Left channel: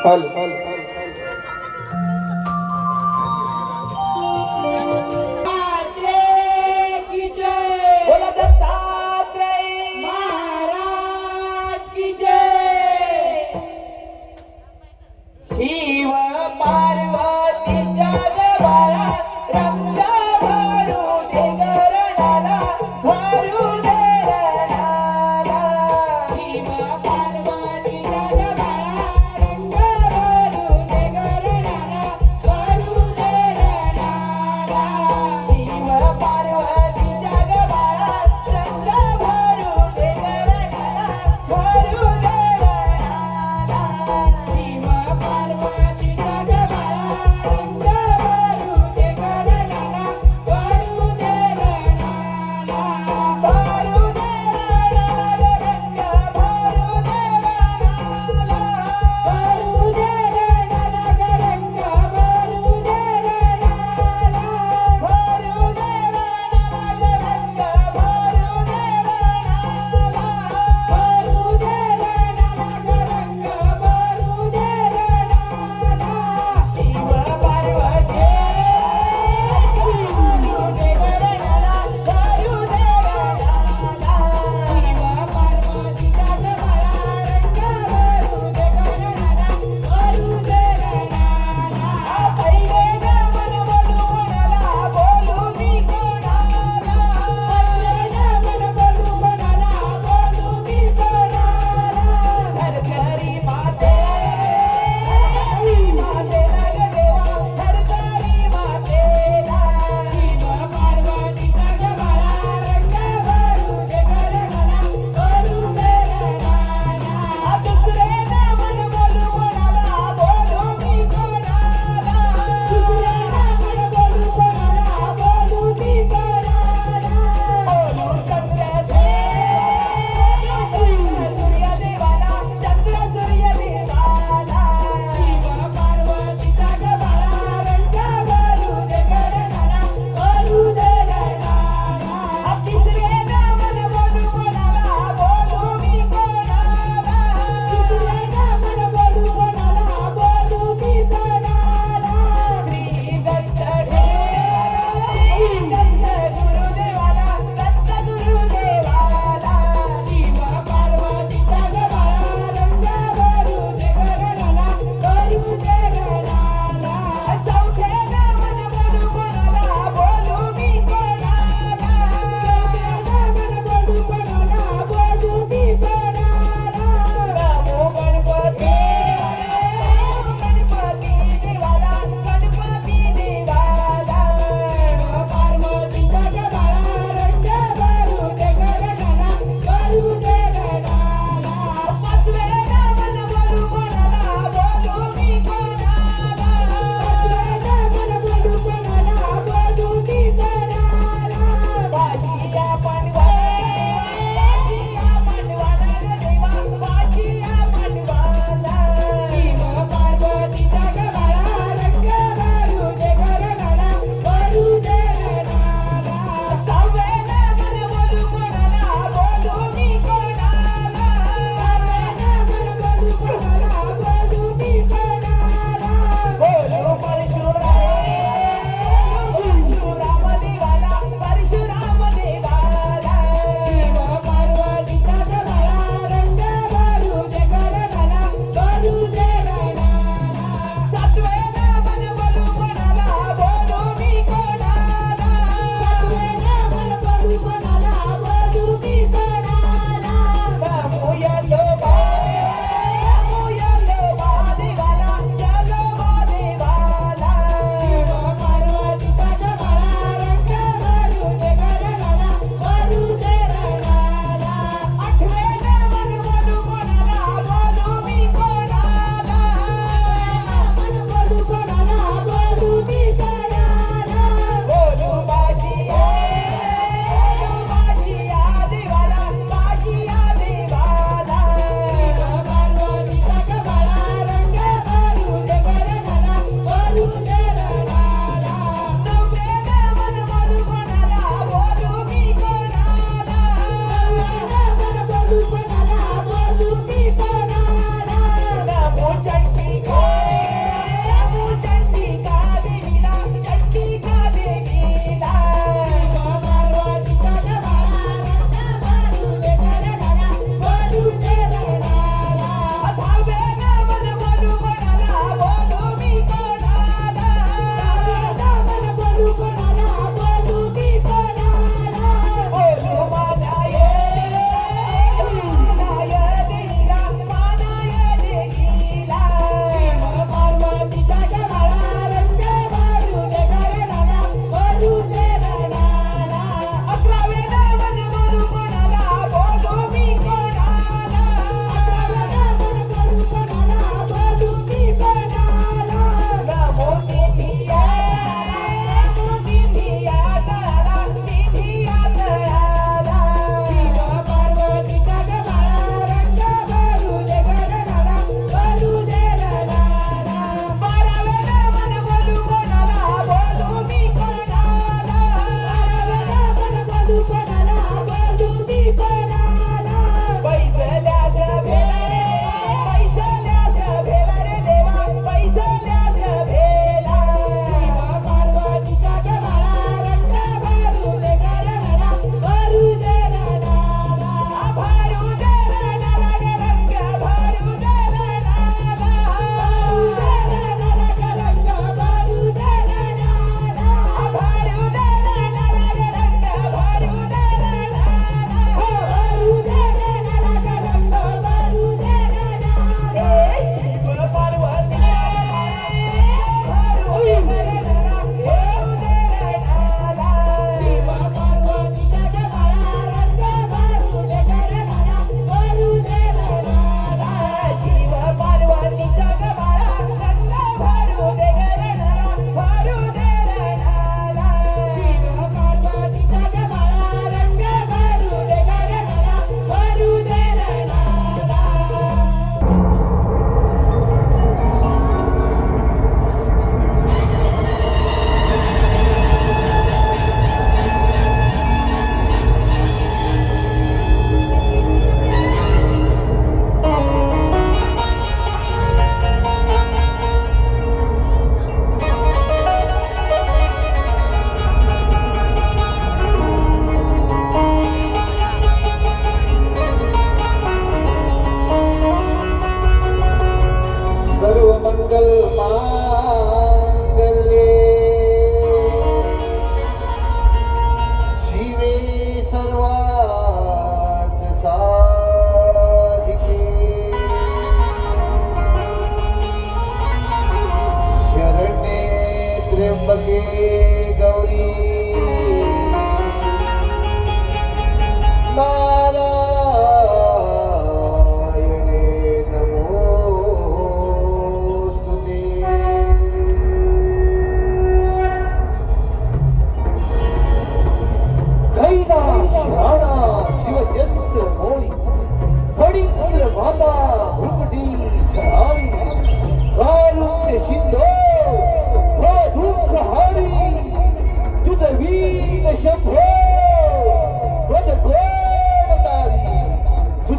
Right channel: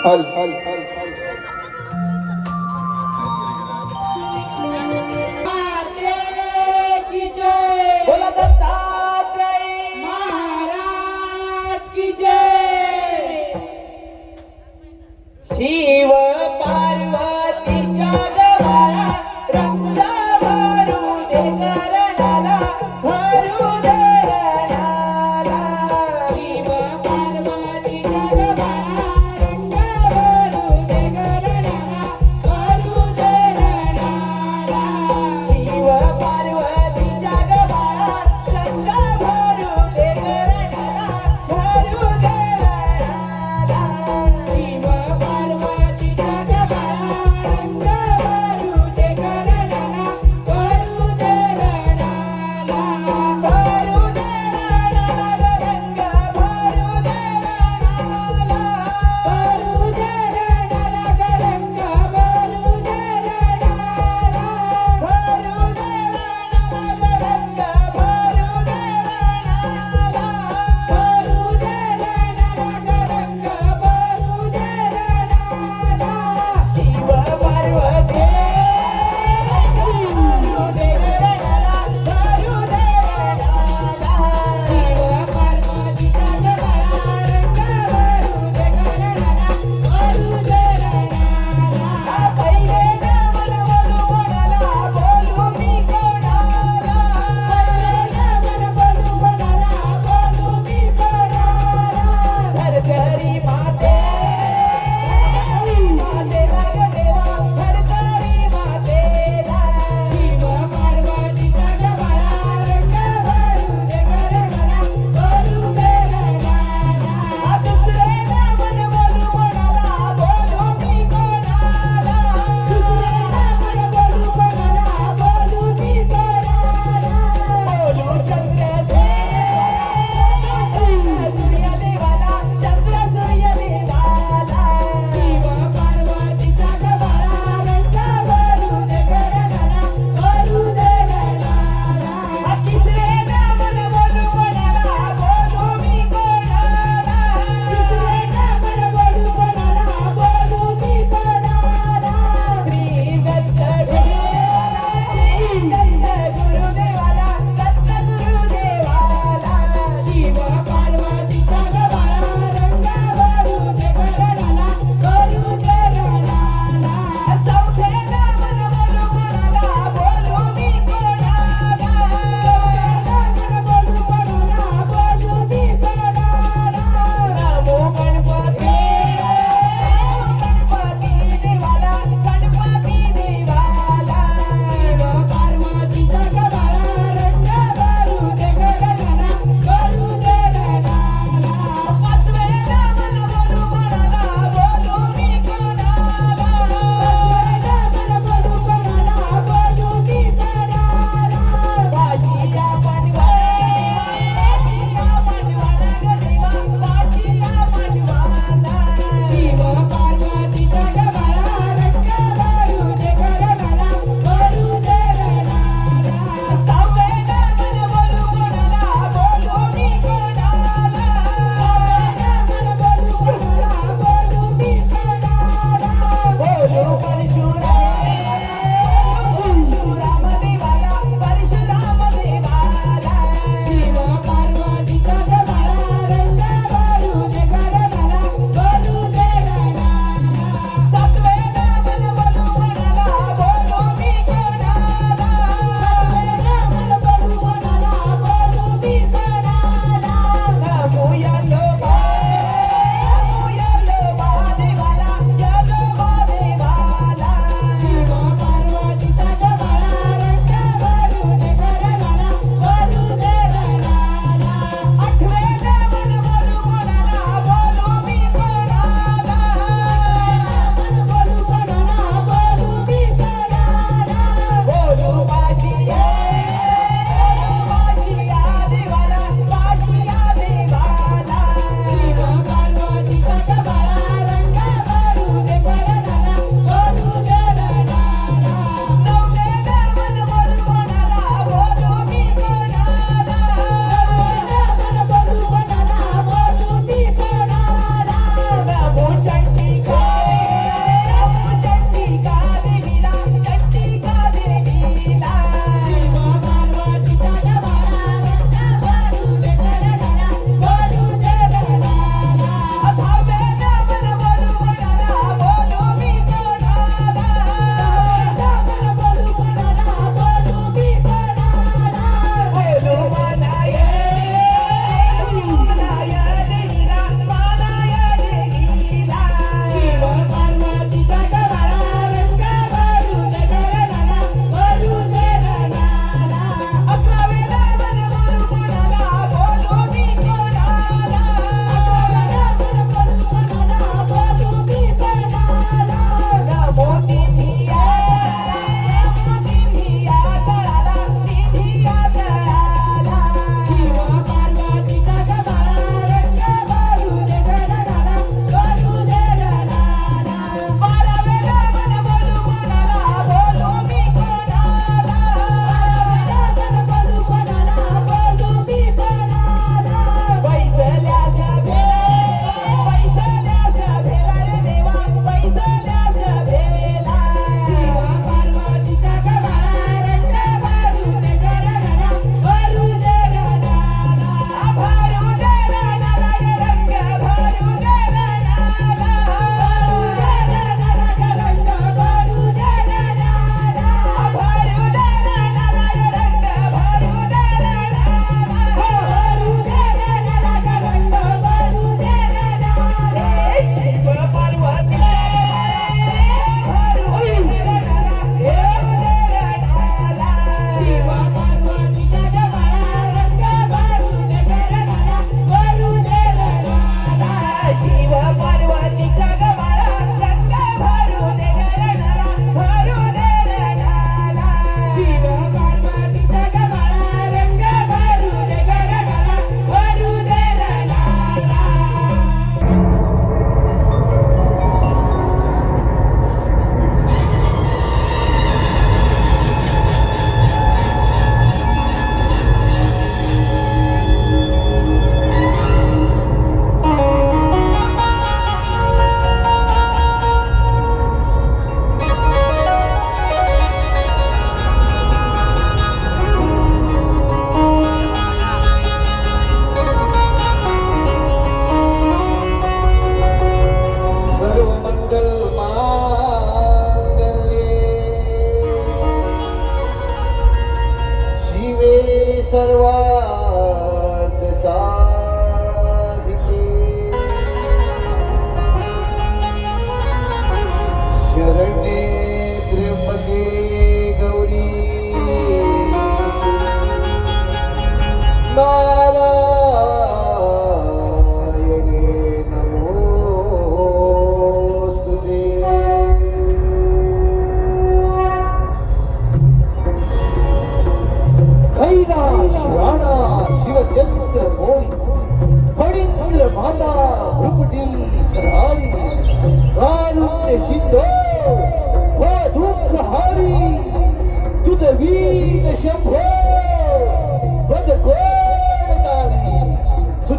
हल शिव पार्वतीच्या गळा रंग भरू दे करणाला भरू करणाला शिव पार्वतीच्या गळा रंग भरू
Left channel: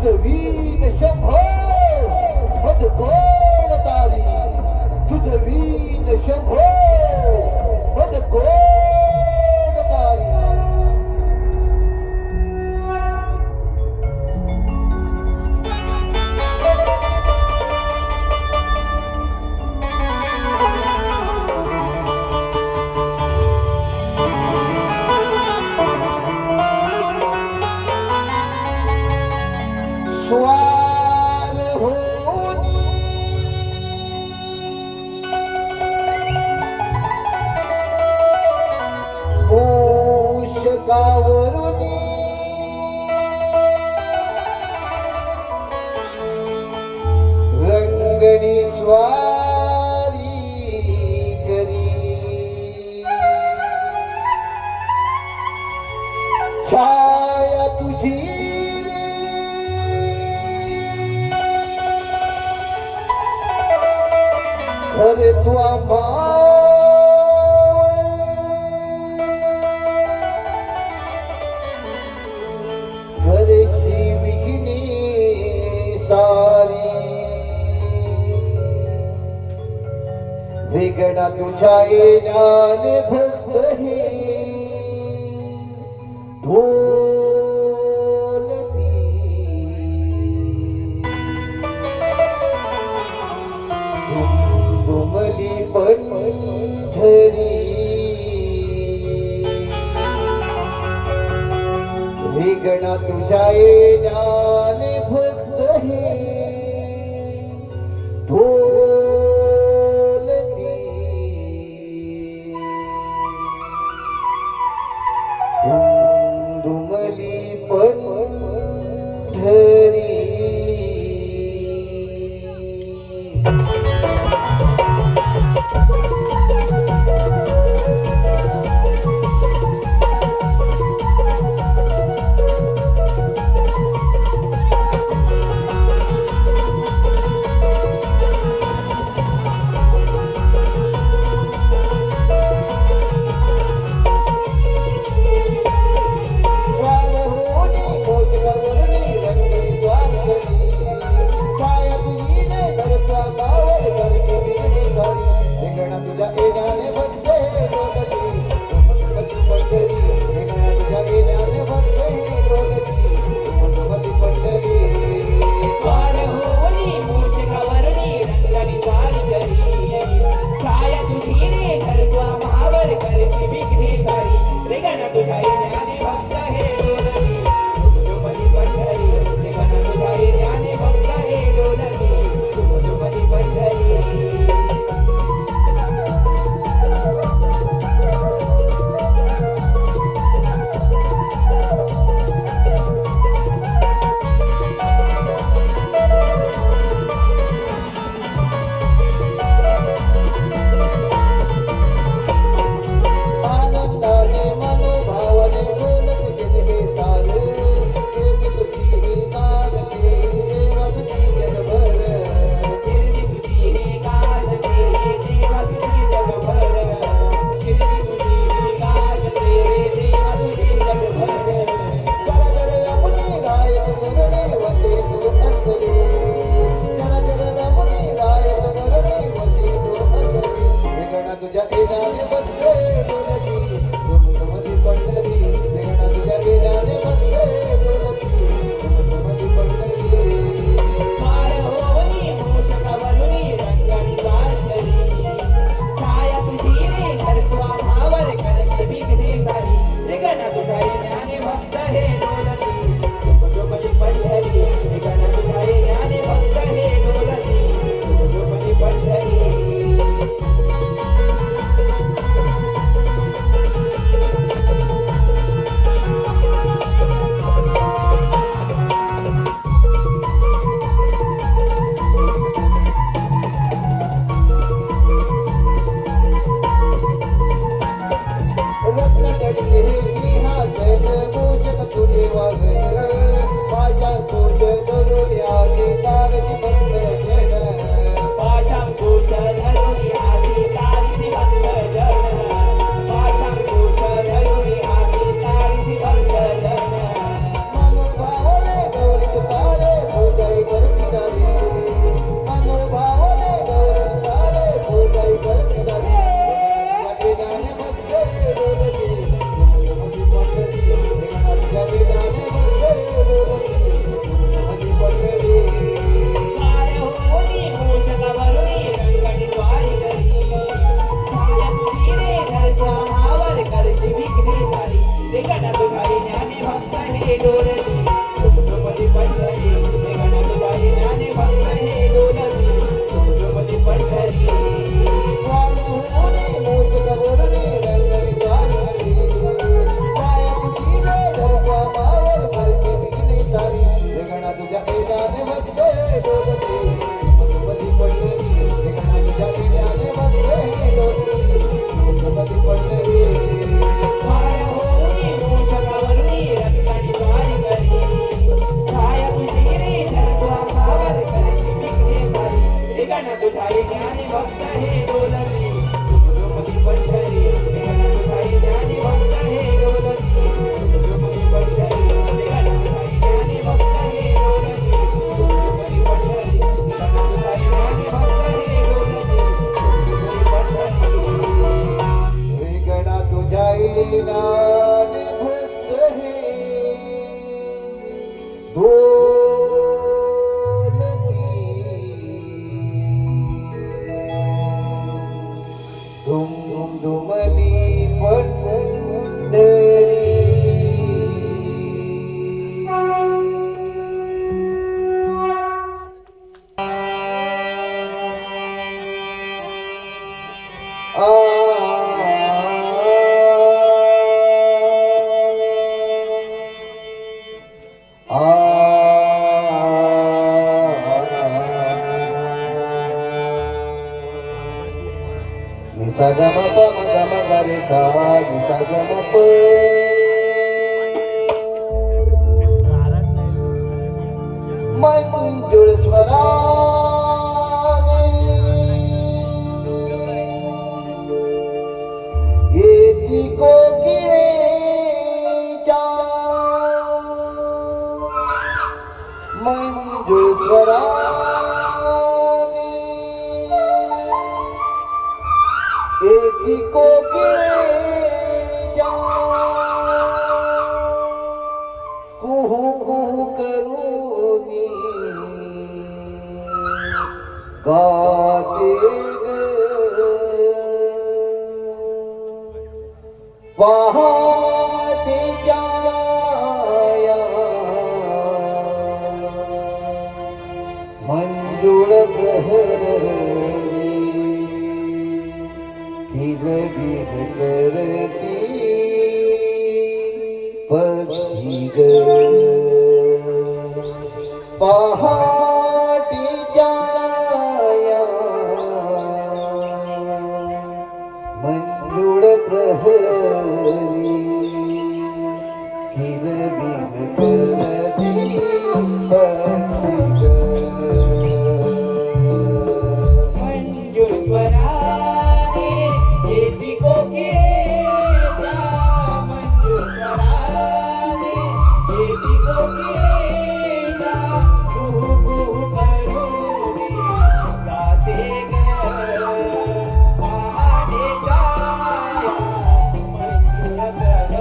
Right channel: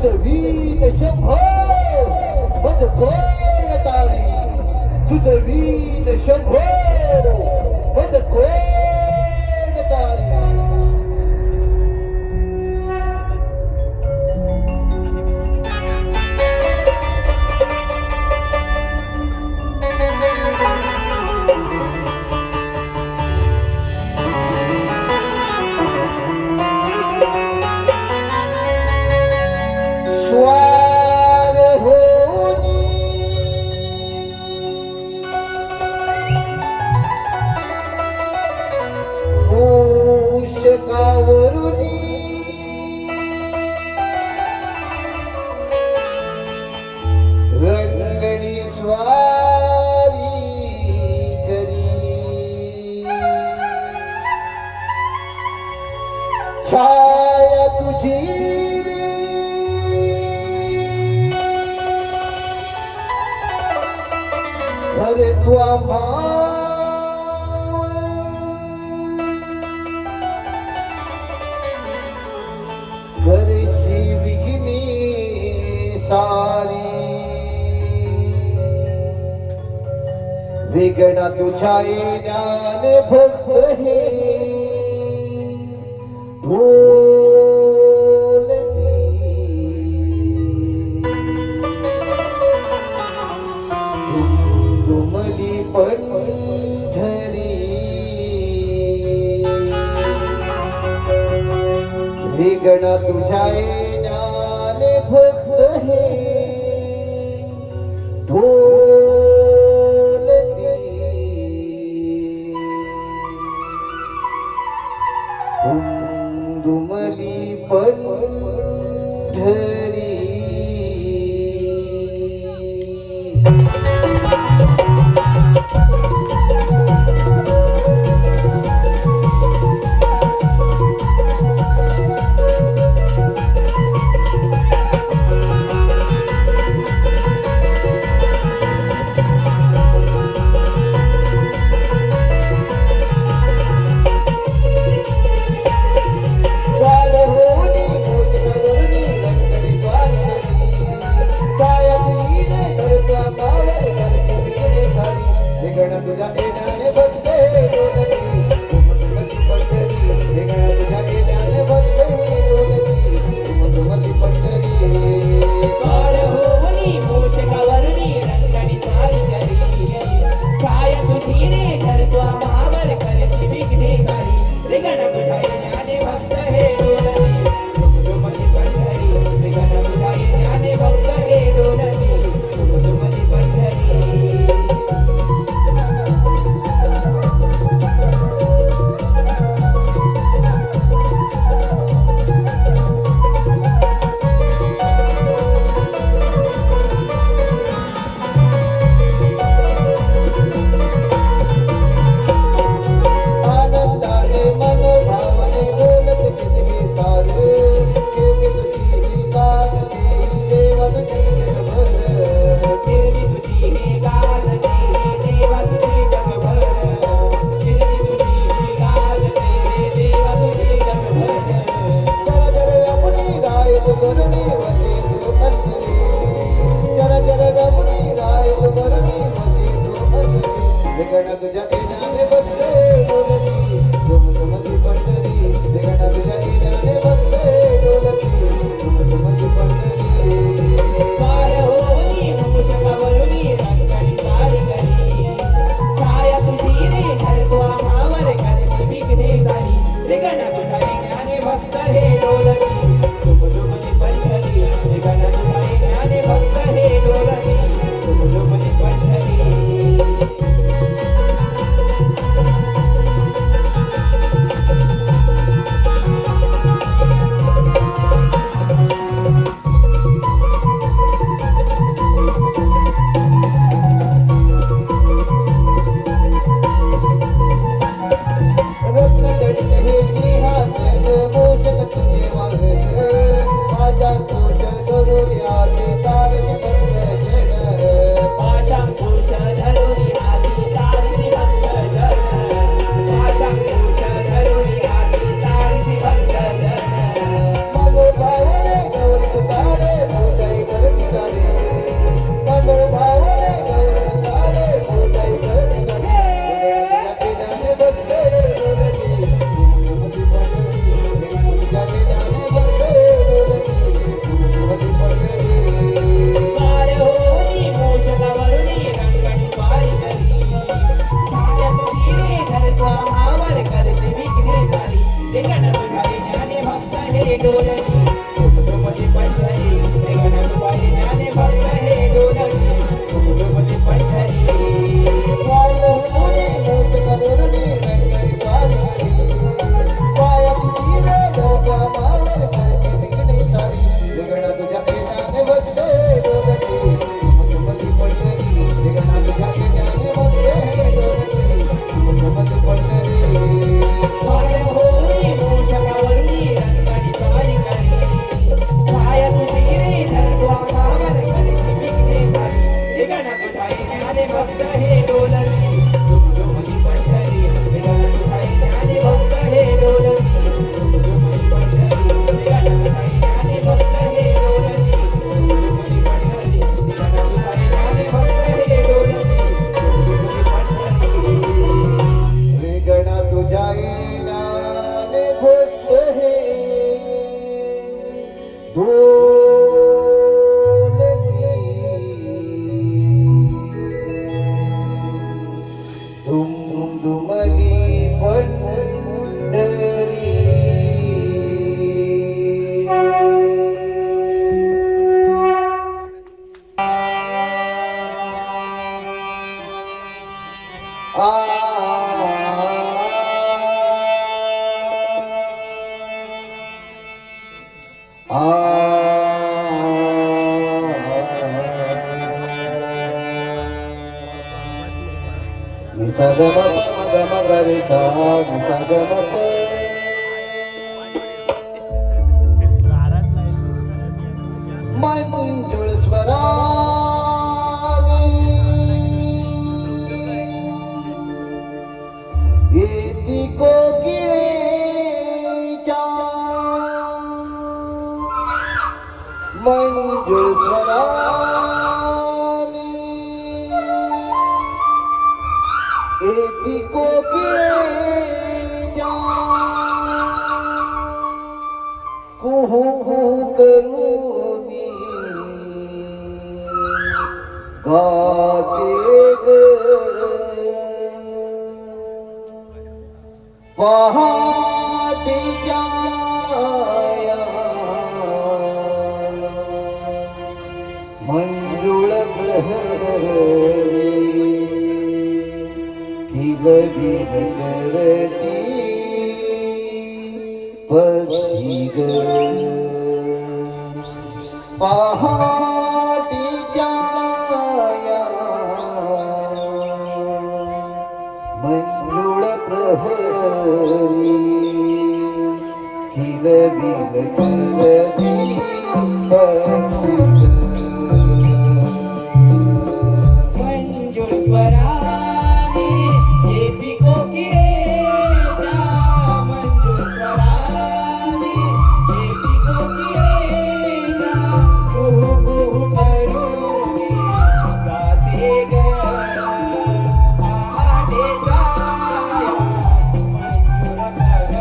तुझं वीण शंभो मध कोण तारी तुझं वीण शंभो मध कोण तारी स्वार होनी मूषकावरुनी रंगणी स्वारी करी छाया तुझी हरे तुआ घरची विघ्नी सारी वेगळा तुझ्या येण्यान भक्त हे दुमली पंढरी रिगणा तुझ्या येण्याने भक्त हे ढोलती दुमली पंढरी स्वार होनी मोजगा रुणी रंगणी स्वारी सा ग म प म ग म ग रे सा ग म प मंजुळ स्वरा येती कोकिळेच्या मंजुळ स्वरा येती कोकिळेच्या कुहू कुहू करूनी गाते ग पहाटेच्या मंजुळ प्रहरी किलबिल करती पक्षी ग पहाटेच्या मंजुळ प्रहरी किलबिल करती पक्षी ग मंजुळ स्वराने येती कोकिळेच्या, मंजुळ स्वराने येती कोकिळेच्या, कुहू कुहू करूनी गाते ग पहाटेच्या मंजुळ प्रहरी.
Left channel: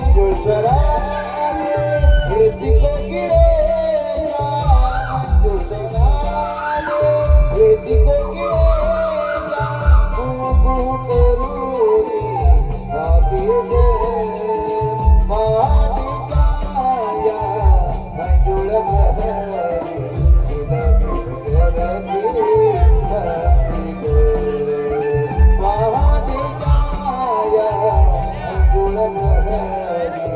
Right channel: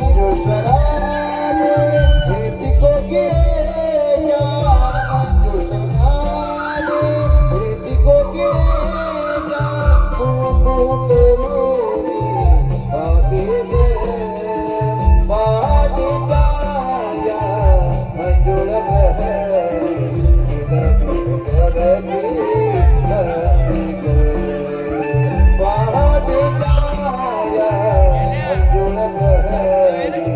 मंजुषराने भेटी कोके या मंजुषराने भेटी कोके या कुकू करूनी भाग्यने माझी काया मंजुळ प्रहरी माझी काया मंजुळ प्रहरी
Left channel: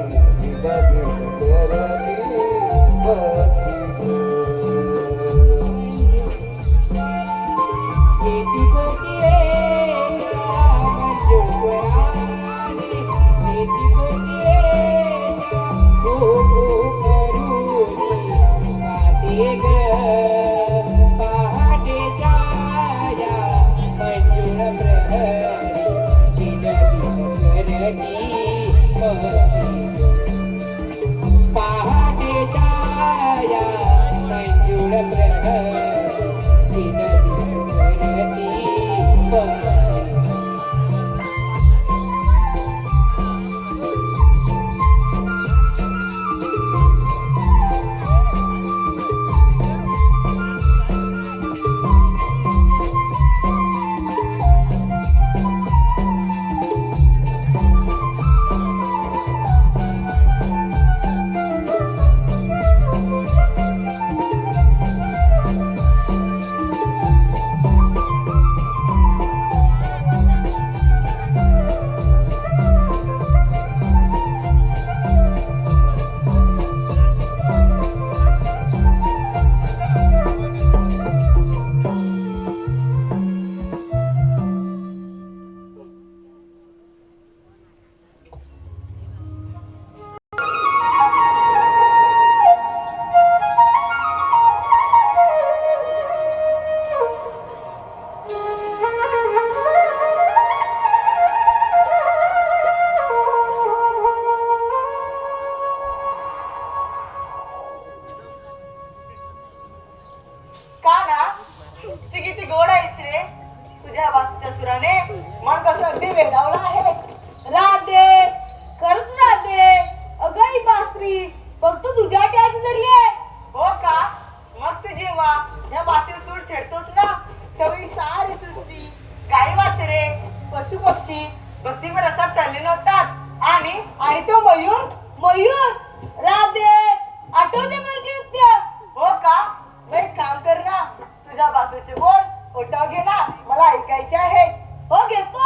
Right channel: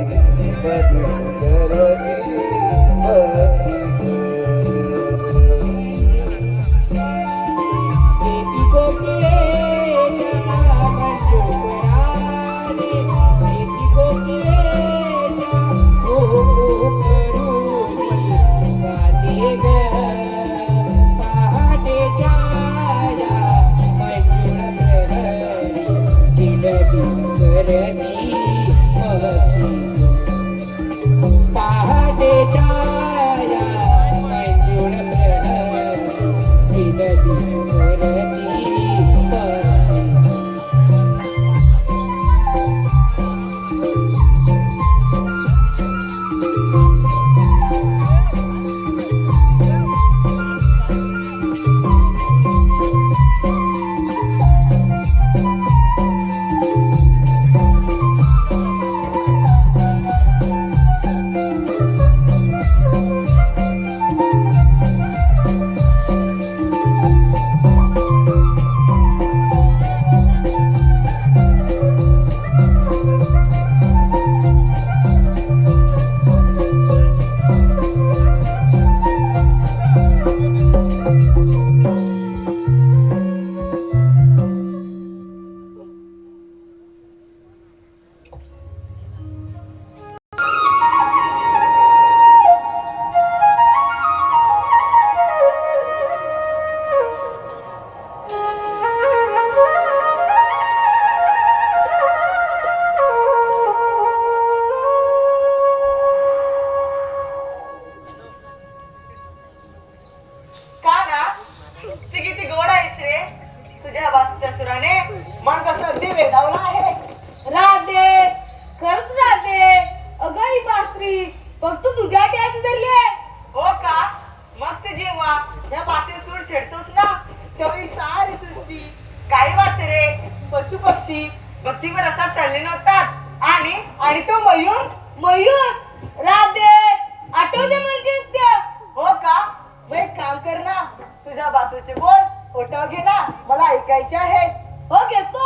का ना ती किती गोड आहेस रे तुझ्या बाजूच्या सुराने मन कसं अगदी वेगावलं आहे. राधे खरंच राधे अगं ही बासरी फक्त तुझ्या टॅच धरली आहे. हो का मग तू जेव्हा या बासेर सूर छेडतोस ना तेव्हा ही सारी सृष्टी काही वासरे पशु पक्षी भक्तीवर रसात तल्लीन होतात आणि तो मयूर. मयूर राधे आठवते म्हणजे हो का मग एक काम कर ना तुझ्या बाजूचे बोल ओटाव घे ना मला ऐकायचे आहे. हो घेतो.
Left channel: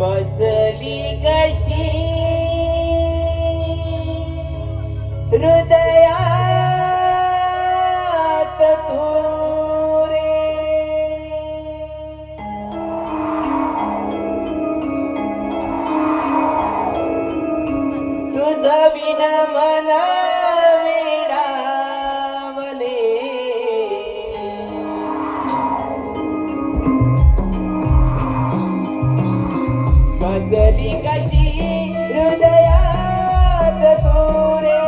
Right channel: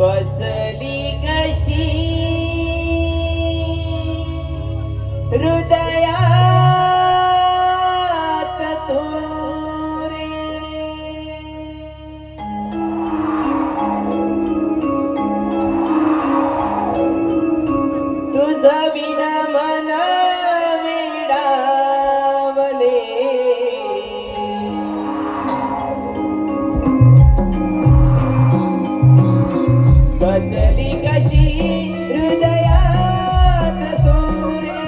बसली कशी हृदयात तू रे तुझं विन मन वेडावले बसली कशी हृदयात तू रे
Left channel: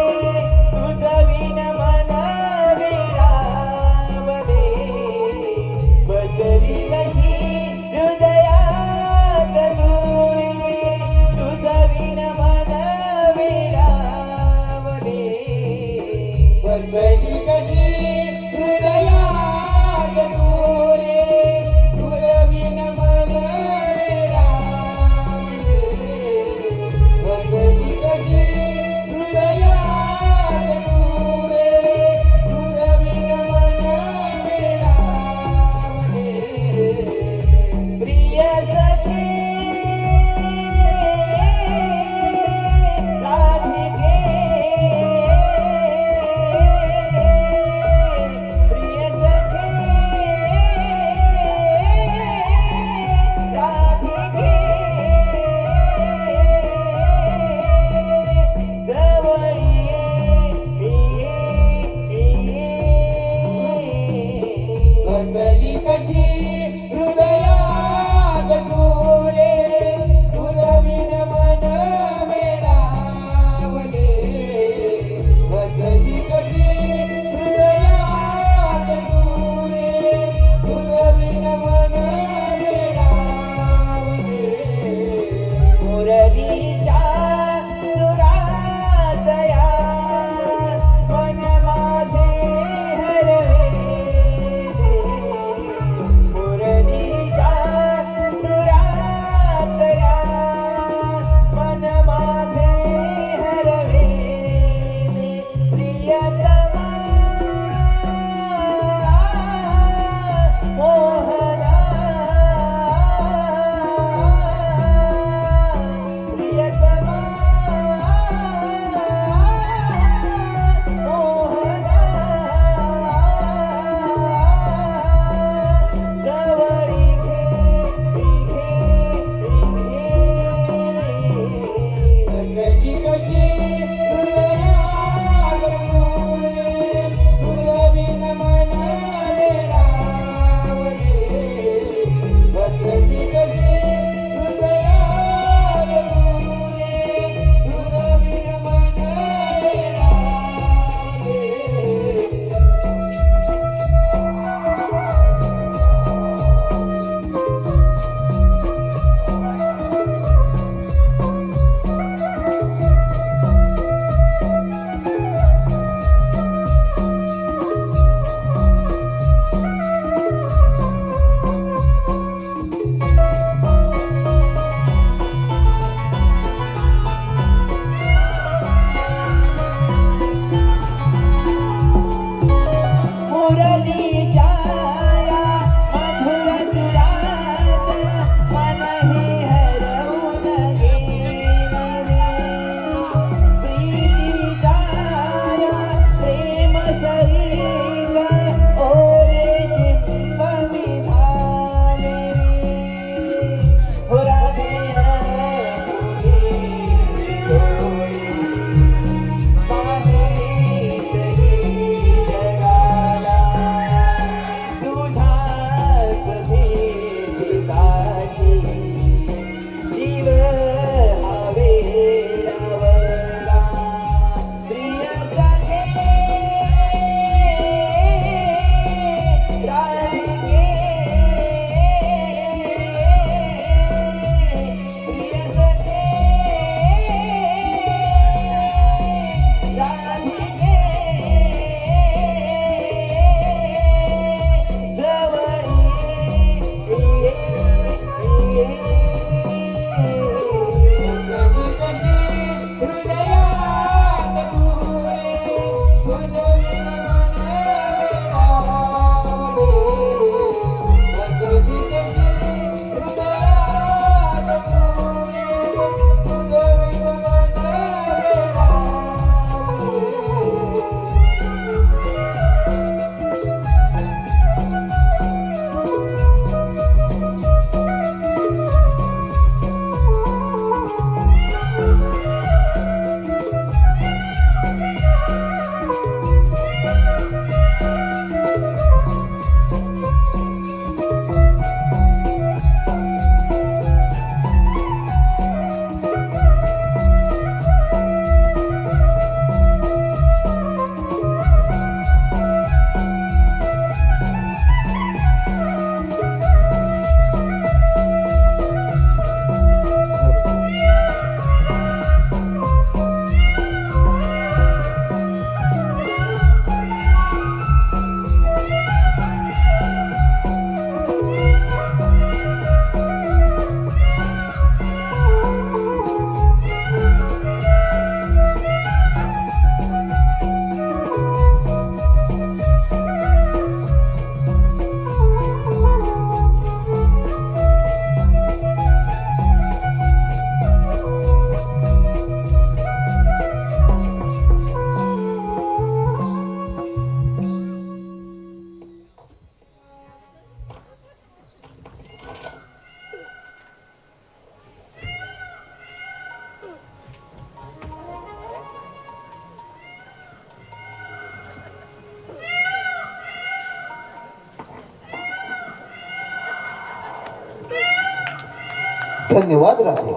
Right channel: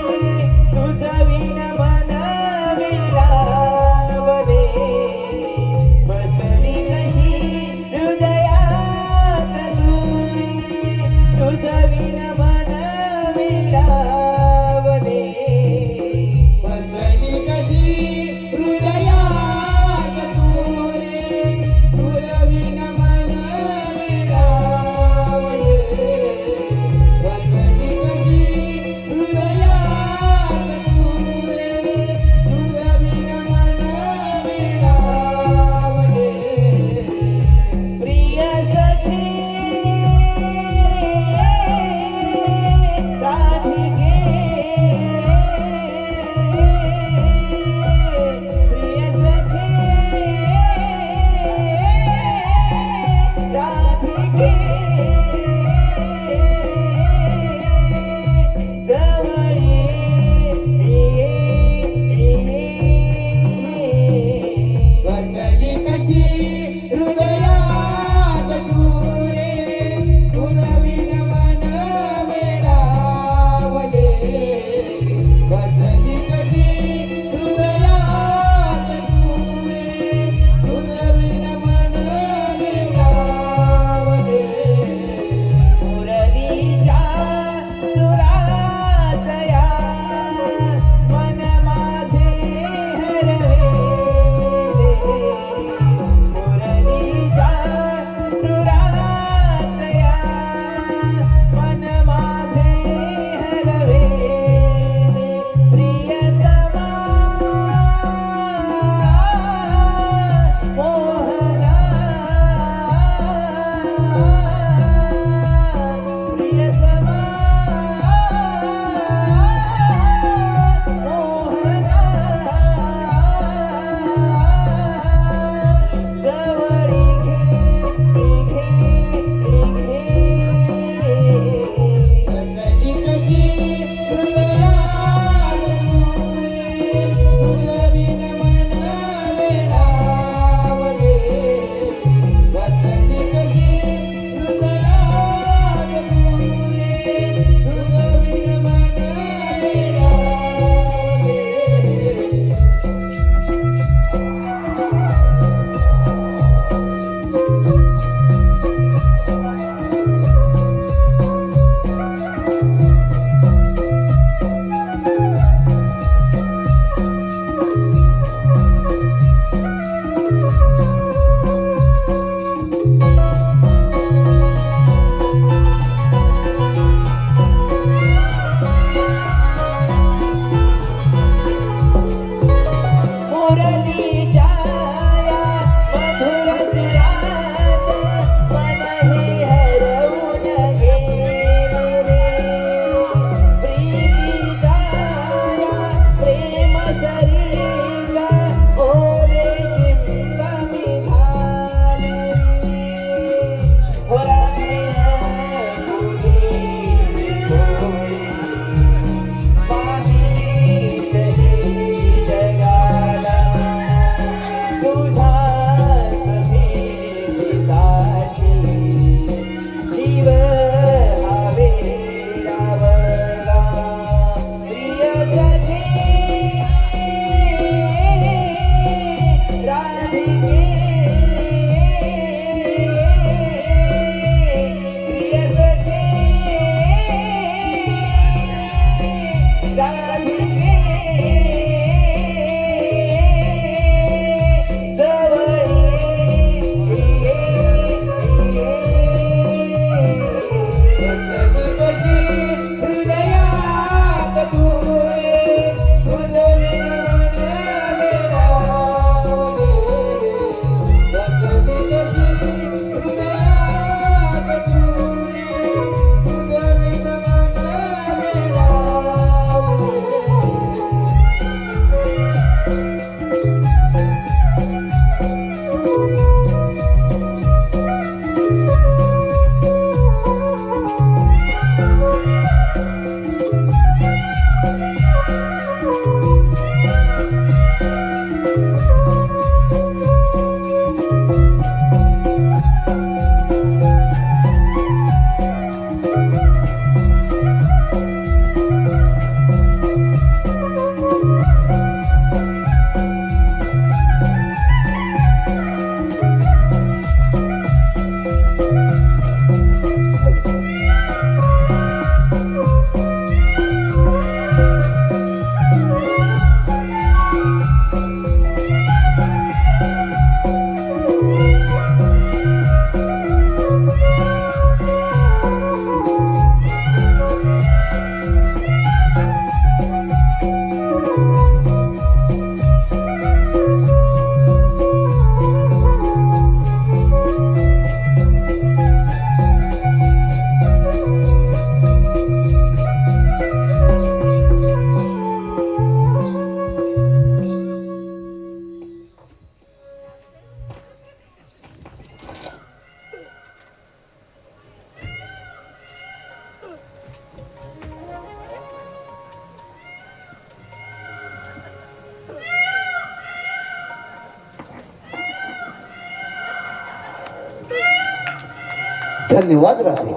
धन्यवाद राधे.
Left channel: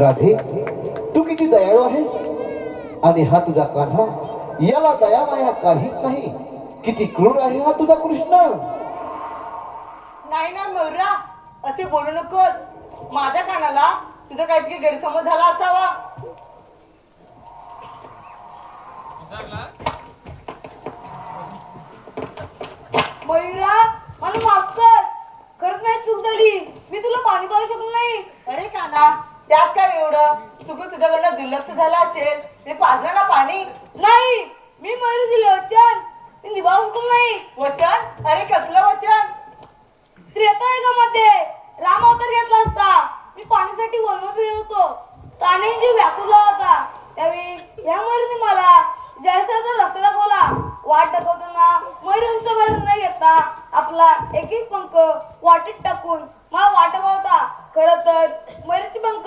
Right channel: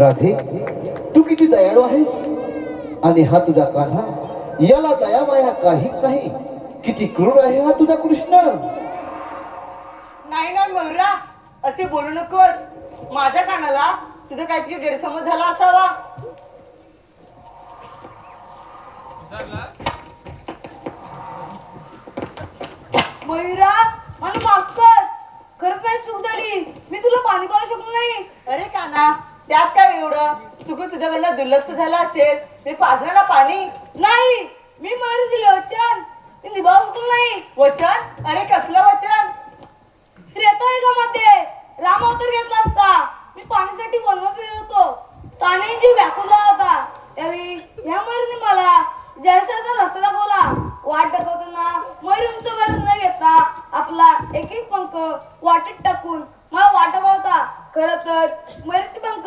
राधे, तू किती दयाळू आहेस. आणि हा तुझा कान्हा, याला दया माया काहीच नाही. किती क्रूर आहे हा तुझा कृष्ण. नाही ना नवरा, असे बोलू नकोस. माझ्या कानाला तुझा काहीतरी गैरसमज झाला असावा. मयुरा, मला माफ कर. खरंच माझी चूक झाली. मी तुला पाणी पाहू शकलो नाही. अरे काना, त्यात काय एवढं. चुकून तुझ्याकडनं दुर्लक्ष झालं असेल. मी पाजलं ना पाणी. नाही, मी मारू दिले वचन. मी निभावू शकलो नाही. वचन? अरे कसलं वचन? त्रेतायुगामध्ये राम अवतार घेतला असता. मी पाण्यासाठी वनवा फिरत होतो. ताने जीव व्याकुला होता. त्यावेळी ह्या मयूरने मला जयशाचा रस्ता दाखवला. वाट दाखवताना मयूरचा भरण न घेता आपला एक एक पंख वाटेत टाकून मला वाटवा होता. खरं तर मयूरचे पंख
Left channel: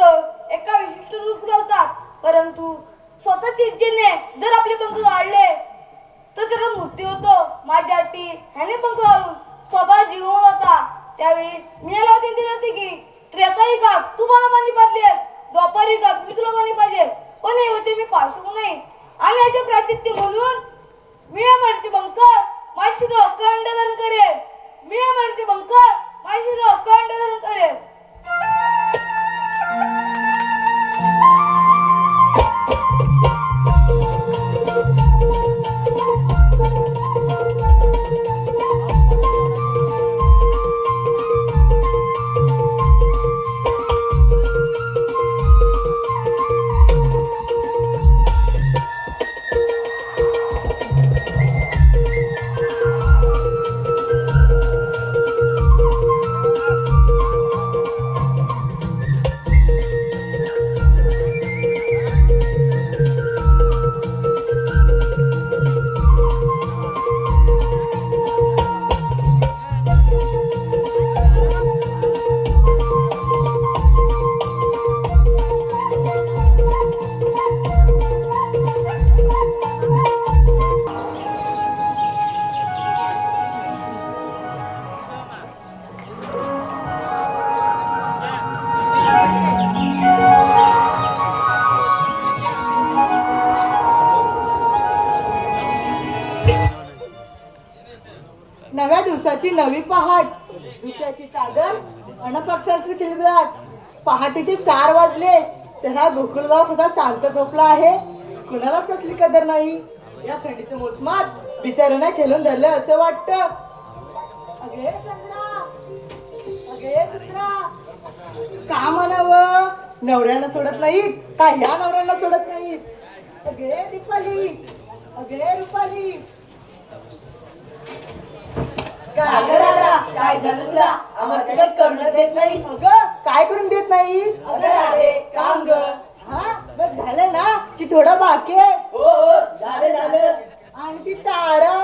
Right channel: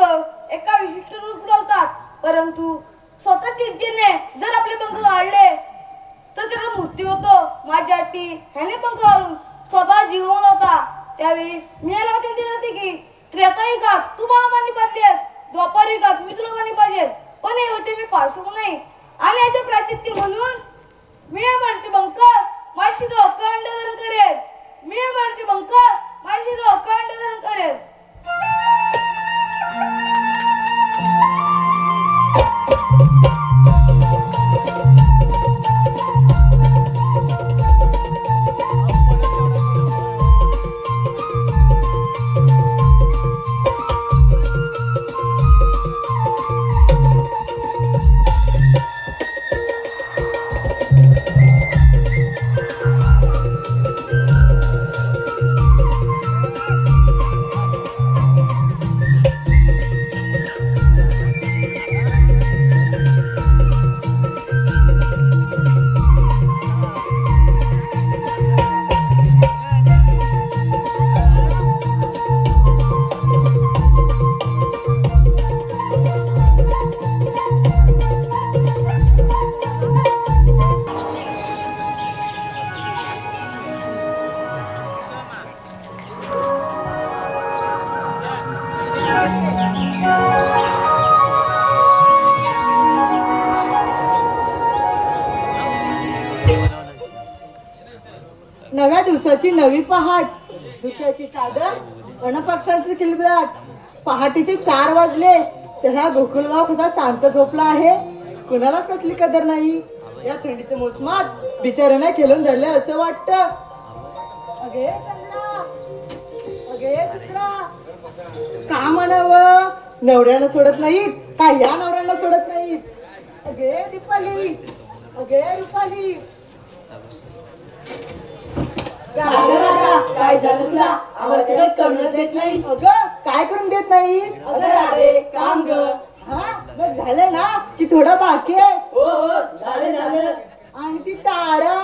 एका विशिष्ट रूप घालतात. परंतु स्वतःच्या इच्छेने जर आपले पंख गाळले तर त्याला मृत्यू होतो. माझ्या अटी ह्याने पंख घालून स्वतः जीवन होता. त्यावेळी मी याला विनंती होती की त्रेतायुगात तू मला मान्य पाडलीस, द्वापार युगात मी तुला मान्य पाहिजे. पण हे वचन मी पाळू शकलो नाही. आणि याचे प्राचित्य म्हणून मी या माणसे बंक माझी अखंड धारण करेन. मी या माणसे बंक माझी अखंड धारण करेन. नव्या दिवसाची नवी पहाट, धुक्याची चादर, अनपक्षांची किलबिलाट. पहाटेचे 4 वाजले तर हा गोकुलगाव कसा शांत झोपला आहे. कुणालाच कसली कदर नाही. या थंडीच्या मोसमात बिचाऱ्यांना खेळून धरले असं वाटतं. अगे चंद्रा, अगे चंद्रा, का म्हणावं, नवऱ्याला सोडत नाहीत का या नवऱ्याला सोडत नाहीत. अगे दीपाली, अगे रुपाली. काय झालं तुला? आम्हाला काही करून देत नाही. अगं काय करून देत नाही. अगं अरे काम ग. हा बघ झालं ना की थोडं बाकी आहे. हो झालं. आणि ती तारा,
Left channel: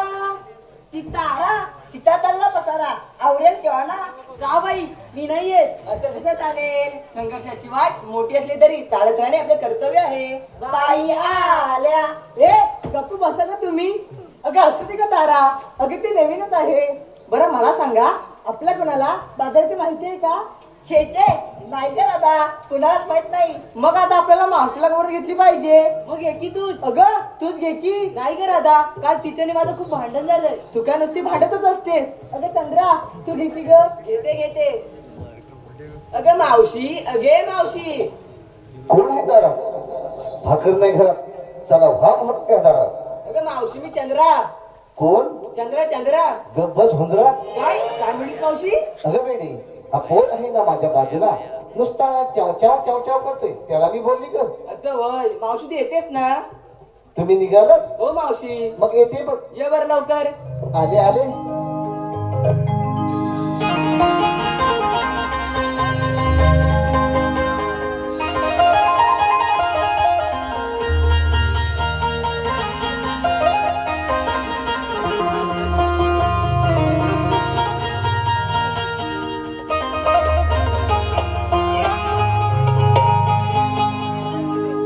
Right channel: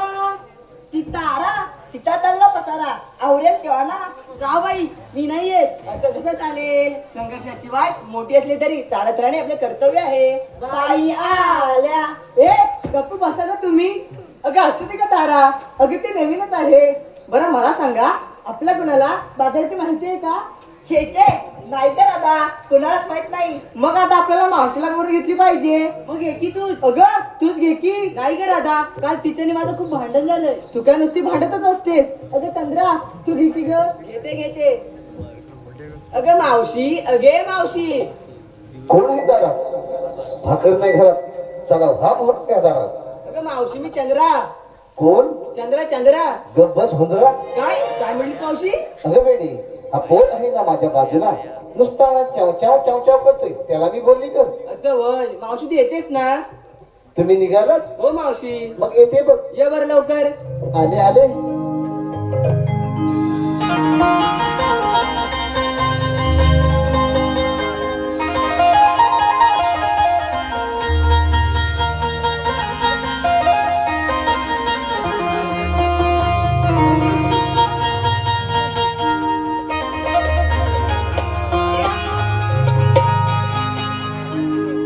ती तारा तिचा चालला पसारा आवरेल केव्हा ना. जा बाई, मी नाही येत. असं कसं चालेल. संघर्षाची वाट मोठी असली तरी चालत राहणे आपले कर्तव्य आहे. बाई आल्या. ए गप्प बसा का तुम्ही. अगं असू दे का तारा, अगं ती नवीनच आहे. बरं मला सांगा, आपल्या कुणाला बाजाराची माहिती आहे का? छे नाही तर आता कुणालाच माहित नाही. मग आता आपल्याला मावशीला बरोबर घेतली पाहिजे. मग घे की तूच. अगं तूच घे की. नाही गे राधा, काल तिच्याने माझं खूप भांडण झालंय. तू काय नुसती भांडतच असतेस. अगं चंद्रा तू घे की ग. घेते. अगं मावशी, अगे मावशी. कोण आहे दारात? भाकर नाही घरात, चला व्हा मोठ्या दारात. अगं मावशी, मी चंद्रा. कोण? चंद्रा. गब्बस हुंजरा. काय मिळली मावशी? अगं वेडी, हा पोर आहे ना माझ्या बाजूला, नुसता चाव चाव चाव चाव करतोय, त्याला मी बोलली ग. असं होय. मावशी तू येतेस ना? तुम्ही निघालात? हो मावशी. मग येते बघ. ये बरं लवकर. आले.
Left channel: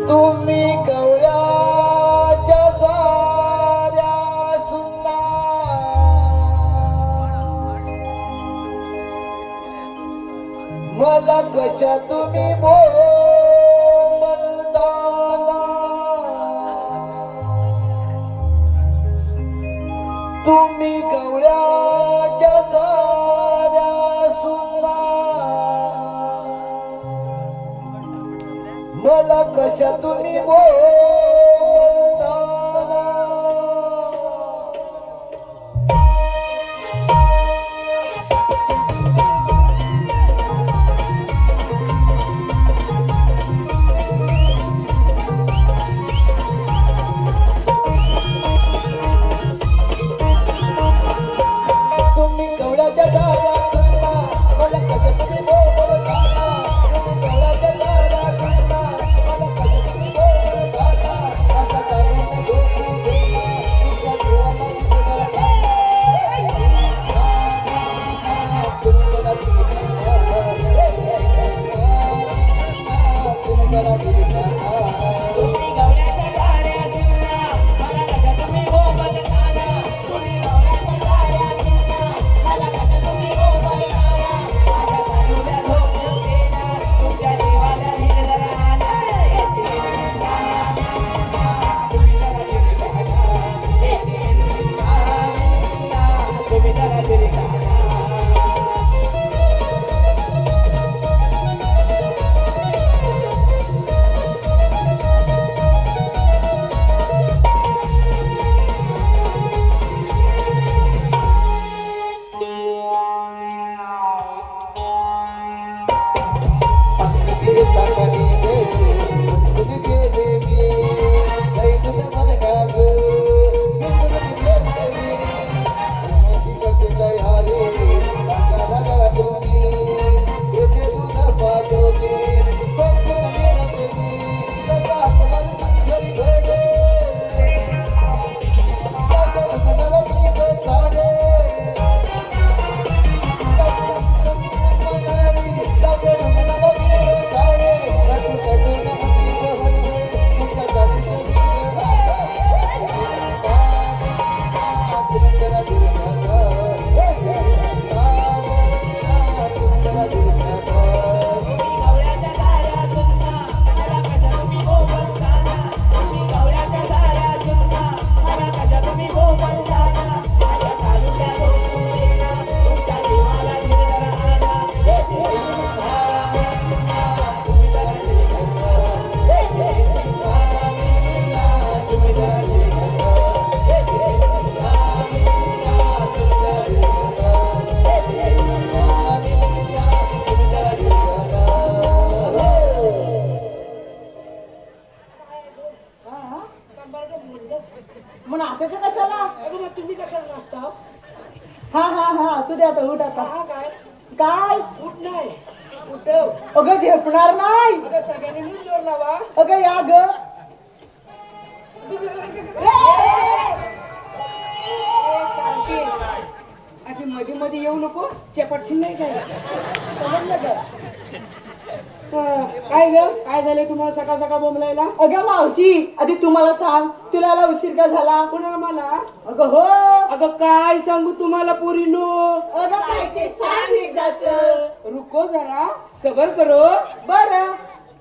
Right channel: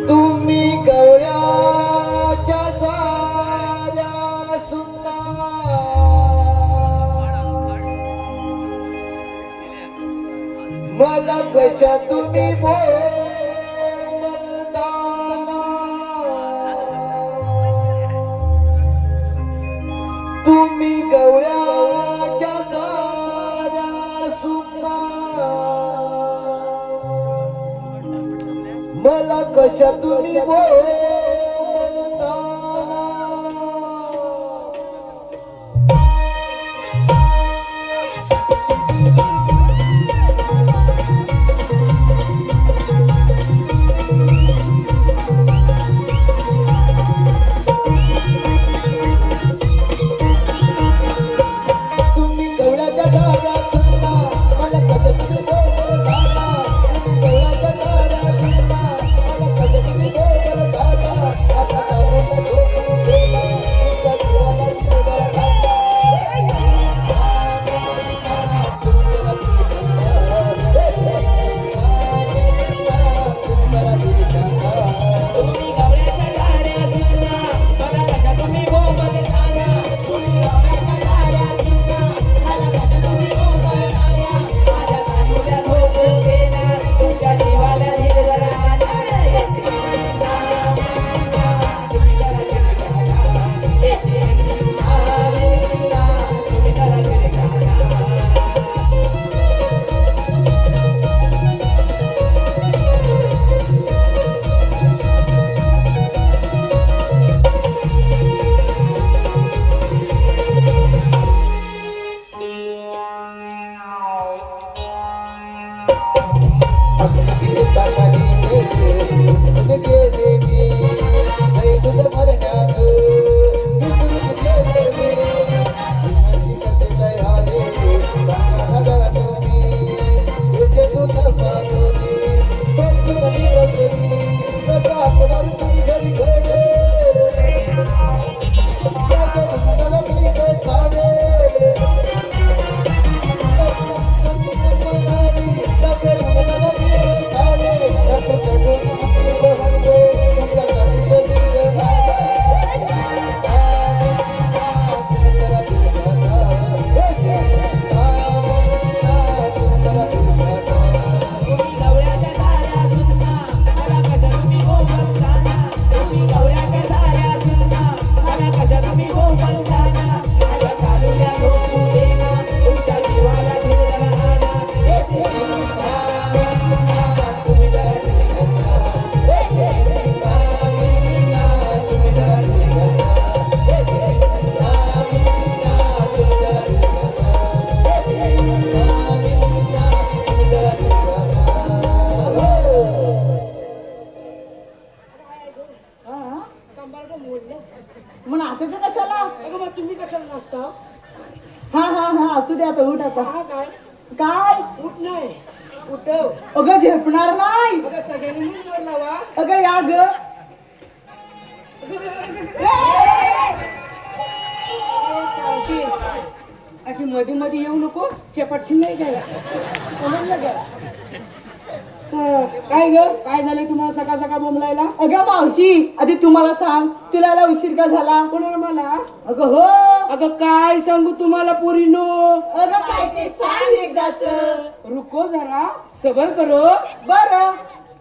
तुम्ही गवळ्याच्या सुंदर, सुंदर कशा तुम्ही तुम्ही गवळ्याच्या साऱ्या सुना मला कशा तुम्ही तुम्ही गवळ्याच्या धाऱ्या सुना मला कशा तुम्ही बोलता तुम्ही गवळ्याच्या धाऱ्या सुना मला कशा तुम्ही बोलता आता काढून घेऊन गेला तुमच्या जीवाला मग नाचायचं कशाला? अगं मग तुम्ही कशाला नसता? हा हा हा असू दे आता उठ आता. हा काय काय? उठ नाही उठव. अगं झेपणार नाही. अगं सगळ्यांनी मी जोर लावा. अगं या ग. अशी मध्ये मध्ये येऊ नको. चपटशी नाही काय समजलं का? काय ग काय झालंय तुम्हाला सकाळ सकाळ बोंबलायला? अगं मावशी आधी तुम्हाला सांग तुला यायला उशीर का झाला? कोणाला मला? अगं हो. अगं काय सांगू तुम्हाला पोरीनो. अगं काय ते सांग एकदाच. रुको जरा सबर करो. बर.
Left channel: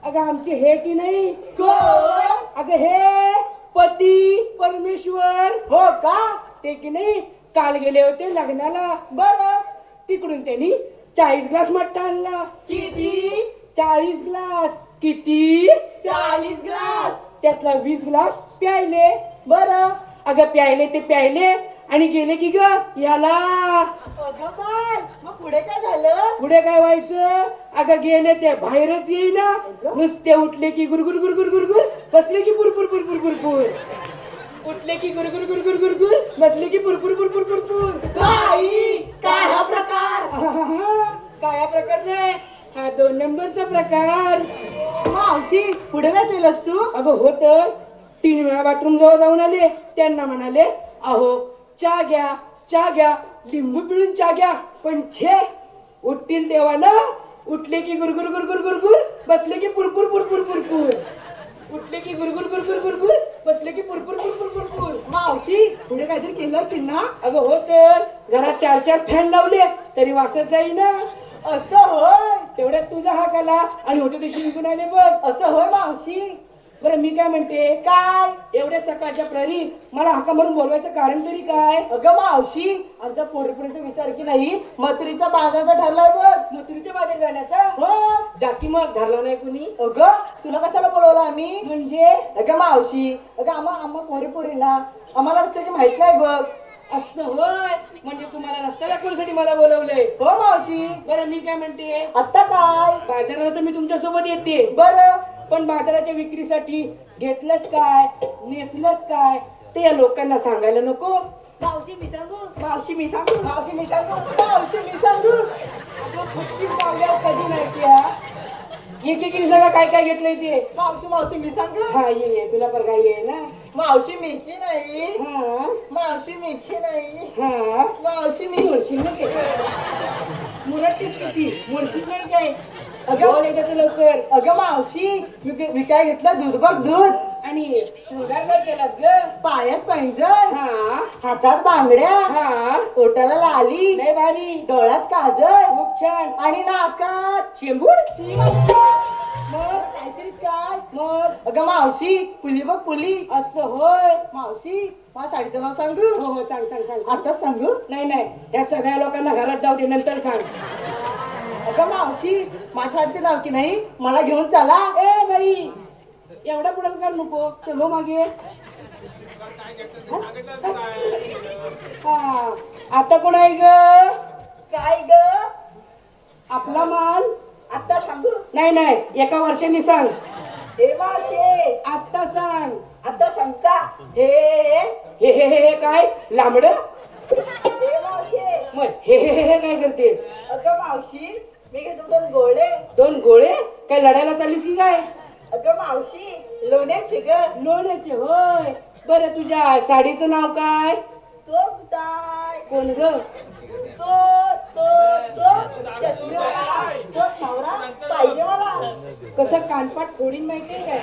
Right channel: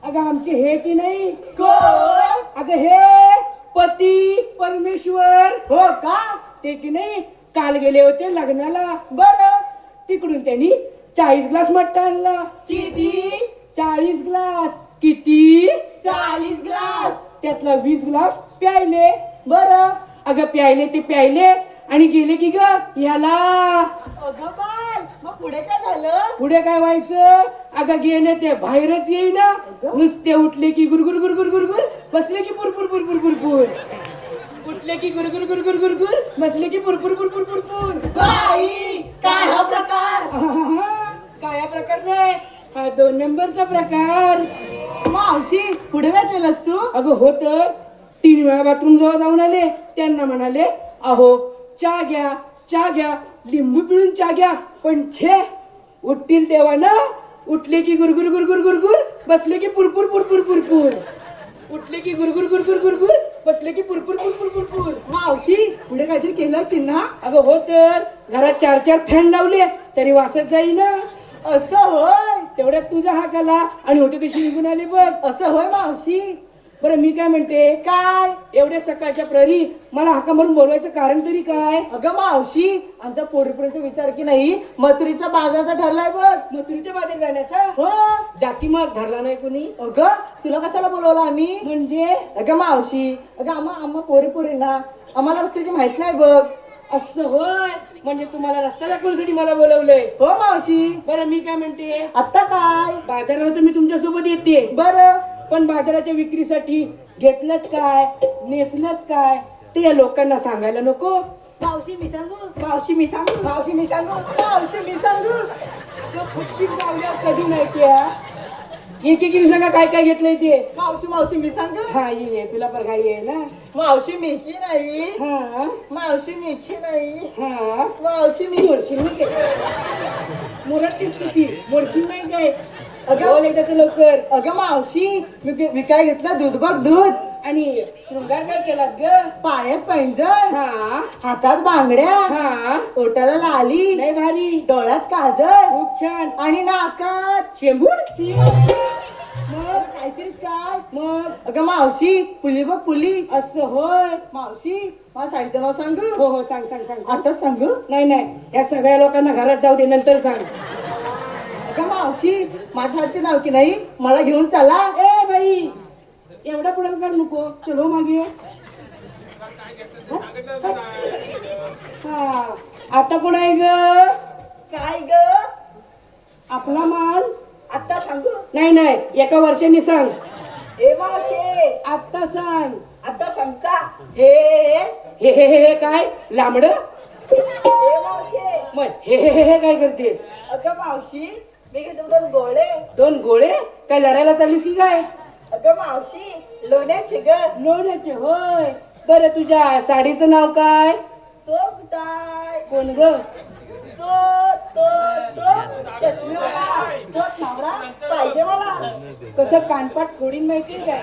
अगं आमची हे की नाही कोण? अगं हे पती परमेश्वर हो का? ते की नाही काल गेले होते लग्नाला. बर. तिकडून त्यांनी 40 ग्लास मट्टा आणला. किती? 40 ग्लास. किती? 40 ग्लास. त्यातला 20 ग्लास प्यायले. बर. अगं प्यायले ते प्यायले आणि गेले की ग ह्याला. अगं बाळ मग पुढे काय झालं? पुढे काय व्हायचं? अगं गेले ते बाहेरच येईना. नुसते उठले की गुरगुर गुरगुर गुरगुर, बसले की पुरपुर पुरपुर पुरपुर. उठले की गुरगुर गुरगुर गुरगुर, बसले की पुरपुर पुरपुर पुरपुर. बाई काय हा प्रकार? काय हा प्रकार नाही, हा 2 नंबरचा प्रकार. मावशी पुढे काय केलंस तू? अगं हो तर 3 वेळा बाथरूम जवळ जाऊन आले. त्यांना म्हणाले अहो चहा घ्या चहा घ्या, लिंबू पिळून चहा घ्या. पण छे उठतील तेव्हा ना उठले की गुरगुर गुरगुर गुरगुर, बसले की पुरपुर पुरपुर पुरपुर. उठले की गुरगुर गुरगुर गुरगुर, बसले की पुरपुर पुरपुर पुरपुर. मावशी पुढे काहीतरी केलं असेल ना? अगं हो तर घरात 4 फॅन लावले तरी वासत जाईना. असं होय तेवढ्यात तुझा हाक आला आणि होते तशी निघून आले बघ. असं होय मावशी. बरं मी काय म्हणते, काय एवढ्या सकाळच्या प्रहरी मला हाका मारून बोलवायचं कारण तरी काय? अगं मावशी आमच्या पोरीपुरीचा विचार की नाही मथुरीचा बाजारचा ठरलाय बघ. मथुरीच्या बाजार जाण्याचा हो जाती मग धरला नाही कुणी अगं तुला कशाला बोलवलं आम्ही? म्हणजे अगं मावशी अगं आम्हा पोरीपुरींना आम्हाला रस्त्याची माहित नाही बघ. असं होय, म्हणजे तुम्हाला रस्ता दाखवण्यासाठी मला बोलवलंय. हो मावशी. बरं मी काय म्हणते, आता काय बाजाराला तर मी तुमच्या सोबत येते, बरं पण बाजाराच्या विक्रीसाठी घेतलं काय नेसलं काय ते या लोकांना सांगायला नको. मावशी मी सांगू मावशी मी सांगू मावशी मी सांगू मावशी मी सांगू. गोष्टी पावल्यावर कधी माहितीये हा? एक सांगा काय काय घेतलंय ते. मावशी मी सांगू. हा ये तुला पण काय ये ना. मावशी मेखी नाही. हा मावशी मेखी नाही. हा मावशी मी मोडशील ना काय मुरटीस किती मोडशील नाही काय. बोल एकदा तर लवकर. अगं मावशी मी काय घेतलं दूध बघ दूध. आणि शृंगार काय केलास ग? पायात पैंजण हा हातात बांगड्या हा ओठाला लाली लय भारी डोळ्यात काजळ खूप छान. आणि नाकात चेंबूड शिवाय मग काहीतरीच काय. मग अगं मावशी पुली बघ पुली. असं होय. मावशी मला साडीचं नाव सांगू. हो हो सांग सांग सांग सांग. आता सांगू. नाही नाही या सगळ्या लोकांना घरात जाऊ दे नंतर सांग. अगं मावशी माझ्या साडीचं नाव की नाही मला घेऊन चला. ए बाई एवढा पुढे कर नको. चलो मागे. हा आता कोण आहे ग? काय ग आपला माल. आता सांगू नाही नाही एका वर्षांनी सांग. हे मावशी आता सांग. आता सांग का हे हे हे हे हे काय लांबड मावशी मग हे काय करतेस? अगं मावशी मी घेतो 2 गोळे. 2 गोळे काय लढायला चाललीस की काय? अगं मावशी लोण्याचे ग लोण्याचे होय. बरं तुझ्या साडीचं नाव काय? तो कुठाय कोण ग? तो तो तो चष्मेवाला तोच नवरा पाहिजे मला. कसं कानपाट फोडीन माहितीये काय?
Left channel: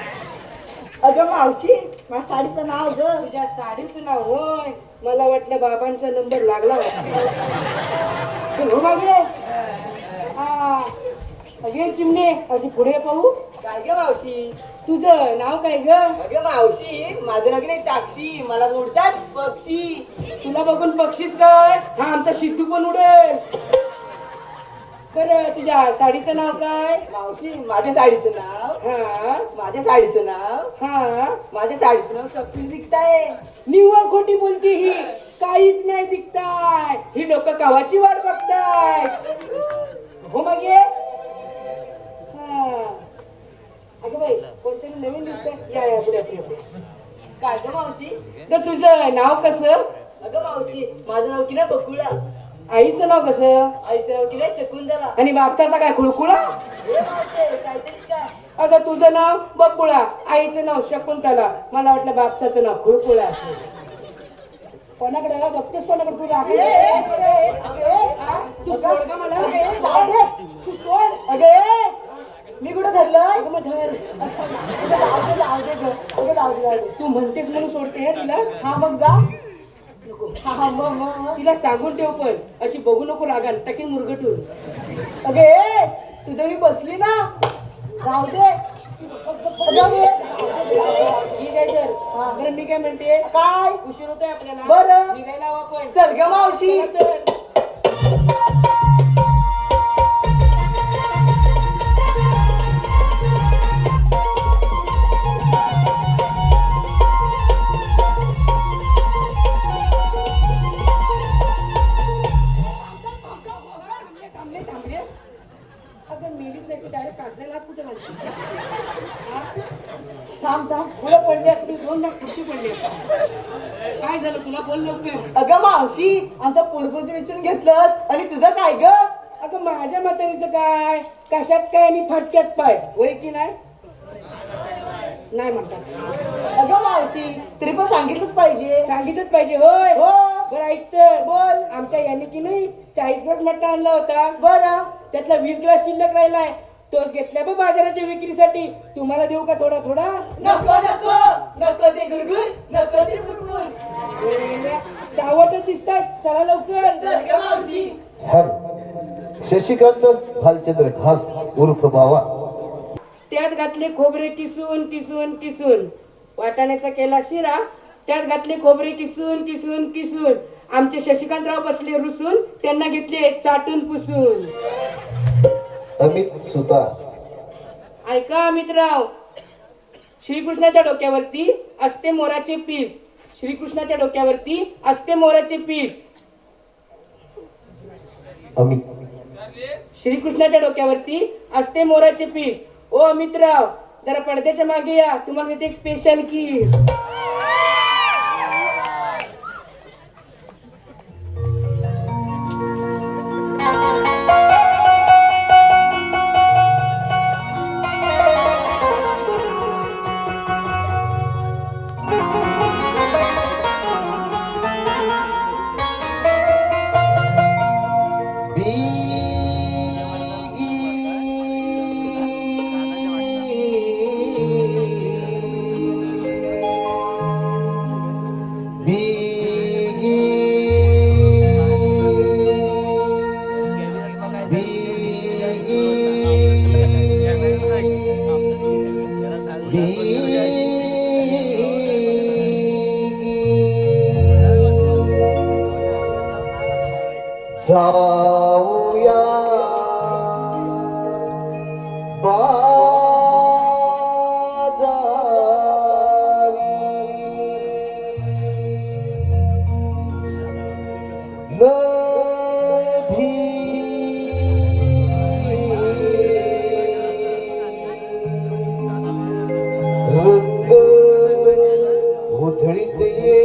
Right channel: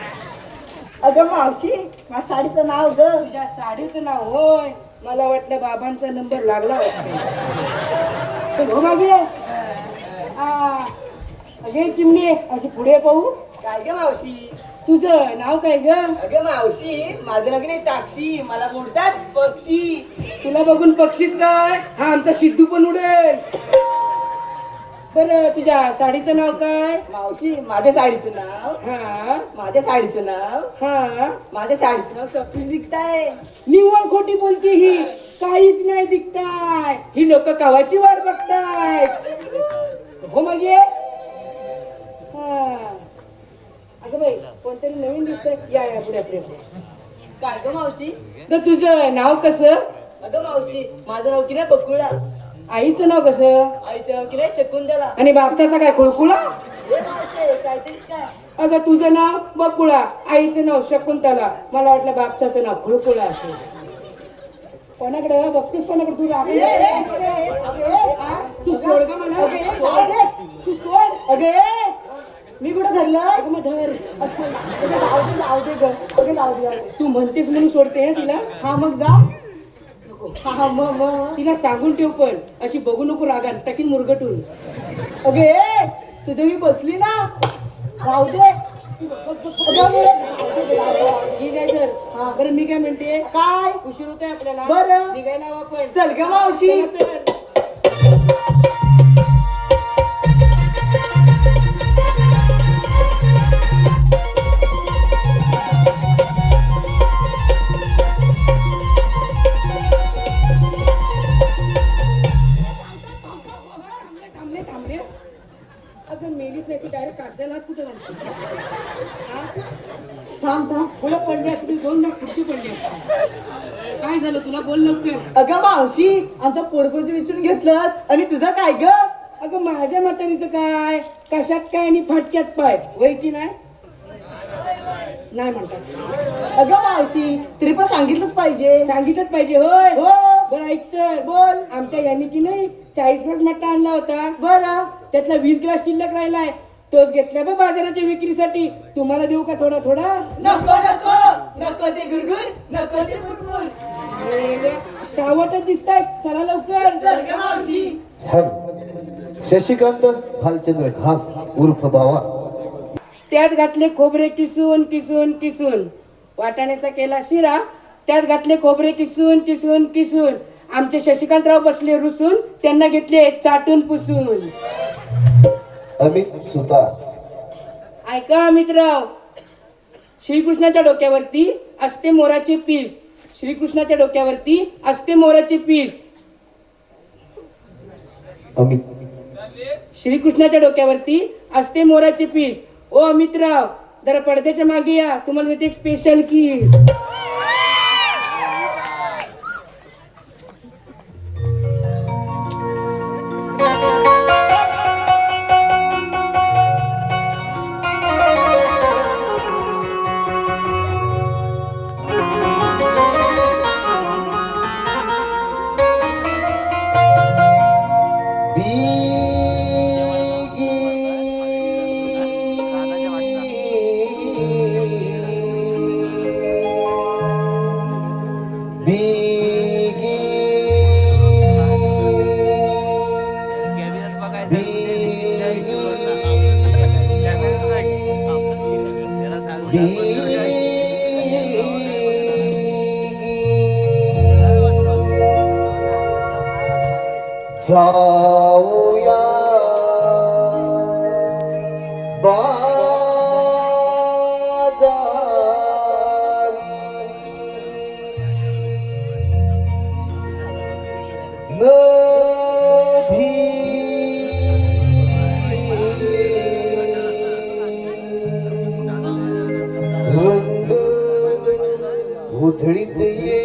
अगं मावशी माझ्या साडीचं नाव ग. तुझ्या साडीचं नाव होय. मला वाटलं बाबांचा नंबर लागला वाटतं. चल हो मागे. हा अगे चिमणे अशी पुढे पाहू. काय ग मावशी तुझं नाव काय ग? अगं मावशी माझं नाव नाही साक्षी मला बोलतात पक्षी. तुला बघून पक्षीच काय हा आमचा सिद्धू पण उडेल. बरं तुझ्या साडीचं नाव काय? मावशी माझ्या साडीचं नाव हा माझ्या साडीचं नाव हा माझ्या साडीचं नाव सपनी दिखताय. निव्वळ खोटी बोलती ही. काहीच नाही दिसताय. ही लोक कवाची वाट बघताय. हो मागे. हा अगं बाई कोणतरी नवीन दिसत. या या पुढे पुढे पुढे. काय ग मावशी तर तुझं नाव कसं? अगं मावशी माझं नाव की नाही बकुळा. आईचं नाव कसं? आईचं नाव की नाही शकुंतला. आणि बापचाचा काय खुळकुळा? हे मावशी काहीतरीच काय. अगं तुझं नाव बकुळा आईचं नाव शकुंतला. मला वाटलं बापचाचं नाव खुळकुळा असेल. कोणाकडे बघतेस कोणाकडे तू राग? तू सोड ग मला. तू सोड. अगे मी कुठं धरलं. अगं मग धर. जाऊ दे ग. अगं जाऊ दे. तू म्हणतेस म्हणून सोडते हं तिला. हा मग जा. हा मग तिला सांगून ठेव पण अशी बघू नको रागान टाकीन मुरगटून. अगे तुझं मी बसली ना. राहू दे. ठीक आहे तर. बरं मी काय म्हणते काय उशीर होतोय आपल्याला. बरं. निघायला हवं आपण. चल ग मावशी. चला तर. अगं मेलीच नाही ती डायरेक्ट कासऱ्याला हात कुठे घालते. थांब थांब पुढे पडली असती 2 लाख कुठची पडली असती. काय झालं तुला बोल लवकर. अगं मावशी आमचा पोरपोरचं विचारून घेतलंस आणि तुझं काय ग. अगं माझ्या म्हातारीचं काय कशात काय आणि फाटक्यात पाय होय की नाही? नाही म्हणतात. अगं मावशी तरी पण सांगितलंच पाहिजे. सांगितलंच पाहिजे होय. हो बरं ऐक तर. बोल. आमच्या याने की नाही 40 ग्लास मट्टा आणला होता. बरं त्यातला 20 ग्लास शिल्लक राहिलाय. तोच घेतलाय बा बाजाराच्या विक्रीसाठी. तुम्हाला देऊ का थोडा थोडा? नको नको नको ते गुरगुर नको ते गुरगुर. चावटच दिसतात. चला लवकर. चल ग मावशी. शशिकांत भालचंद्र घाग उर्फ बावा. त्यात घातले खोबरे किसून किसून किसून. वाटाण्याचा केला शिरा, त्यात घातले खोबरे किसून किसून किसून. आमचे शशिकांतराव बसले रुसून, त्यांना घेतले चाटून पुसून. अमित सुतार. ऐका अमितराव, श्रीकृष्णाच्या डोक्यावरती असते मोराचे पीस. श्रीकृष्णाच्या डोक्यावरती असते मोराचे पीस. अमित. श्रीकृष्णाच्या डोक्यावरती असते मोराचे पीस. ओ अमितराव, जरा पडद्याच्या मागे या, तुम्हाला देते एक स्पेशल किस. जाऊया नदी रंग उधळीत ये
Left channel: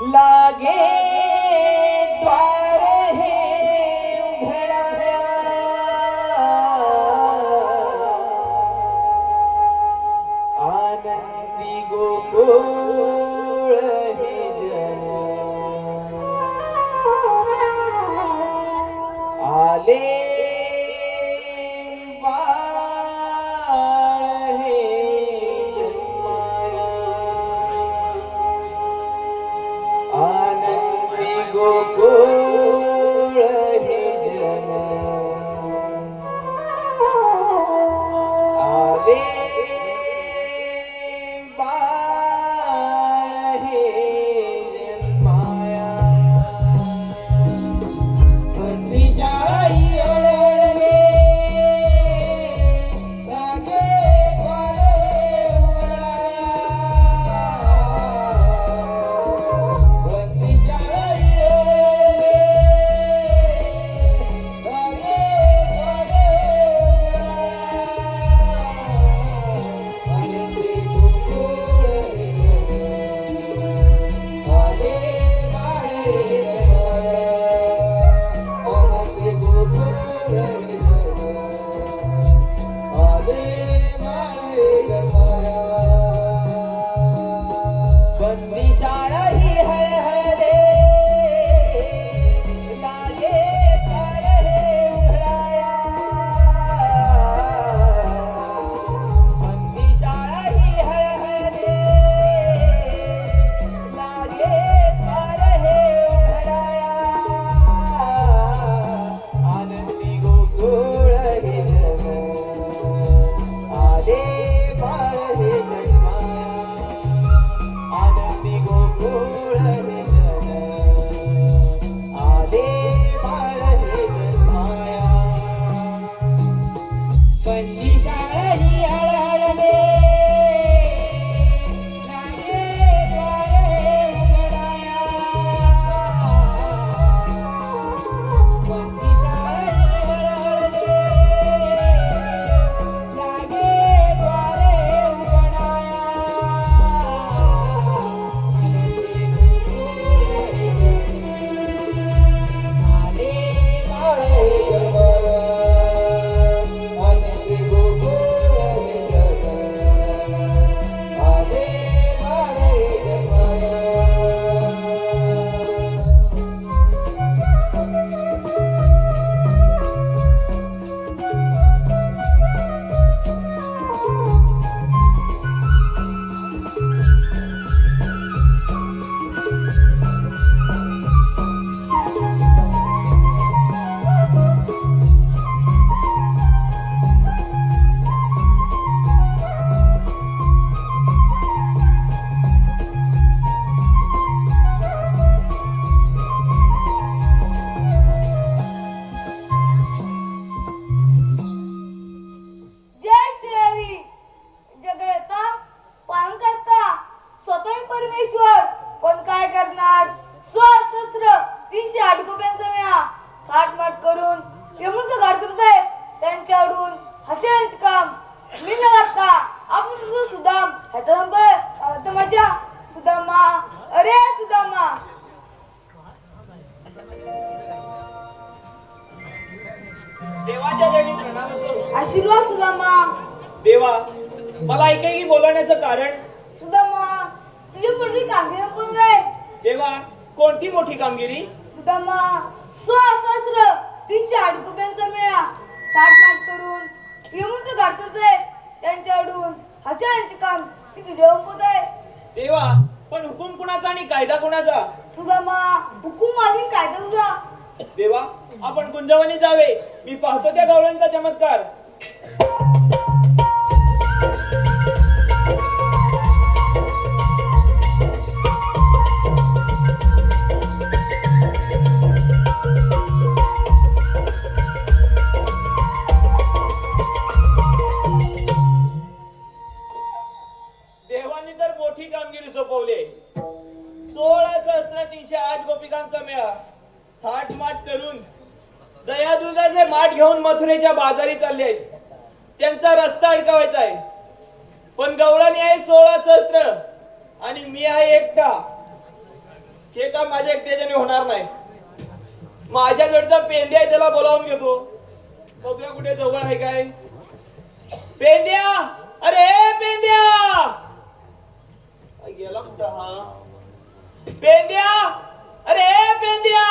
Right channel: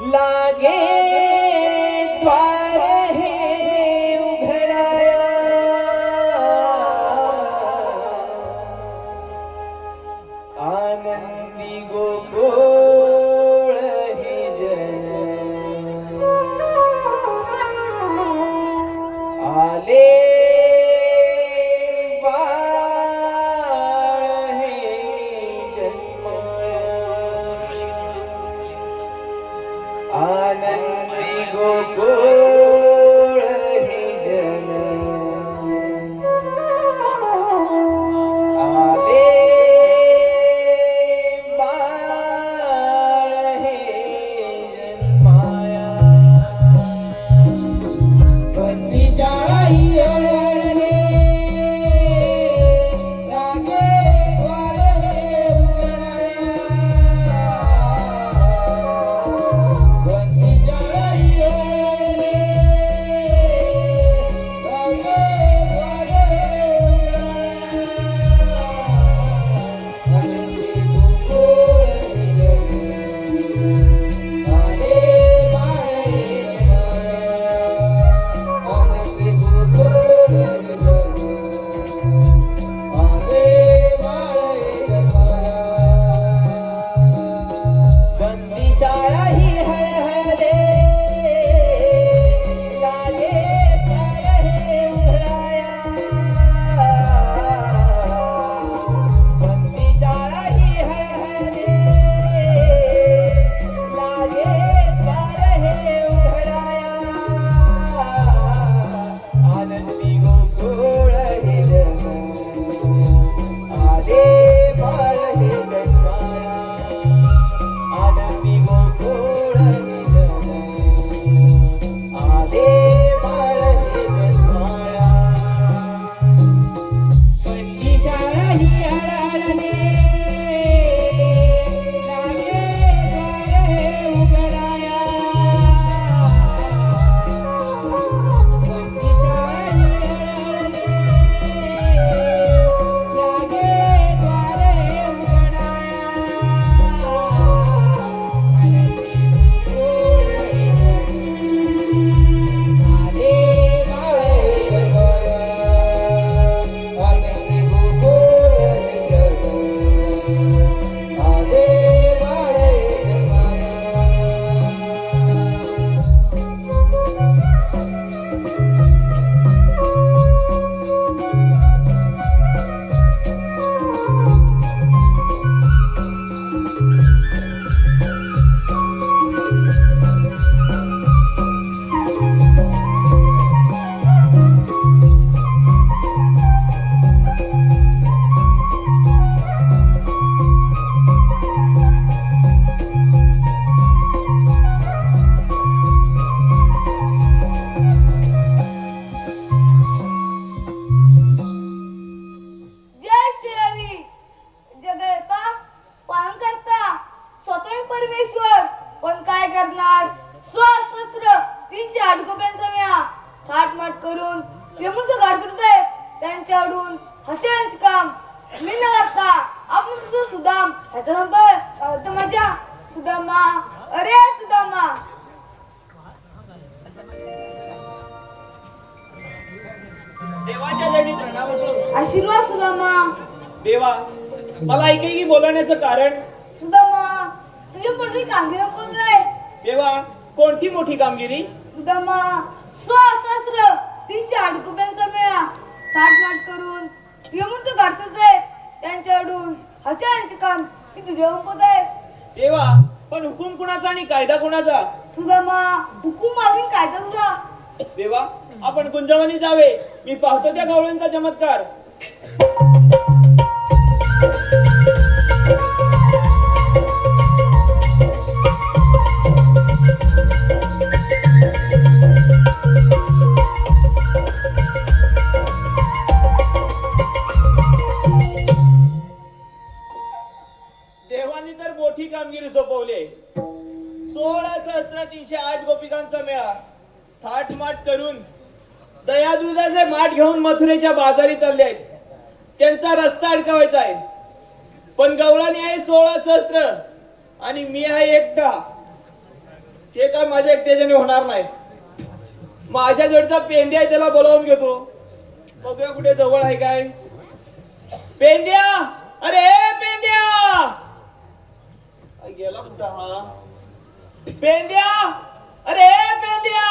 लागे द्वार हे उघडाया आनंदी गोकुळ हे जन आले बाळ हे जन्माया आनंदी गोकुळ हे जन आले बाळ हे जन्माया बंदी शाळा ही येळे लागे द्वारे उघडाया बंदी शाळा ही येळे लागे द्वारे उघडाया आनंदी गोकुळ हे जन आले बंदी शाळा ही हळहळे लागे द्वार हे उघडाया बंदी शाळा ही हळहळे लागे द्वार हे उघडाया आनंदी गोकुळ हे जन आले बाळ हे जन्माया आनंदी गोकुळ हे जन आले बाळ हे जन्माया बंदी शाळा ही हळहळले लागे द्वार हे उघडाया बंदी शाळा ही हळहळले लागे द्वार हे उघडाया आनंदी गोकुळ हे जन आले बाळ हे जन्माया जय श्री जगता पालन करता स्वतः मी परमेश्वर पण काय करणार सहस्र 308 गोप्यांचा मेळा थाटमाट करून विमुक्त गाडतोय त्यांच्याकडून हशांचे काम मी न करता आपण तुझं सुदाम ह्याचा संपर्क माझ्या सुदामा अरे सुदामा देवाच्या जणी प्रणाम असो आशीर्वाद सुदामा देवा मला एकेकी बोलवण्याचं कारण सुदामा तुझी पडली कामगिरी कोण रे देवा कोणती मोठी कामगिरी सुदामा सहस्र 308 गोप्यांचा मेळा थाटमाट करून विमुक्त गाडतोय त्यांच्याकडून हशांचे काम मी तुझ्या संपत आहे देवा पण हुकूम कुणाचा आणि कायदा कुणाचा सुदामा हुकूम माझी कायदा तुझा देवा आपण गुंजवणी जावे मी पाहतो त्या गवळ्यांचा चमत्कार देवानी तर मोठी कामगिरी सोपवली 16,308 गोपिकांचा मेळा थाटमाट करून दयादुधाचे माठ घेऊन मथुरेच्या बाजारी चालले आहेत. त्यांचा रस्ता अडकवायचा आहे. पण गवळणी आहे 16 सहस्त्र आणि मी आहे एकटा. ते काय माझ्या एकट्याच्याने होणार नाही. माझ्या जवळचा पेंड्या आहे, त्याला बोलावून घेतो. बघूया कुठे जवळ आहे काय. पेंड्या, अरे पेंड्या, गेला कुठं हा पेंड्या, अरे पेंड्या.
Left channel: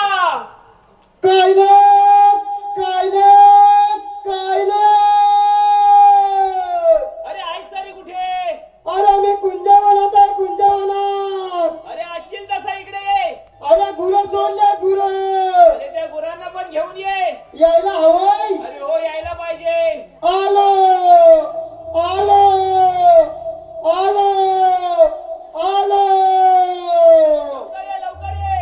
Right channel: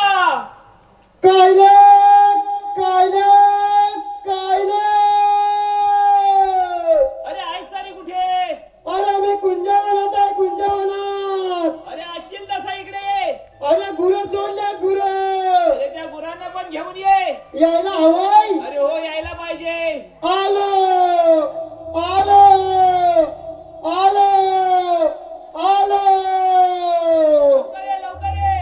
कायले कायले कायले. अरे आहेस तारी कुठे? अरे मी कुंजवनात आहे, कुंजवनात. अरे असशील तसा इकडे. अरे गुरं सोडले गुरं. अरे त्या गुरांना पण घेऊन ये. यायला हवंय. अरे हो, यायला पाहिजे. आलो आलो आलो आलो. लवकर ये, लवकर ये.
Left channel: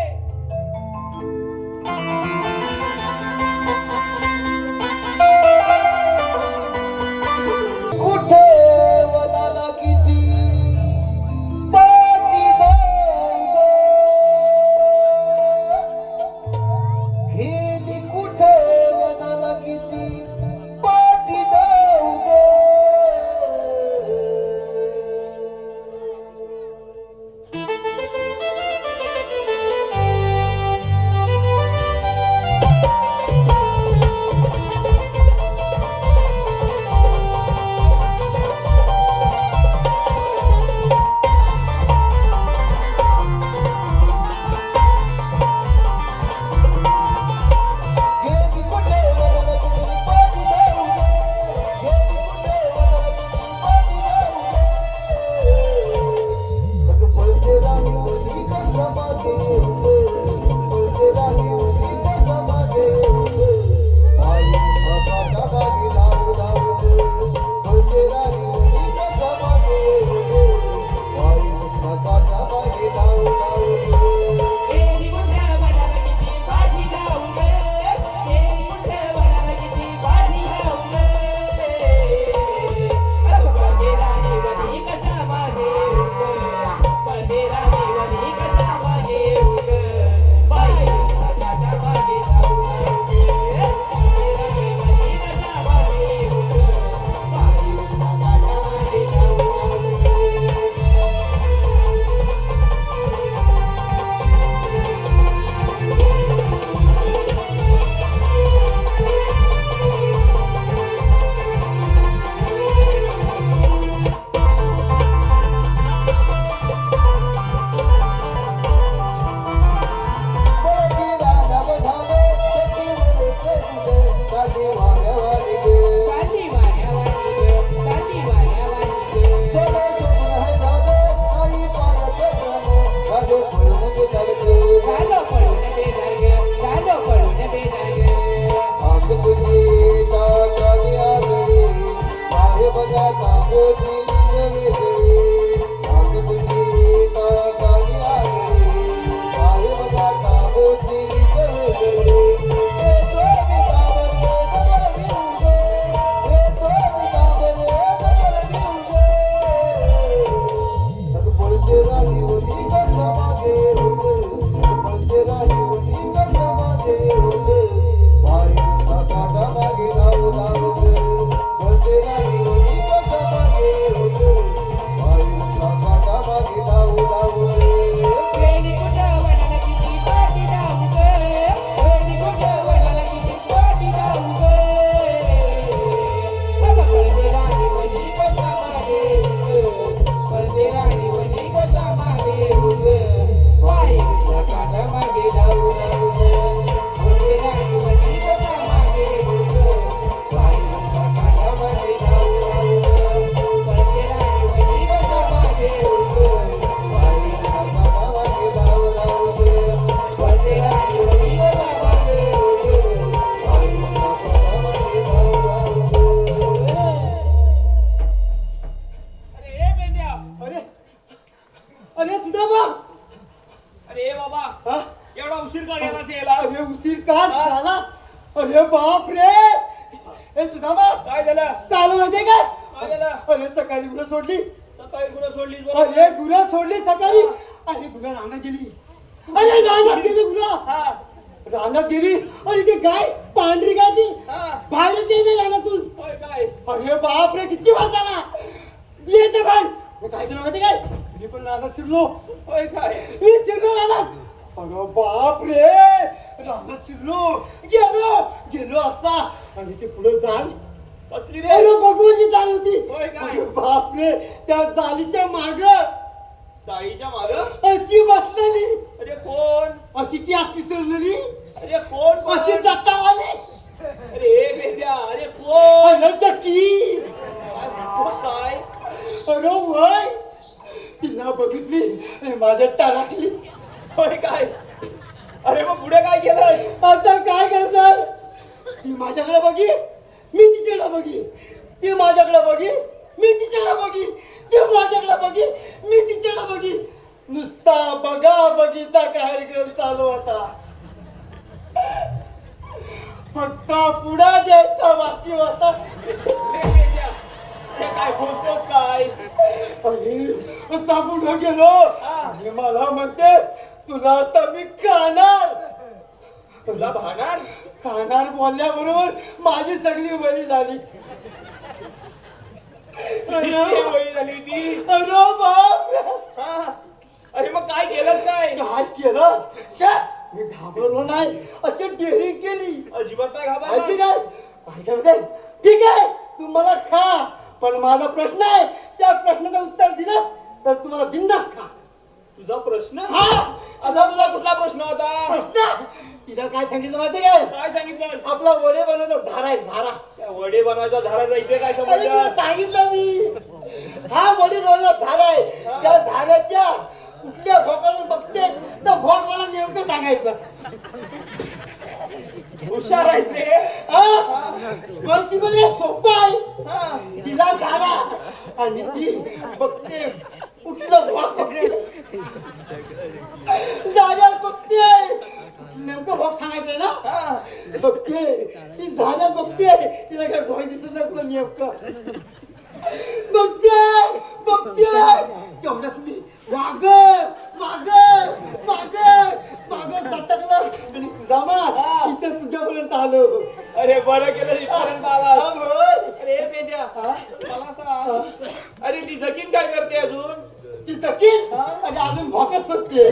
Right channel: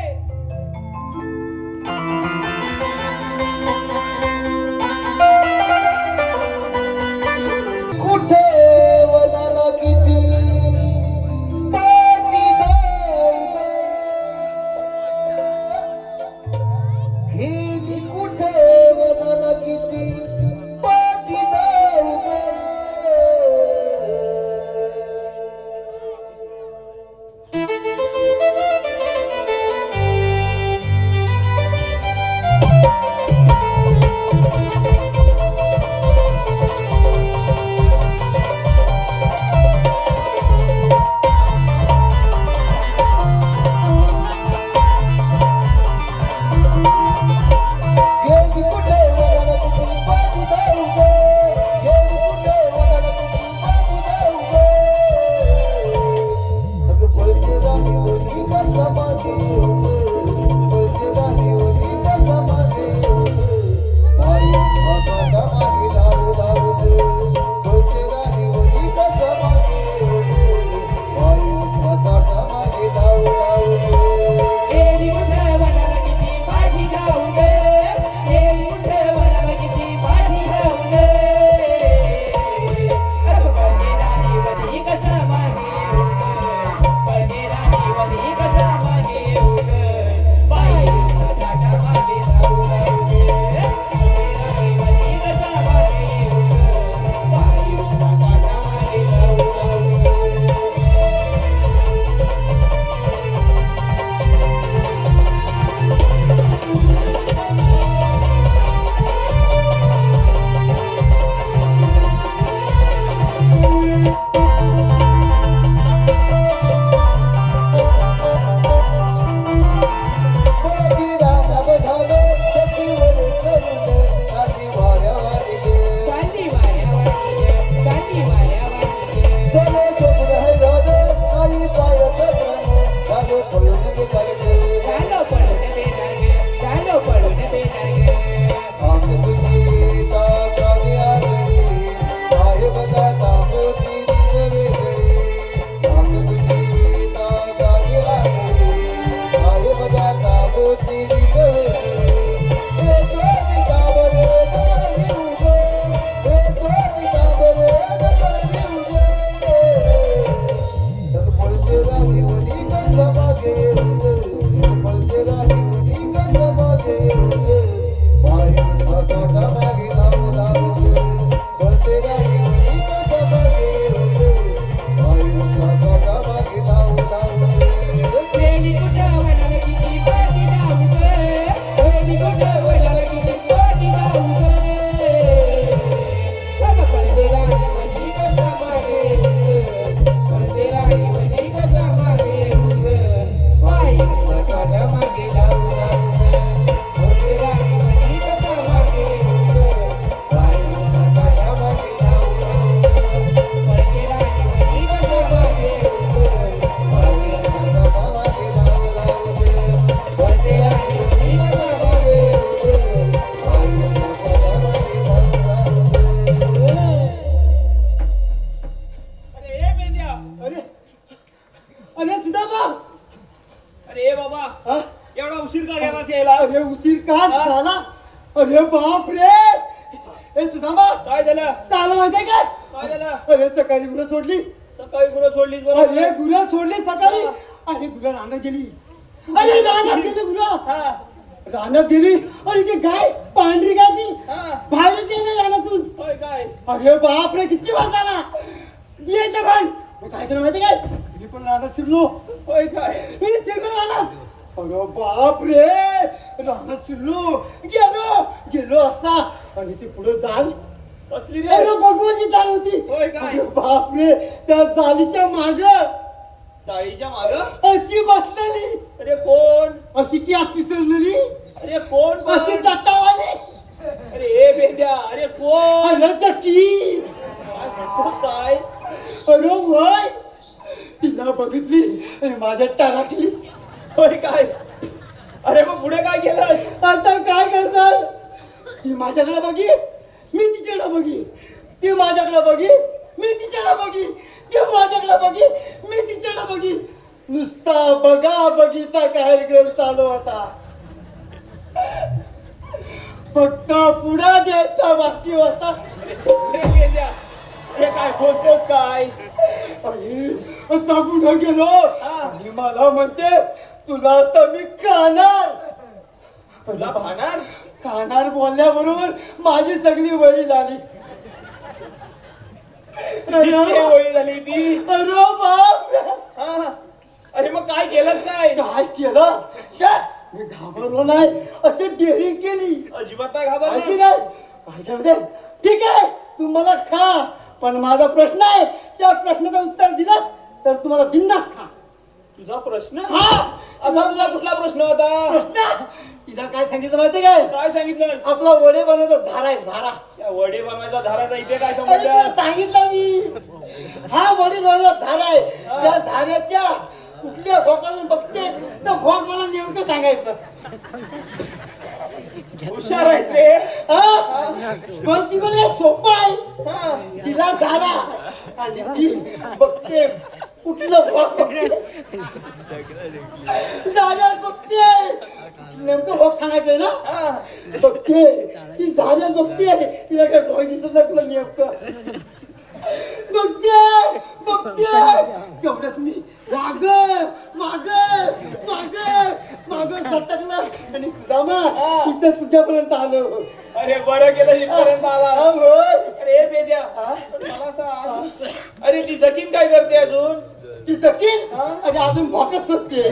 कुठे वनाला किती पाठी जाऊ ग. गेली कुठे वनाला किती पाठी जाऊ ग. गेली कुठे वनाला किती पाठी जाऊ ग. गेली कुठे वनाला किती पाठी जाऊ ग. अगं पळते राणी ओली कसा मागे येऊ ग. पळते राणी ओली कसा मागे येऊ ग. आई बाबाच्या मागे धावू धावू ग. पळते राणी ओली कसा मागे येऊ ग. आई बाबाच्या मागे धावू धावू ग. एरी उठे वनाला किती पाठी जाऊ गे. एरी उठे वनाला किती पाठी जाऊ गे. अगं पळते राणी वधी कसा मागे येऊ गे. पळते राणी वधी कसा मागे येऊ गे. बाई उठाच्या मागे धावू धावू गे. पळते राणी वधी कसा मागे येऊ गे. बाई उठाच्या मागे धावू धावू गे. पळती राना बघावे सतीवरी करून खाली वाऱ्या वारी गे. चालली वाऱ्या वाटी गे. चालली वाऱ्या वाटी गे. चलो चोपड हजावे आई पायात जाणे झाले पळून निघाले गे. चालो पळून बेजार गे. चालो पळून बेजार गे. आंब तुझी ताकाली आगळी पाय बघाता मोती निघले गे. आंब तुझी ताकाली आगळी पाय बघाता मोती निघले गे. हे दोन्ही काबरे दोन भिऊ गे. हे दोन्ही काबरे दोन भिऊ गे. अगं पळते राणी वनी कसा मागे येऊ गे. अगं पळते राणी वनी कसा मागे येऊ गे. पाय काटा मागे धावू धावू गे. पळते राणी वनी कसा मागे येऊ गे. पाय काटा मागे धावू धावू गे. एरी कुठं वनाला किती पाठी जाऊ गे. एरी कुठं वनाला किती पाठी जाऊ गे. अगं पळते राणी वधी कसा मागे येऊ गे. पळते राणी वधी कसा मागे येऊ गे. पाय काटा मागे धावू धावू गे. पळते राणी वधी कसा मागे येऊ गे. पाय काटा मागे धावू धावू गे. पळते राणी वधी कसा मागे येऊ गे. पाय काटा मागे धावू धावू गे. पळते राणी वधी कसा मागे येऊ गे. पाय काटा मागे धावू धावू गे. अरे ए पेंड्या, अरे अरे सुदामा. अरे ए बाबा, हा? एवढा उशीर का गेलास यायला? अरे उशीर का झाला. अरे बाप रे. ए सुदामा, काय झालं? काल माहितीये काय. काय झालं? अरे सकाळी गुरं सोडली. सकाळी कुठं सोडलीस अरे बरं? गुरं सोडली सकाळी. अरे गुरं रानात गेली. अरे रानात गेली गुरं. हा रानात गेली. अरे ती गाय पांढरी गाय ती हा बाहेरच येते रानातून. होय काय? अरे बाप रे किती वाजाला. येते पण मी काय केलं माहिती काय. मी पण रानात शिरलो. होय काय? मी शिरलो रानात. अरे बाप रे रानात शिरलो गेलो असा आणि ते पुढे जाल कसली रे अरे भगवानची चाल होती होय काय? अरे बाप रे त्या जालीच्या माग ताईच्या माग अशी बसलेली अरे कोण अशी ती असती सरलेली अरे कोण पण? अशी चट्टावाली अरे ए बेंद्या अरे कोण अरे चट्टी काय म्हणतोस काय अरे वय तिला बघितली आणि माझ्या टाळाकली होय काय अरे मग पुढे काय केलंस आता काय करणार ती माझ्याकडे बघी मी तिच्याकडे बघी ती माझ्याकडे बघी मी तिच्याकडे बघी ती माझ्याकडे बघी मी तिच्याकडे बघी नुसता बघा बघीचा कार्यक्रम चालू आता फक्त पुढा द्यायचा बाकी होता अरे बेंद्या हे काय बोलतोस काय आणि आता पुढे गेलो आणि मला म्हणते तुला आता मी खाणार तुला खाणार खाणार बोलल्याबरोबर माझी सगळी वळी झाली दिसते वळी झाली ती अरे बाप रे. हा. अरे मग काय केलंस काय काय केलं शट. मी घाबरलो नाही अशी डेअरिंग केली अजिबात नाही अशी घाबरला काय काय म्हणते, ठीक आहे तू मला खा पण माझा प्रश्न आहे त्या प्रश्नाचं उत्तर दिलं तर तुम्हाला बिंदास खा तुझा प्रश्न हा असा तुझा कुठला प्रश्न होता प्रश्न तिला काय सांगितलं माहिती काय काय सांगितलं आपला वडे बनवतो झारा आहे झारा त्या वडे बनवायचा झाडाचा इथे काय अरे तुला समजलं सांगितलं मी हा वडे बनवतो झारा आहे त्या झाऱ्याच्या कुठल्या भोकाला बघते तर भोक मला नेमकं सांगायचं हुशार आहेस रे हा? पण ती म्हणजे सोपं आहे हा. तिला झारा आणि ती बघते कुठलं भोक बघते झाऱ्यात बघते नेमकं भोक सांगायचंय ना हा. बघते ती झाऱ्यात बघते तिला काय भोय दिसत नाही तुला नेमकं बघते तेवढ्यात मी माग सटकलं आणि सुदामा इथं तुझ्यापर्यंत आलो अरे बरं केलं इथपर्यंत आलास. होय. अरे बेद्या मला सांग अरे ती जकीन काय करते अजून ती जकीन आणि अजून भोकच सुटते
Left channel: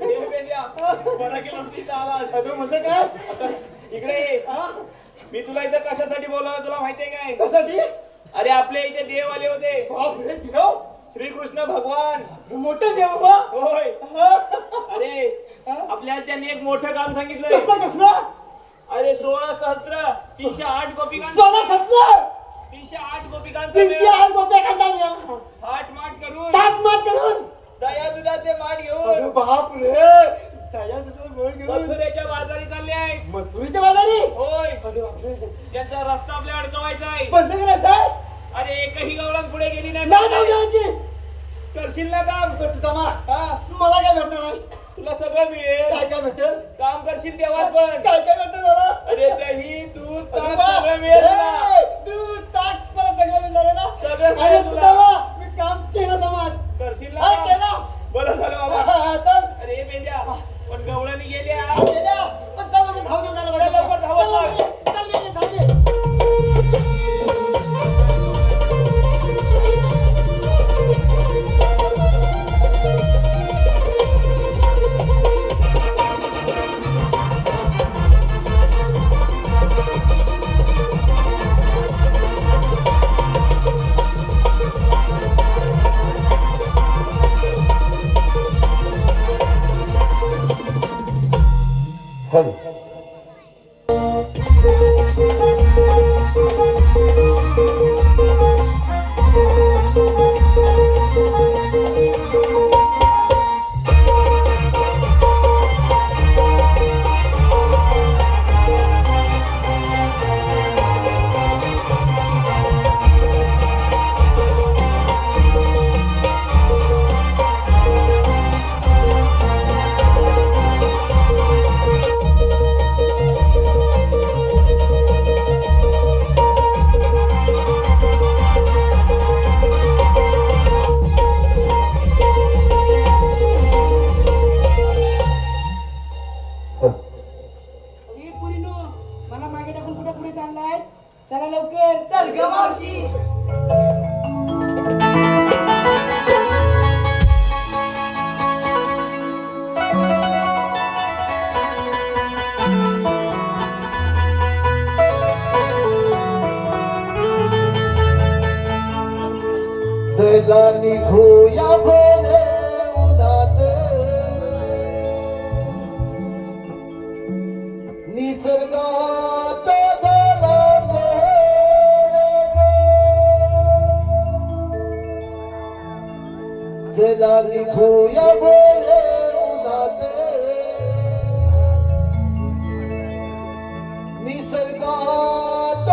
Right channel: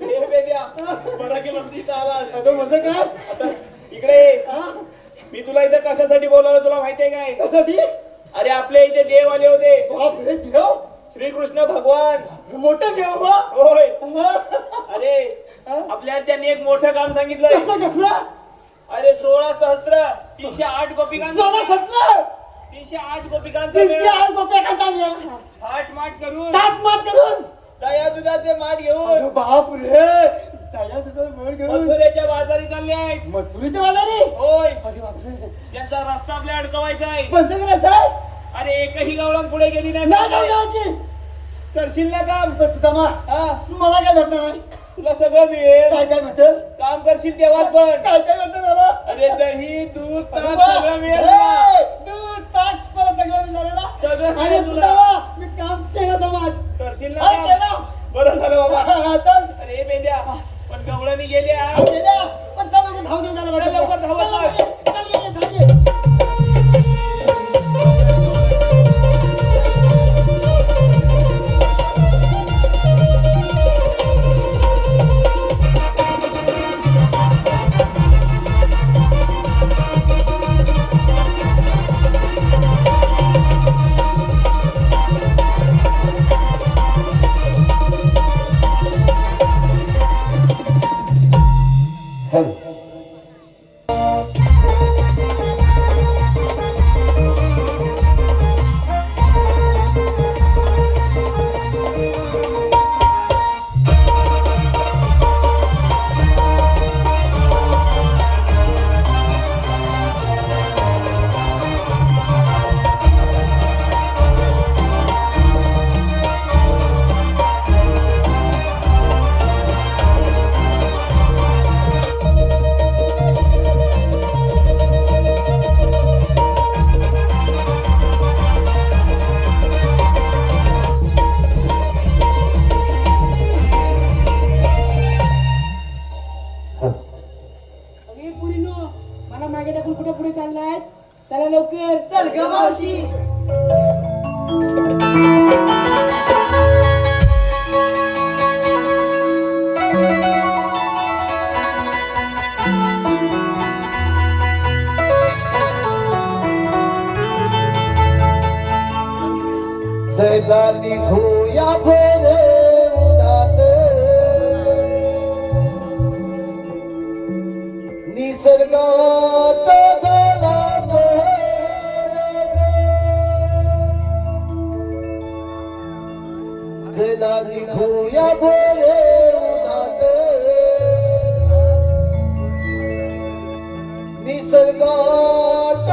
हे बेद्या बरं केलं तू इथं आलास. अगं म्हणजे काय इकडे ये. हा? मी तुला इथं कशासाठी बोलावलं तुला माहितीये काय कशासाठी अरे आपल्या इथे देव आले होते बापरे देव श्रीकृष्ण भगवान मोठं देव बा होय हा? अरे आपल्याला त्यांनी एक मोठं काम सांगितलं कसलं अरे 16 सहस्त्र 308 गोपिकांचं सोनं कसलं 308 गोपिकांचं किती मेळ. आज गोप्या खायचा थाट माट करून ताप मात करून दया दुधाचे माठ अरे घेऊन बाप रे तया तुझं गोड घेऊन मथुरेच्या बाजारी चालले आहेत मथुरीच्या बाजारी होय अरे बापरे त्यांचा रस्ता आपल्या अडकवायचा आहे बंद करायचं आहे अरे एकही गवळण पुढे गेली नाही नाही जाऊ देवाची करशील ना काम सुदामा हा मला काय भेटणार नाही तुला सगळं मिळेल काय काय भेटेल काम करशील तेव्हाच पण काय काय भेटेल मला अरे दही दूध ताक सुदामा, सगळं मिळेल तुला. हे, दूध, ताक, मला सगळं मिळणार आहे ना सगळं अरे मिळेल तुला. सुदामा, मी काम केलं समाज करशील ना अरे काम? केलं बरं झालं बाबा चल अरे बेद्या पण गवळणी गेल्या गेल्या पण चल आपण धावतो चल, लवकर धावत चल, चल. चल, ये, धाव ये. गजला लिखूया बोरे उन्हात निसर्गात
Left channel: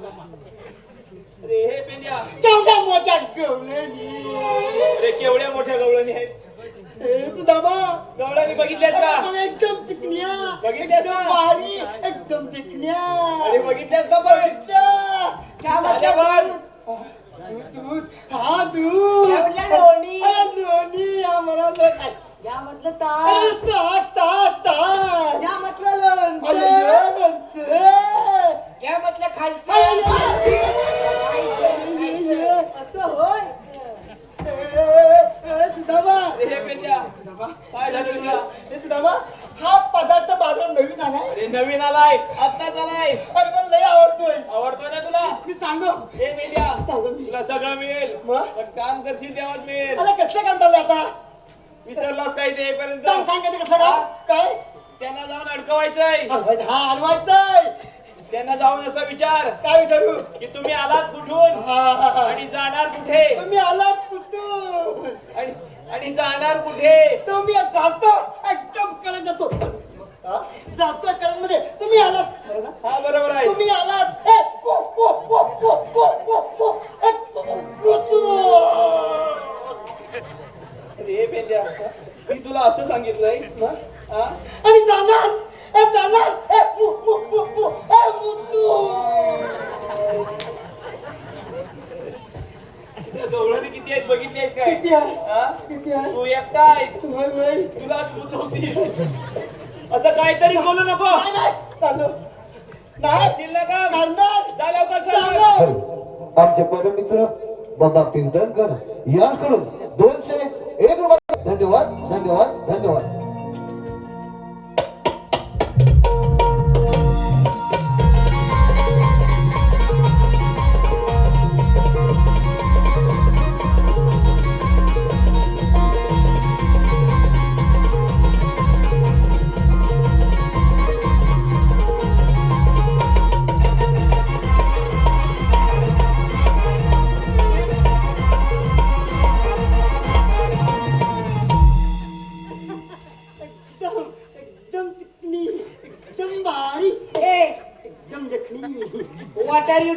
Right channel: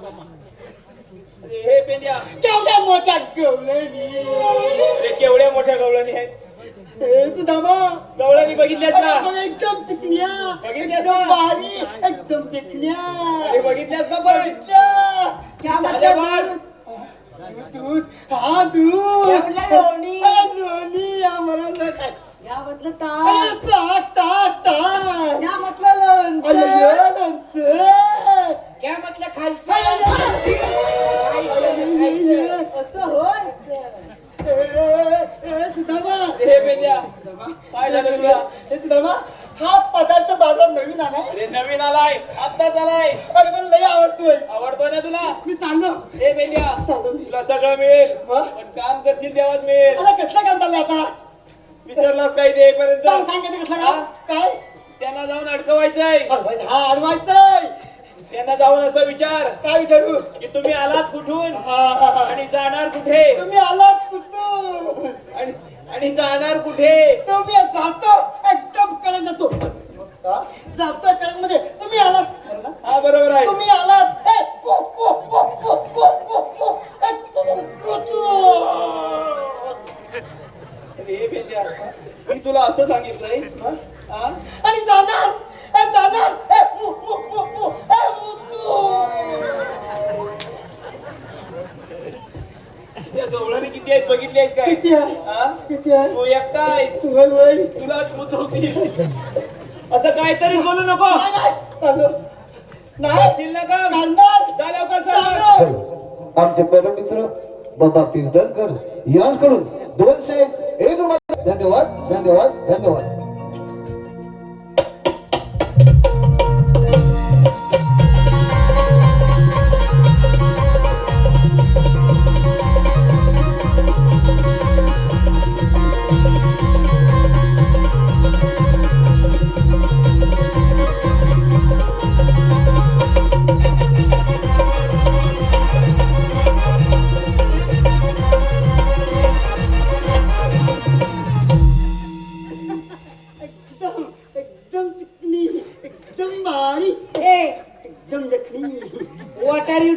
झाला अरे हे पेंद्या केवढ्या मोठ्या गवळणी अरे केवढ्या मोठ्या गवळणी आहेत सुदामा गवळणी बघितल्यास का एकदम चिकन्या बघितल्यास एकदम का? भारी एकदम चिकन्या अरे बघितल्यास का पण काय झालं म्हणतात दूध हा दूध काय म्हणलं लोणी? लोणी आम्हाला काय या म्हटलं ताक ताक ताक ताक या म्हटलं लोणचं. लोणचं या म्हटलं खालचं असं होय सुदामा हे पेंद्या काय झालं तुला सुदामा हा पदार्थ बाजारात नवीन आलाय अरे नवीन आलाय आत्ताच आलाय अरे मला लय आवडतोय आवडतोय ना तुला मी चाललो हे पेंद्या चाललो मी तुला सगळं मिळेल मग? पण काम करशील तेव्हाच मिळेल मला कसलं काम चाललंय आता विसरलास काय ते पर्यंत सांग सांग कधी कसलं काम काय त्यांना जाऊन अडकवायचंय अडवायचं हा अडवायचंय त्यांना जाऊन असं विचार काय विचारू की तुम्ही आलात कुठून हा, हा, हा. आणि जाणार कुठे तुम्ही आलात कुठून आणि जाणार कुठे तुम्ही जातो एकदम कडे जातो हा? जातोय कडे मध्ये तुम्ही आलात खरं ना? हा बरोबर आहे तुम्ही आलात ए, को, को, को, को, को, को, को. ए, तू, तू. अरे हे पेंद्या, मी तुला असं सांगितलंय हा? आणि जाणार ए, जाणार ए, मु, मु, मु, मु, ए, मुतू. त्या गवळणी किती आहेत बघितलीस काय किती आहे हा? किती आहे तू एकटा आहेस वय, वय. तुलाच मुतवतील असं काहीतरी बोलू नको नाही, नाही. चालू नाही असशील ना काम करणार जा लवकर चल. चालू आमचे परममित्र बाबा कीर्तनकर यांकडून 201 रुपये धन्यवाद धन्यवाद धन्यवाद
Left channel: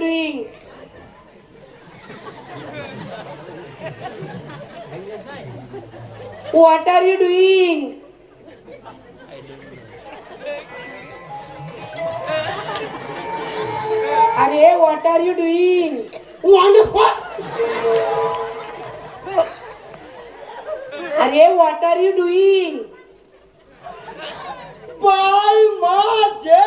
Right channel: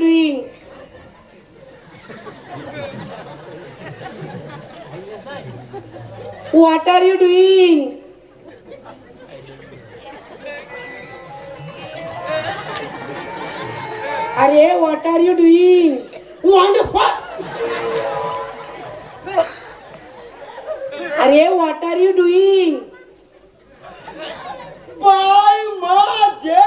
doing what are you doing अरे व्हॉट आर यू डुईंग अरे what are you doing bye माझे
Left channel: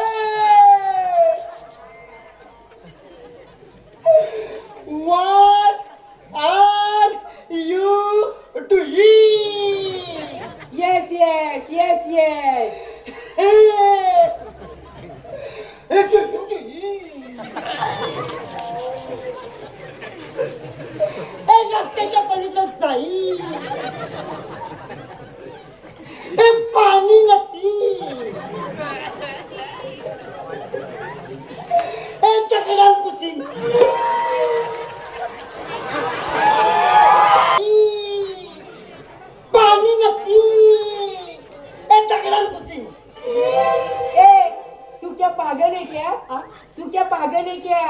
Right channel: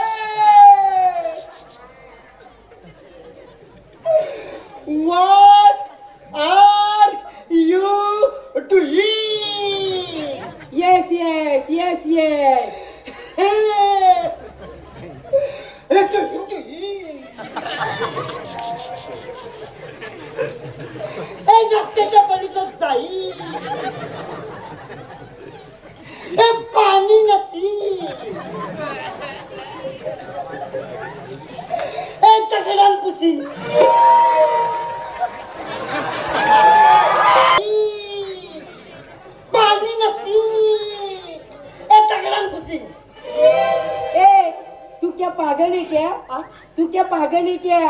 What are you doing? Yes yes yes yes रस्त्याच्या पलीकडे जाईल हे पाणी नसी हे चकड्यान पुसी पाणी नसी हे चकड्यान पुसी ए तू क्या पागल है क्या तू क्या पागल है क्या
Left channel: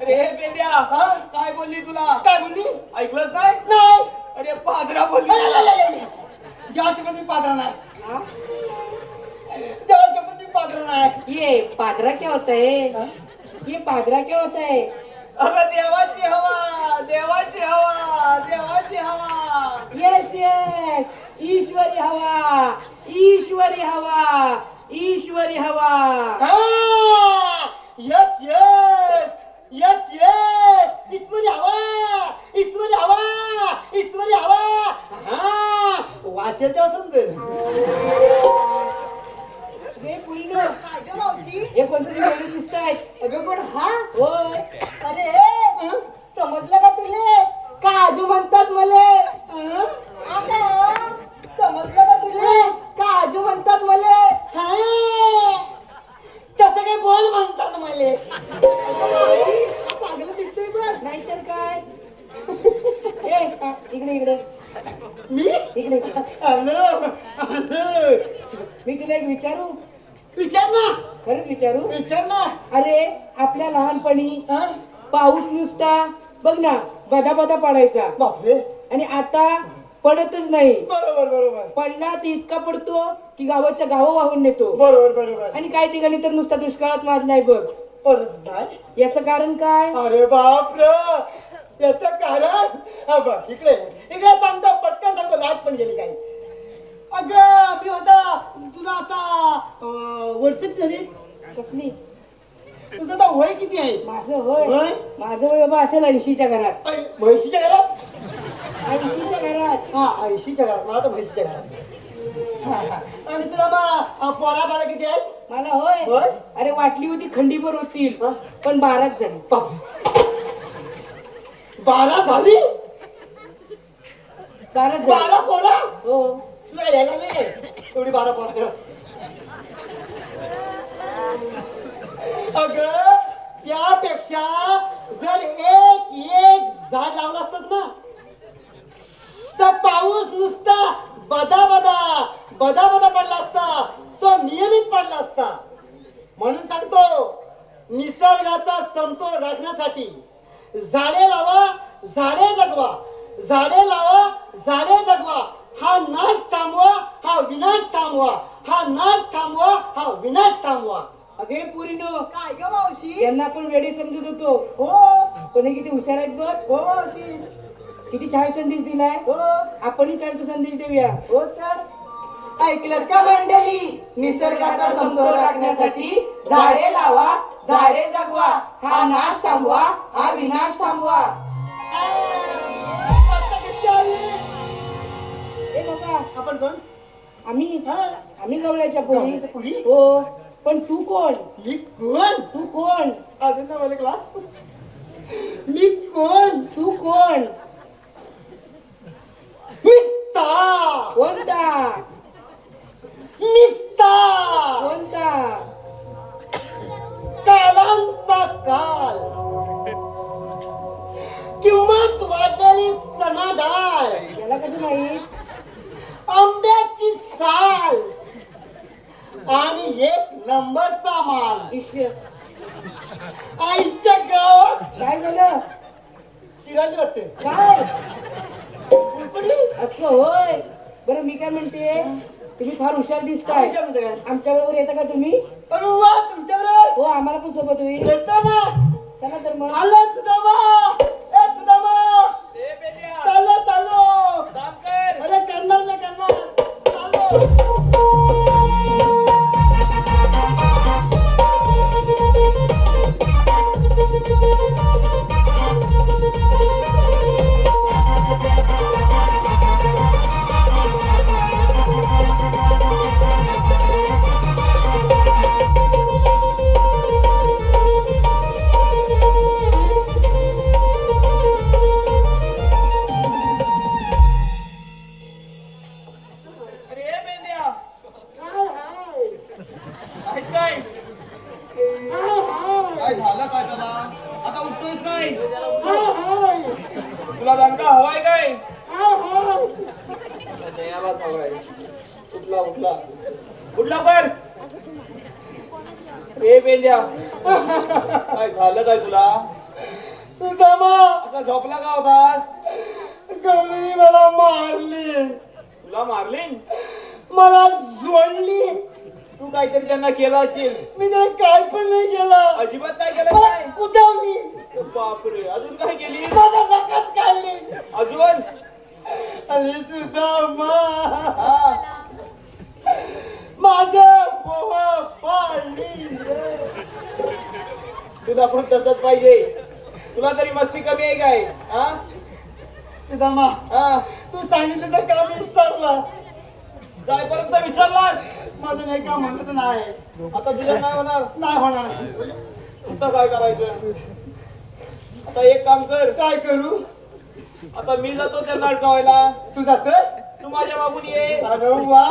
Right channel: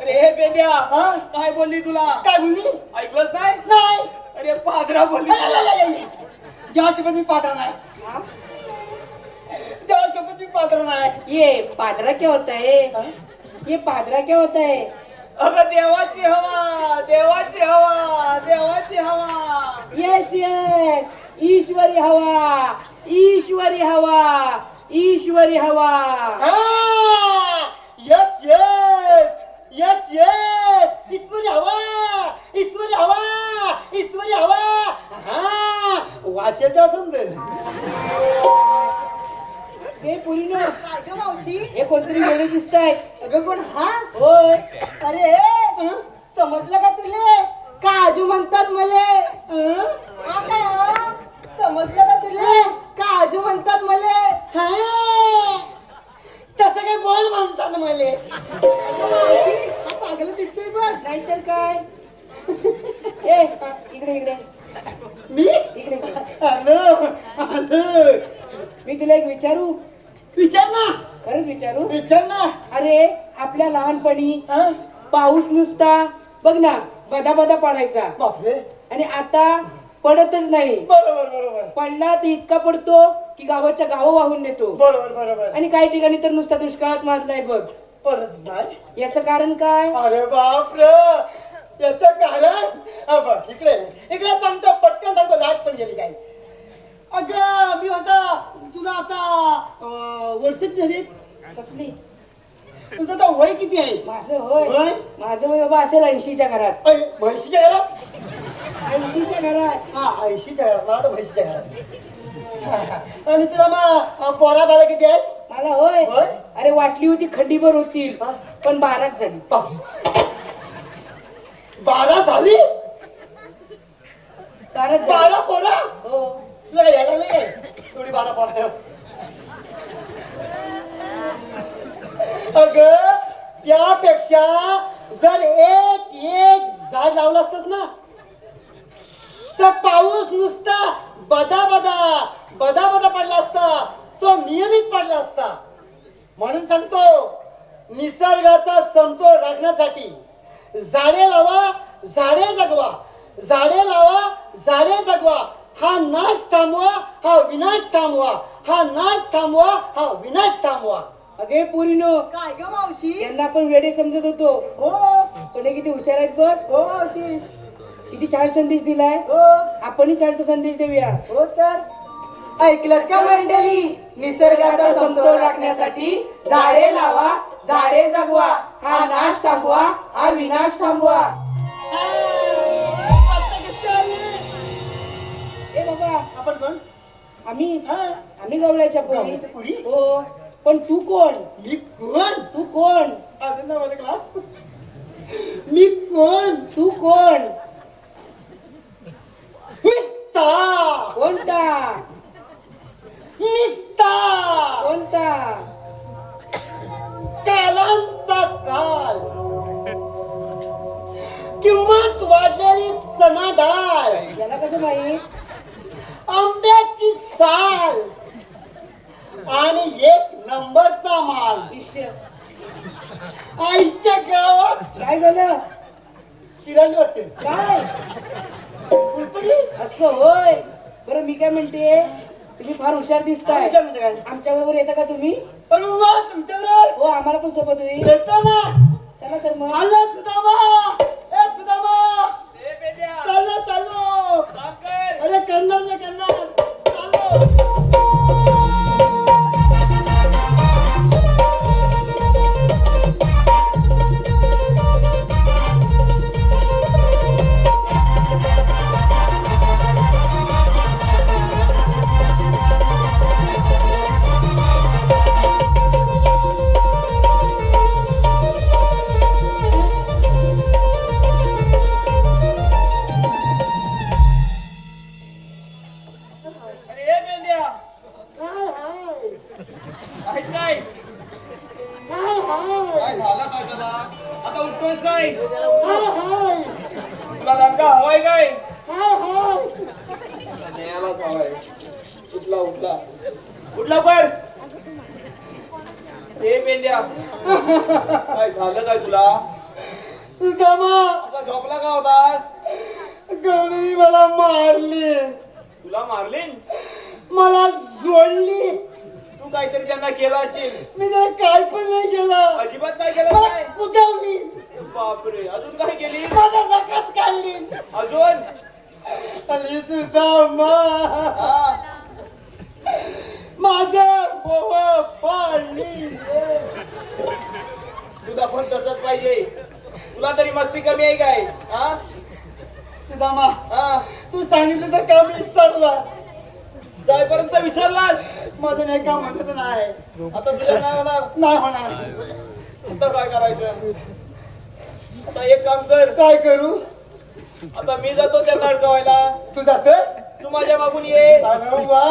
अरे हे पेंड्या हा? काय बोलली तुला काय बोलली ऐकलंच नाही नाही अरे पादरा बोलली जेव्हा शपथ मी पात्र नाही हाँ? तेव्हा शपथ मी पात्र नाही ये पादरा क्या होता है ये पादरा क्या होता है अगं देवाची हवा देवाची हवा देवाची हवा यस यस ईश्वरी हवा ईश्वरी हवा ईश्वरी हवा यस यस यस यस ईश्वरी हवा ईश्वरी हवा ईश्वरी हवा हा वाशेल तेव्हा समजेल हे पुरीनो काय ग मावशी हे कोणतरी वेगळे दिसत आहेत अगं पण हा होय अरे समजलं का तुले काजू म्हणतात मले समजलं का तुले काजू म्हणतात मले हा तसं काही बोल म्हणतात मला पागल दिसतोय बघ नाहीतर काय ए इकडे इकडे मी इकडे इकडे. हॅलो हॅलो मी तुला एक विचारू विचार ना खरंच विचारू विचार ना अरे आपल्या लहानपणी हा? पाऊस नुसता बघ ना बदा बदा पडायचा बापरे आणि आता पडतच नाही बरोबर बरोबर पडला तर इतका पडतो की गावाच्या गाव वाहून नेतो बरोबर बरोबर आणि काही ठिकाणी तर नुसता दुष्काळात नाचलाय बघ परत नाही याचं कारण काय अरे बाप याचं कारण हा बघ इकडे इकडे सांगतो पटकन सांगतो लाट पण गेली काही अगं मी होता तुला आता वर्षात झाली कसली तुझं आता वय किती आहे माझं होय वय? माझं वय बाबा असेल 80च्या घरात ऐ, म्हैशीच्या घरात 80च्या घरात हा 80च्या घरात मला वाटतं म्हैशीच्या घरात हा. आणि तुला मग पोरा बारा किती आहे मला होय होय? अरे वाटली होती खंडीभर होतील हा? पण 12च झाली बापरे. 12 झाली 12च झाली 12 पोरा हो तुला यायला नाही एवढी 12 पोरा अगं त्यापेक्षा जर एक झाड लावलं असतंस ना तर पाऊस नुसता बदा बदा पडला असता तो नियमित पडला असता म्हणून सांगतो निसर्गाचा समतोल राखण्यासाठी झाडे लावा झाडे जगवा झाडे लावा झाडे जगवा हा नाश थांबवा हा विनाश थांबवा हा नाश थांबवा हा विनाश थांबवा अगे पोरीनो काय ग मावशी यांना आपण वेडे समजत होतो हो पण हे किती हुशार आहेत बघ हो मावशी किती छान संदेश दिलाय हो आपणही छानचा संदेश देऊया हो तर ऐकलं का मंडळी निसर्गाचा समतोल राखण्यासाठी झाडे लावा झाडे जगवा हा नाश थांबवा हा विनाश थांबवा ए बाबा आपण कोण आम्ही हा? आम्ही गवळ्याच्या गवळ्याच्या पोरी? पोरी हो पण तू कोण मी कोण तू कोण अजून ना मला क्लास मी कोण तू कोण मिस्ता कोणता मिस्ता कोणता कालांचा काल किंमत वाढलेली चना डाळ याला कसं माहित आंब्याची साल आणि एक नंबरचा माल ईश्वर आईच्या गावात काय झालं चिरांडी वाटते काय पुडपुडी असं होय बरं मी काय म्हणते तुम्ही फार हुशार दिसताय हुशार म्हणजे काय? आमच्या बरोबर येता का तुम्ही अरे वा तुमच्याबरोबर हो आम्हाला पण सोबत होईल येतो ना चला तर मग आला सुदामा ए सुदामा ए पेंड्या चाललो चाललो काम कर अरे करणार ना करणार चाललो अरे ए पेंड्या आहेस काय काय झालं काय त्याला आता उठतोयस काय तुला रंगा हवाय काय द्यायलाच हवाय उठला उठला उठला कर ए पेंड्या काय झालं काय तुला सुदामा आता झोपला का होतास गौरी मला मारली तुला मारली मला जोडली तू काहीतरी त्यांना केलं असेल मी त्याला काय पण नाही केलं अजिबात नाही केलं मला काय कुजवली बापरे अजून काय केली माझा रकात काढली अजून अरे सुदामा हा माझं बोव पाणी तुला पण तसंच पाहिजे तुला तरी मस्ती कमी आहे काय हा सुदामा हा तू सांगितलं तर काम विसरलं जायपर्यंत विचारलास माझं नाही काम म्हणत नाही आता तुला नाही होणार नाही होणार आता काय करायचं आता एक काम कर काय करू आता मी जातो त्यांना अडकावायला तू जातोस तू माझ्या मागून ये अरे वा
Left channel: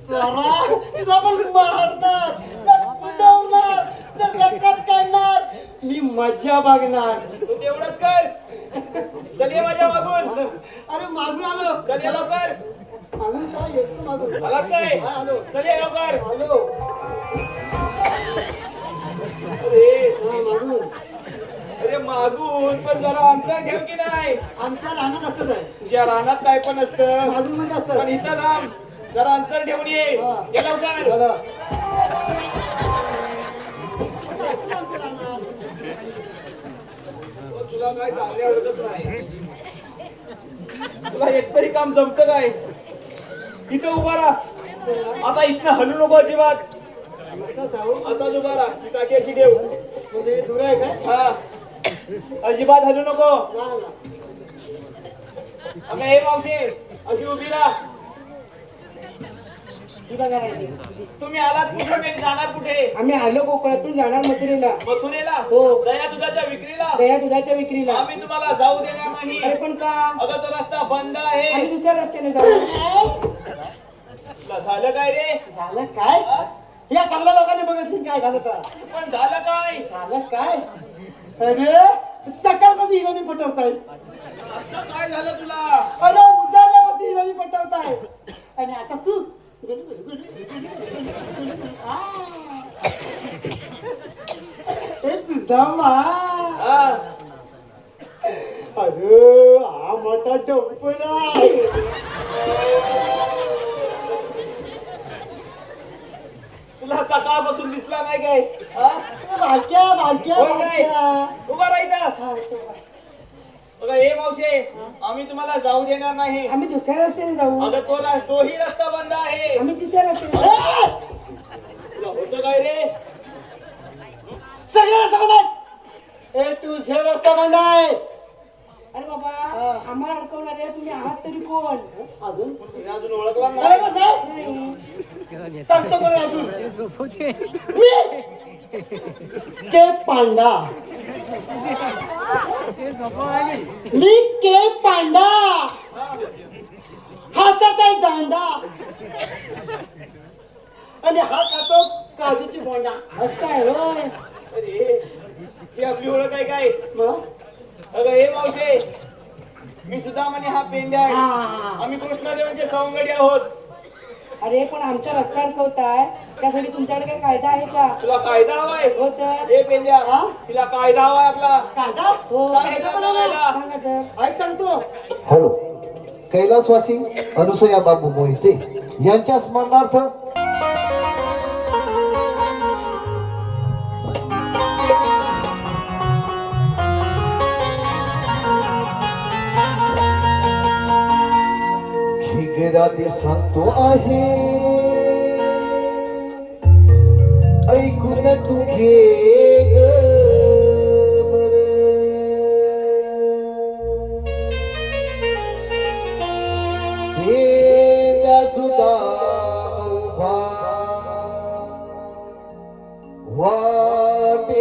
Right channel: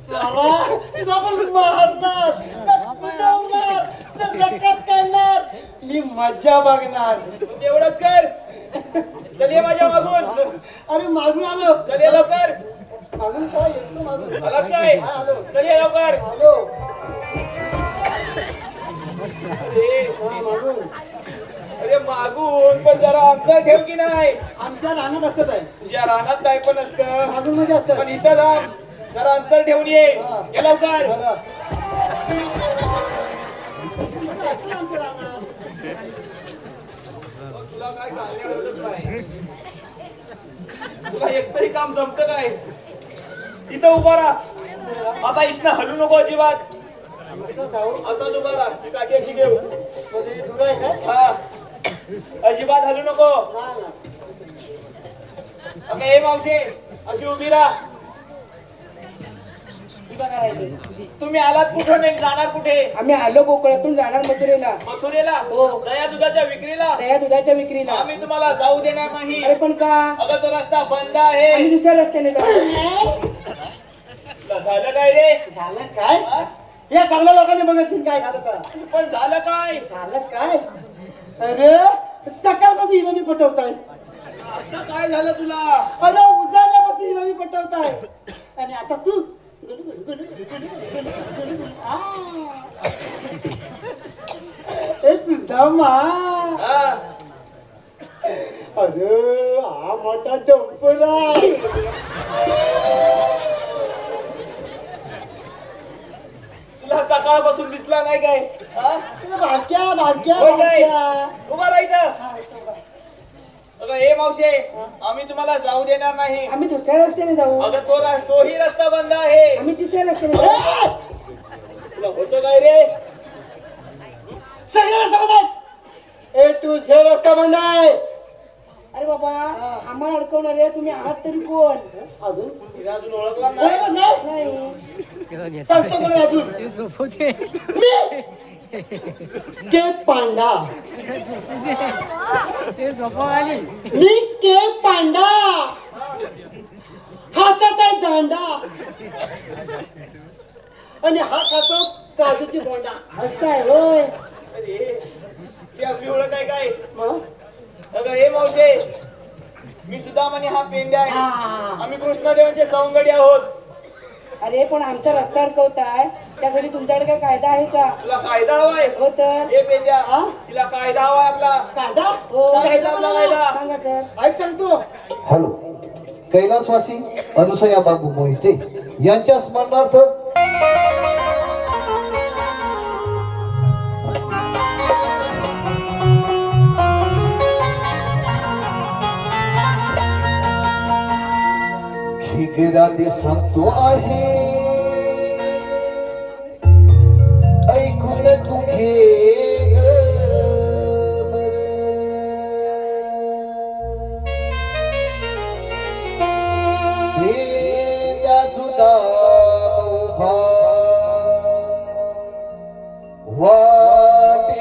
चला, तुझा पण मारणार कुजवणार रकात काढणार मी मजा बघणार तू तेवढंच कर चल ये माझ्या मागून अरे मागून आलो चल ये लवकर मागून काय येतो मागून आलास काय हा, आलो चल ये लवकर आलो अरे मागून अरे मागून पण जरा अंतर ठेव की नाही आमच्या रानात असत आहे तुझ्या रानात काय पण असतं मागून मध्ये असत पण इथं ना जरा अंतर ठेवून ये ये लवकर तुला काय सांगणे आवडत नाही तुला एकतरी काम जमतं काय इथं उभा राहा आता इथं हलू नको अजिबात असाच उभा राहा ती काठी अशी घेऊ दूर आहे काय हा. अजिबात हलू नको अगं हे मावशी अशी उभी राहा तुम्ही आलात कुठे नाही जाणार कुठे आम्ही आलो कोकणातून जाणार मथुरेला मथुरेला हो. दया दुधाच्या विक्रीला दया दुधाच्या विक्रीला आम्ही तुम्हाला जाऊ देणार नाही अरे पण का अगं तो रस्ता बंद आहे आम्ही दुसऱ्या रस्त्याने जाऊ झालं काय रे झालं काय या चांगल्या लोकांनी बघत काय झालं तर पण झालं काय झालं काय अरे सकाळपासून हिला मी पटवताय आता काय झालं तुला अरे उजाडल्यापासून हिला मी पटवताय आणि आता तू ए सुदामा हा. अरे हा मोठा डोंगर आहे तुला सकाळपासून दिसला नाही काय हा? बारक्या बारक्या होय काय? बारक्या. उभा राहायचं हा, इथं बघ. अगं हे मावशे आम्ही तुम्हाला जाऊ देणार नाही आम्ही दुसऱ्या रस्त्याने जाऊ अगं तोही रस्ता बंद आहे आम्ही तिसऱ्या रस्त्याने जाऊ तुला होतो काय रे सगळे रस्ता बंद आहे ए टू झेड रस्ता बंद आहे अरे बाबा आम्हाला अडकवणारे तुम्ही आहात तरी कोण अजून तिला अजून ओळखला नाही ओळखलंच नाही नाही सांगतो बरं अजून मी के पांडा मी के पांडा हातात आहे दांडा आणि हा खातो काजूची बोंडा असं आहे होय अरे ही आपली ओळख आहे काय मग? अगं हे मावशे मी सुद्धा म्हणे हा पेंड्या आहे हा. आम्ही कृष्णदेवांचे सवंगडी आहोत अरे पण आमचा रस्ता अडकवताय त्यासाठी तुमच्याकडे काही कायदा आहे का? तुला कायदा हवाय? हो तर हे पेंड्या तिला कायदा हवाय आपला. कायदा हो कायदा पण आहे. सांगा तर. ऐक सांगतो. हॅलो, कैलासवासी अनुसया बाबू मोहिते यांच्या स्मरणार्थ खिगराते सांगतो आहे ऐकून तू घे ग बरं. भेदा सुद्धा उभा वाटेवर.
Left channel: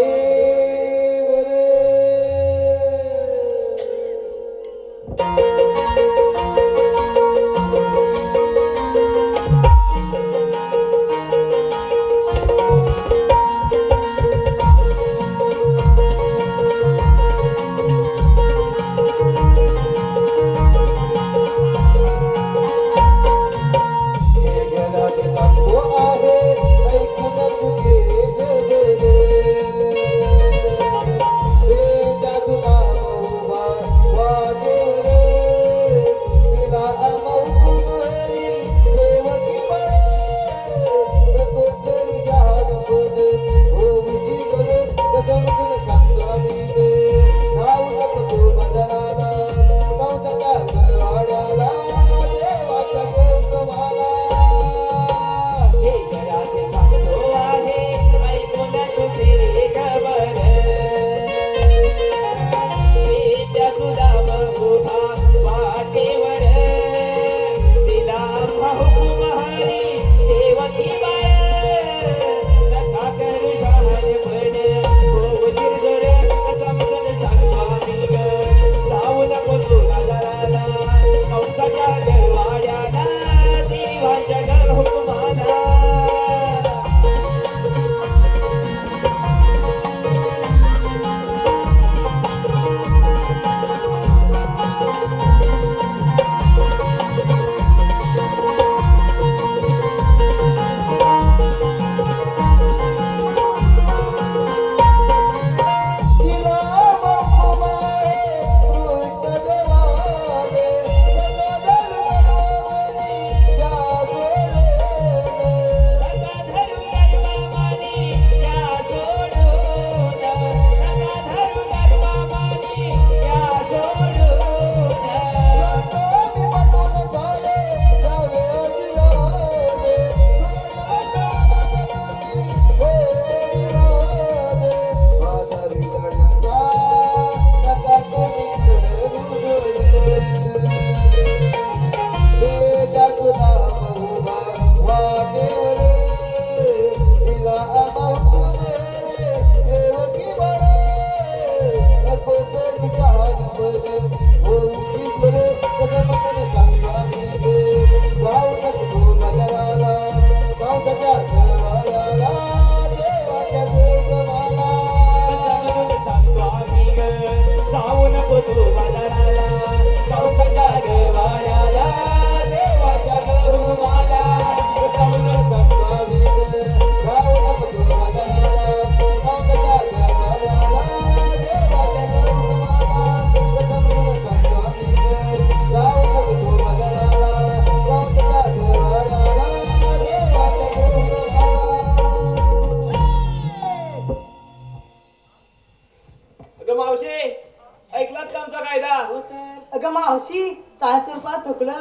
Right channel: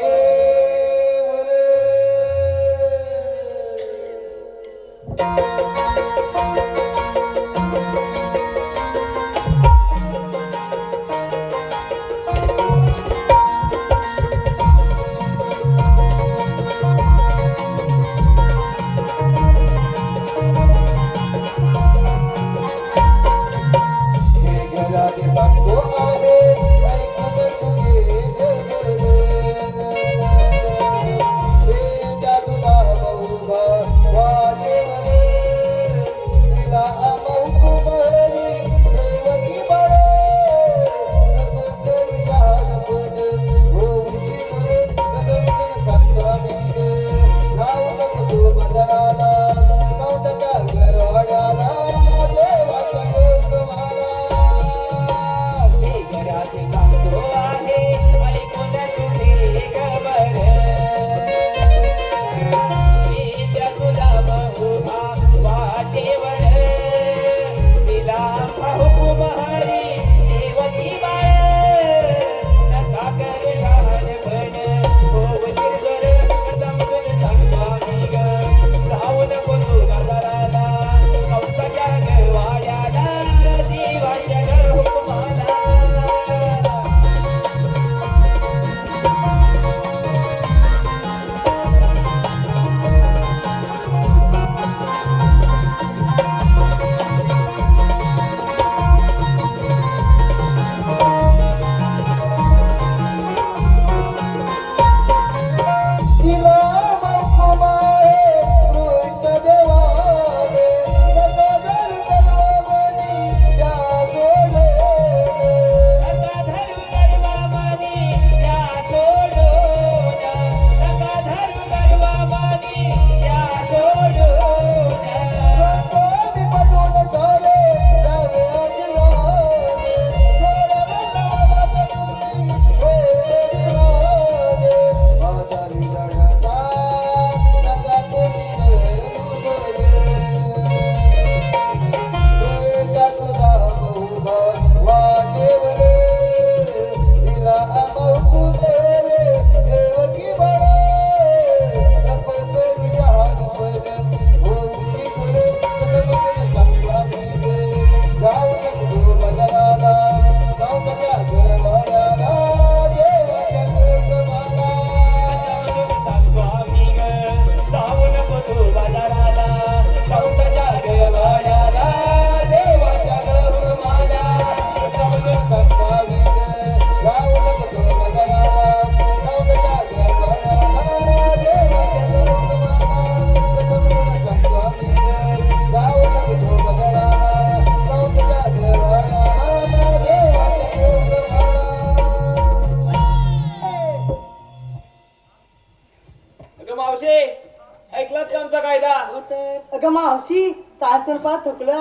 अगं मावशी चाच रुपयात थकलोय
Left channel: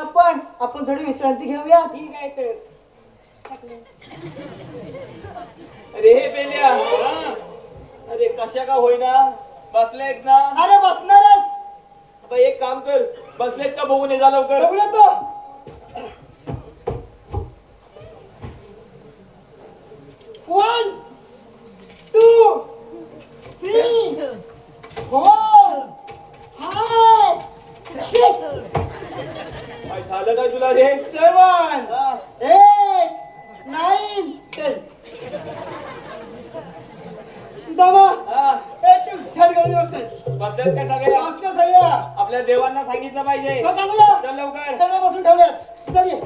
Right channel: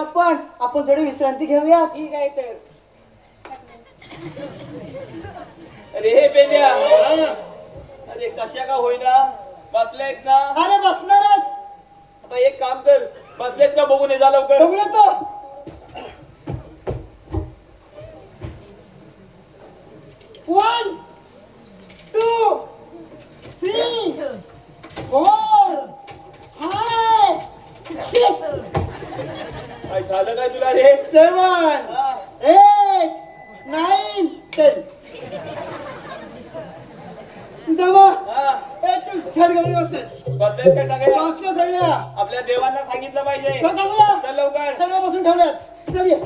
आपण थोडी विश्रांती घेऊया. ठीक आहे तर. अरे हे पेंड्या अरे कशा का होईना बसलेत ना. अरे बसणारच. आता एक काम कर, बसलेत का बघून ये जा लवकर. बघूया तो. 1 2 3 4 5 6 काय झालं काय तुला रे? 7 हा. 8 9 10 दमा हा. एक झड गाडी बसतात. बसलेत काय सगळे? बसल्या सगळ्या. आपल्या देवांना सांगितलं पाहिजे. चल जाऊया. चल लवकर. सगळ्या बसून ठेवल्यात. चल ये.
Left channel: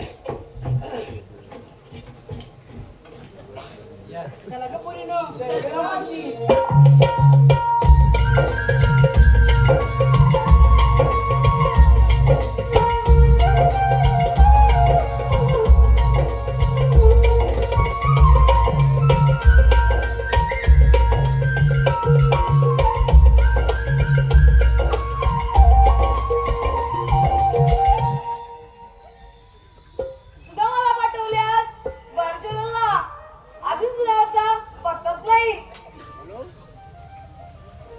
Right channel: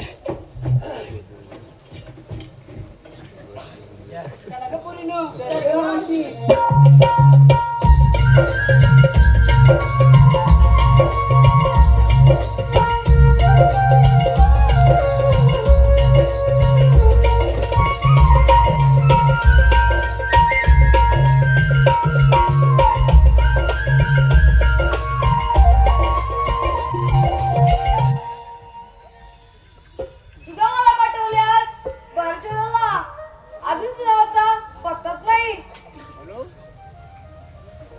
तुझ्या मला पाठवल्यात बारचेला आधीच नावाचा पत्ताच नाही.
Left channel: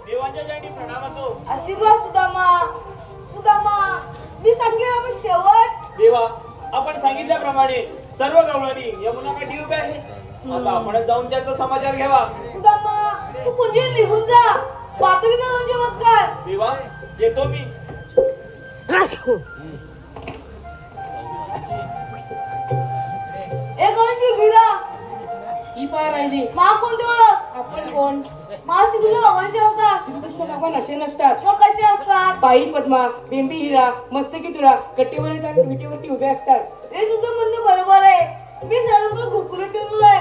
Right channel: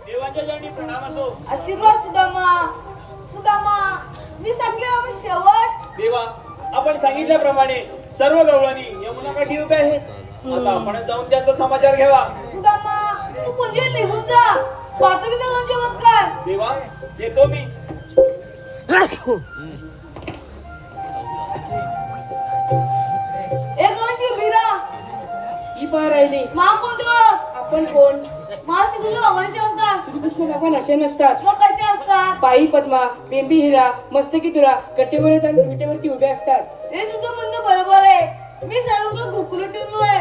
देवाच्या चरणी प्रणाम असो. आशीर्वाद सुदामा. सुदामा, मी सांगले बाबा शेवट. देवा, आपण सांगितल्याप्रमाणे सर्व गवळणी यमुनाकाठी उभे आहे. आता आपण जाऊन त्याचा समाचार घ्यावा. सुदामा, तू कुंजीवर निघून जा. पाहतो मी तुझं चमत्कार. देवा, येतो मी. एक वर्षी वीरा ही पार राहिली. मा कोणती ओळख? आपण कोण? महाशिवला भगवानचे अवतार. श्रीकृष्ण भगवान असे नसतात. मग कसे असतात? पायी पद्मा, बेंबी हिरा, मस्तकी तुरा, कटेवर विटेवरती उभे असतात. हे तुझं म्हणणं बरोबर आहे. मी सर्व गोकुळ ठेवलोय.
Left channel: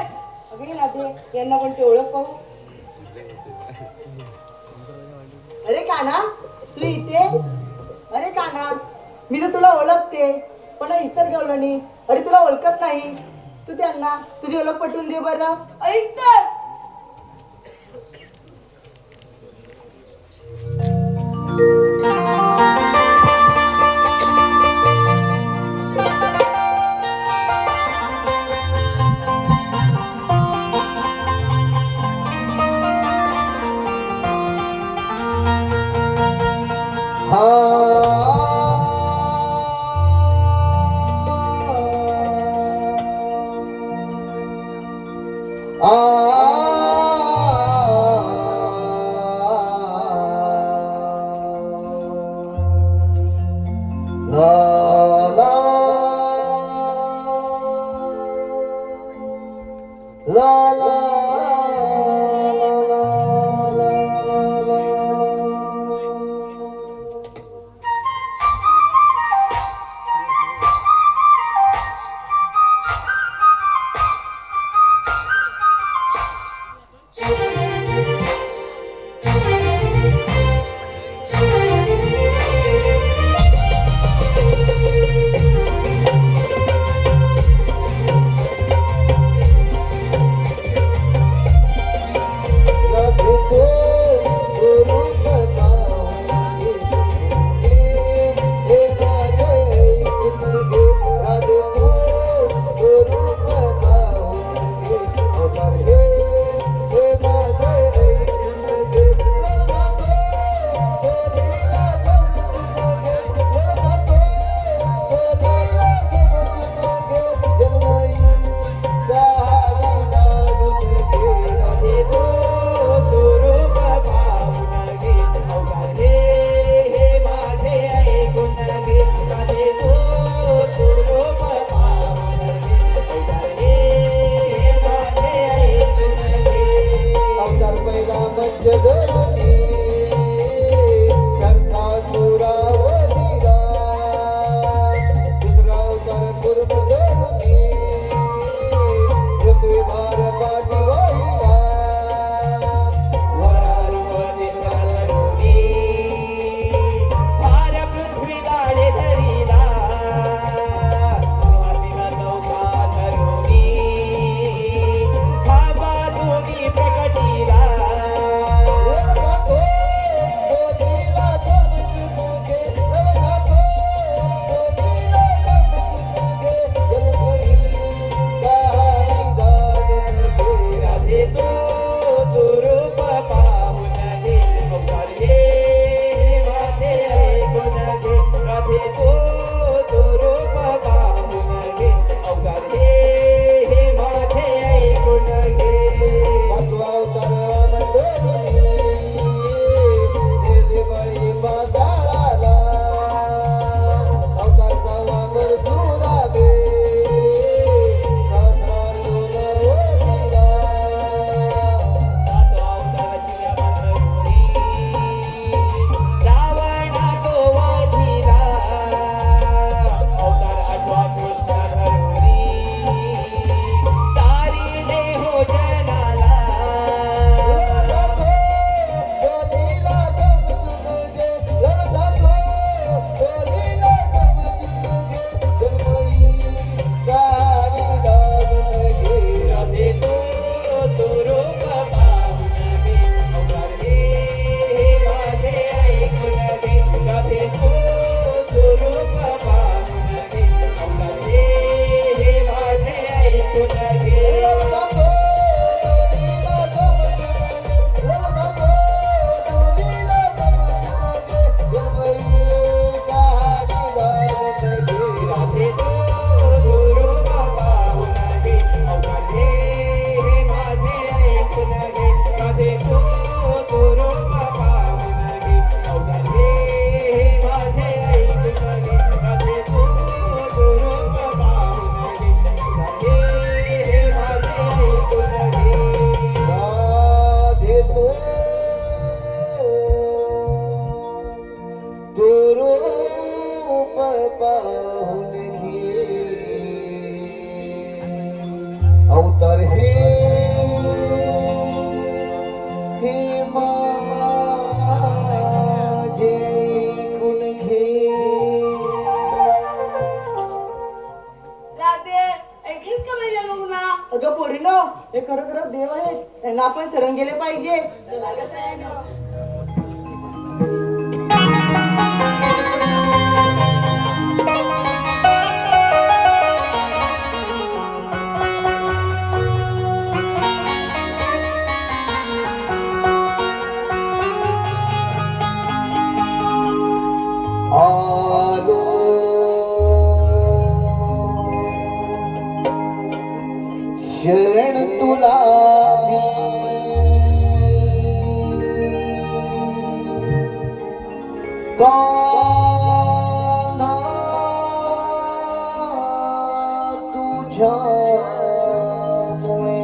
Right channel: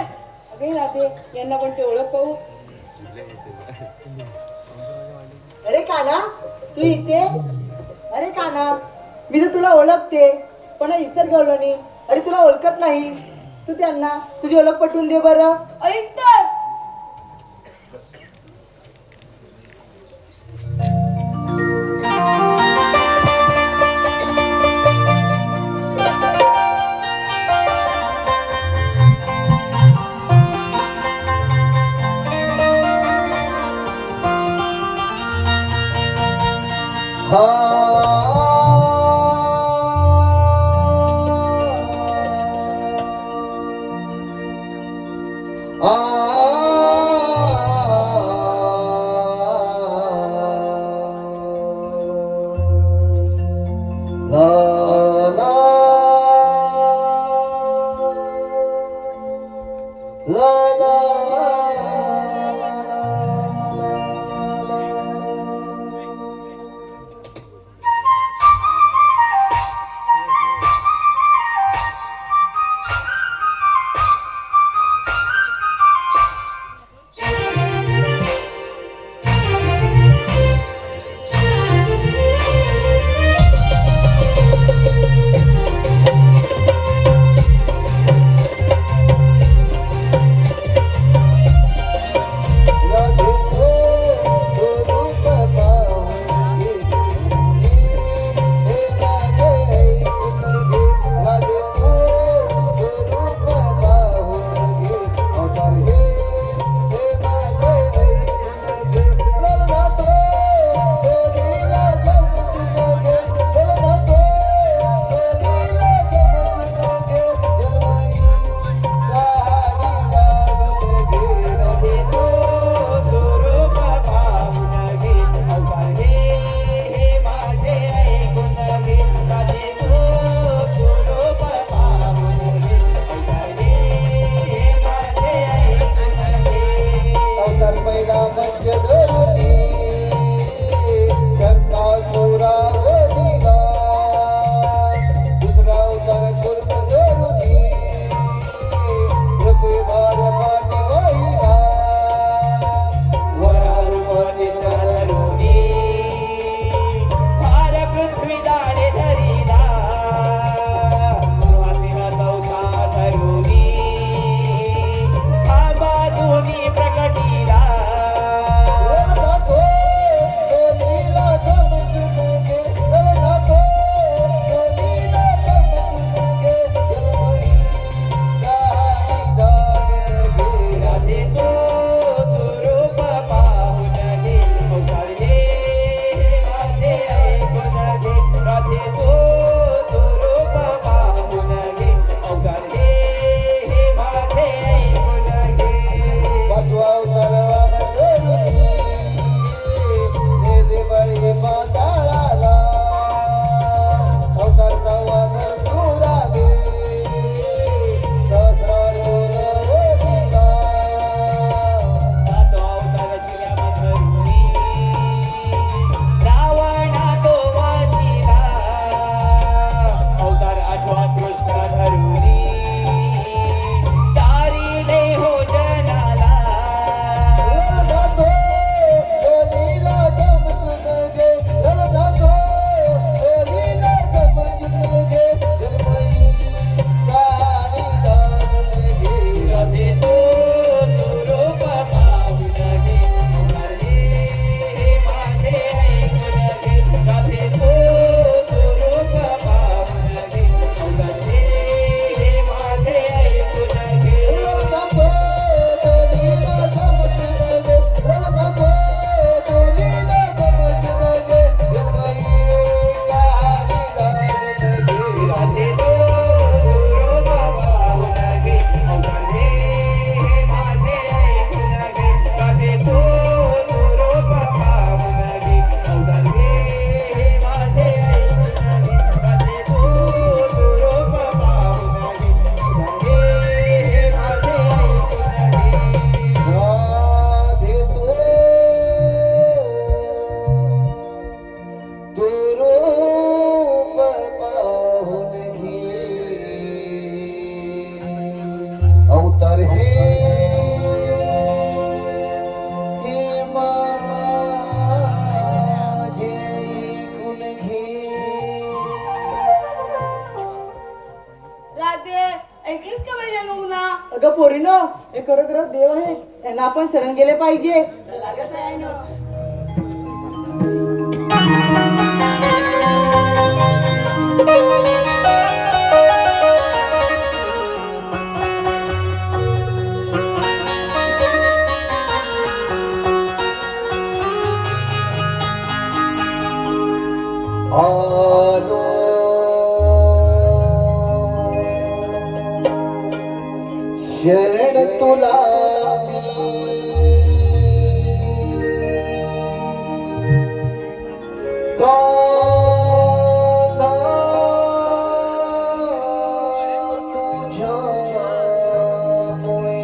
अगे राधे, यांना पण ते ओळख पाहू. अरे काना, तू इथे? अरे काना, मी तर तुला ओळखते, पण इतर गवळणी अरे तुला ओळखत नाही. तू त्यांना तुझी ओळख पटवून दे बरं. ऐक तर. आपण शरण गेले पाहिजे. आलो शरण तुला कान्हा तुझ्यामुळे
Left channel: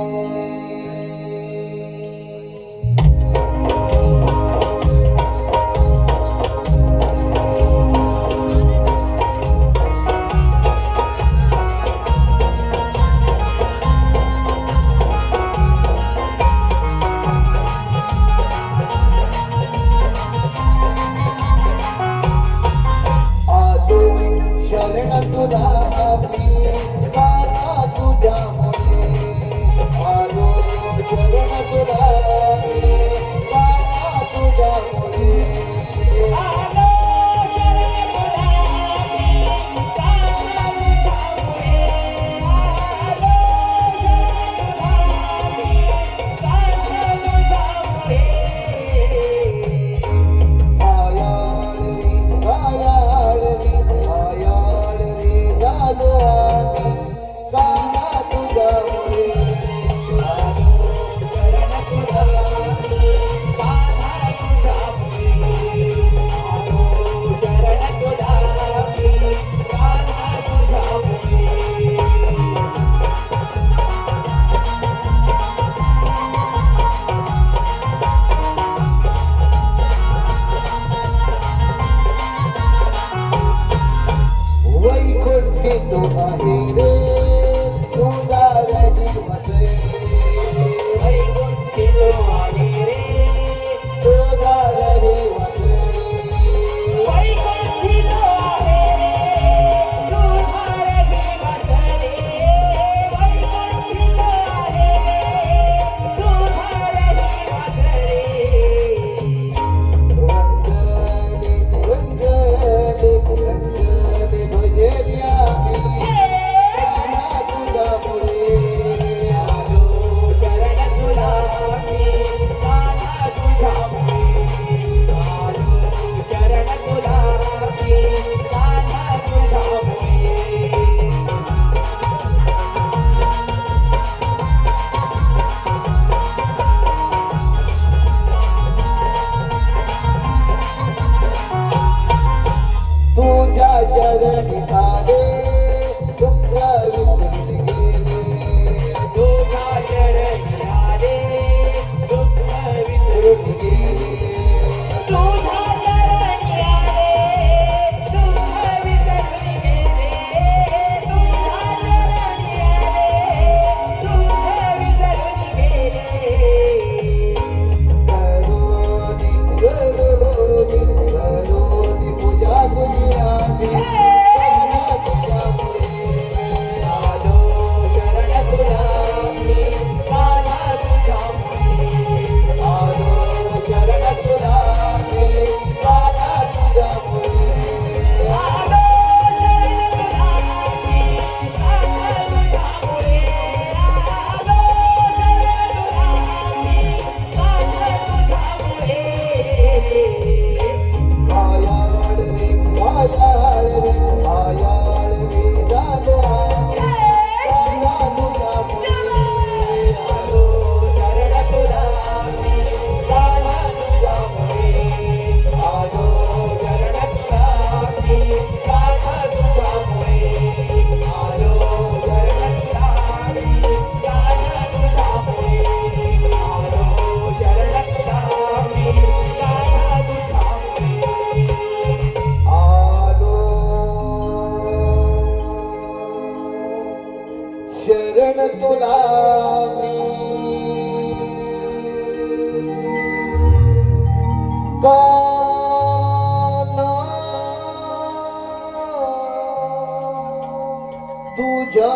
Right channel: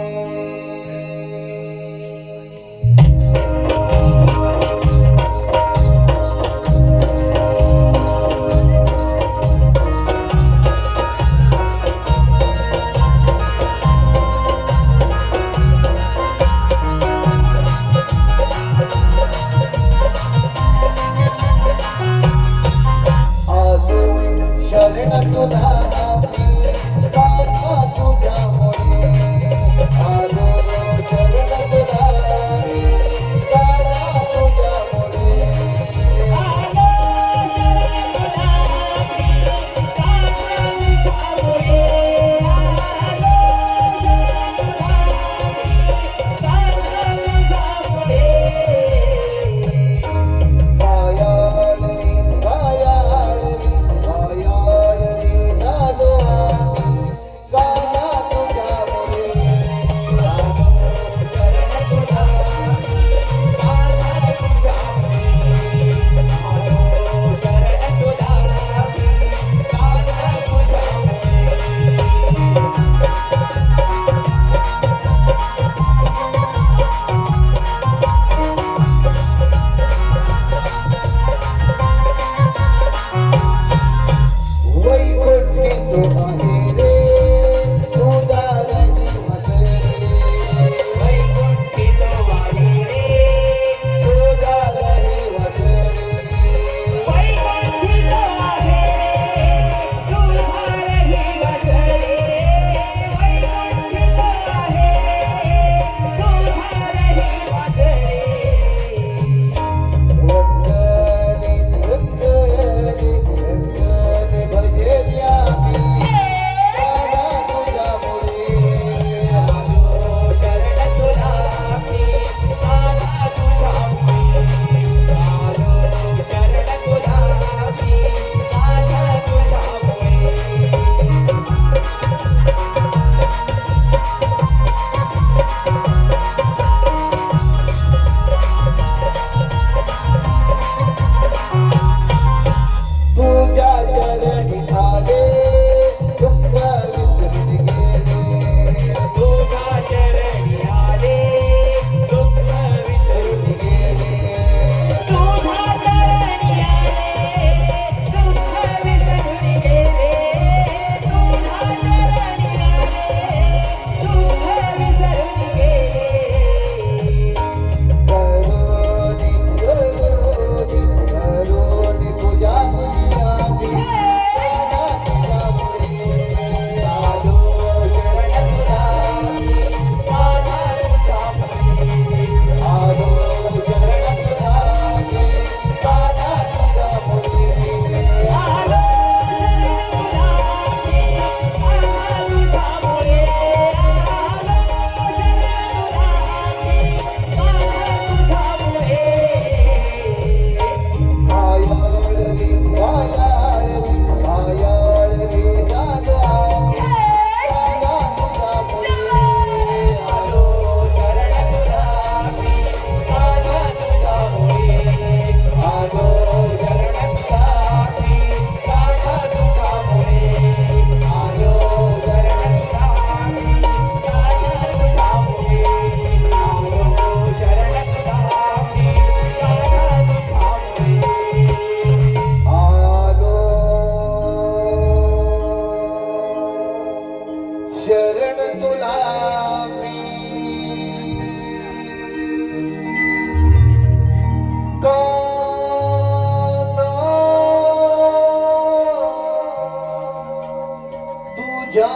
आलो शरण तुला मी कान्हा तुझ्यामुळे आलो शरण तुला मी कान्हा तुझ्यामुळे मायाळरी मायाळरी मायाळरी झालो आम्ही कान्हा तुझ्यामुळे वैकुंठी तो आहे रे तुझ्या जीवत रे वैकुंठी तो आहे रे तुझ्या जीवत रे वैकुंठी तो आहे तुझ्या जीवत रे वैकुंठी तो आहे तुझ्या जीवत रे रंगले रंगले भजे आम्ही कान्हा तुझ्यामुळे आलो शरण तुला मी कान्हा तुझ्यामुळे आलो शरण तुला मी कान्हा तुझ्यामुळे तुझ्या चरणी आले दुःख विसरून गेले तुझ्या चरणी आले दुःख विसरून गेले तुझ्या चरणी आले दुःख विसरून गेले तुझ्या चरणी आले दुःख विसरून गेले करोनी करोनी तुझ्या तुझी आम्ही कान्हा तुझ्यामुळे आलो शरण तुला मी कान्हा तुझ्यामुळे आलो शरण तुला मी कान्हा तुझ्यामुळे आलो शरण तुला मी कान्हा तुझ्यामुळे आलो शरण तुला मी कान्हा तुझ्यामुळे मायाळरी मायाळरी झालो आम्ही कान्हा तुझ्यामुळे आलो शरण तुला मी कान्हा तुझ्यामुळे आलो शरण तुला मी कान्हा तुझ्यामुळे आलो शरण तुला मी कान्हा तुझ्यामुळे आलो शरण तुला मी कान्हा तुझ्यामुळे आलो शरण तुला मी कान्हा तुझ्या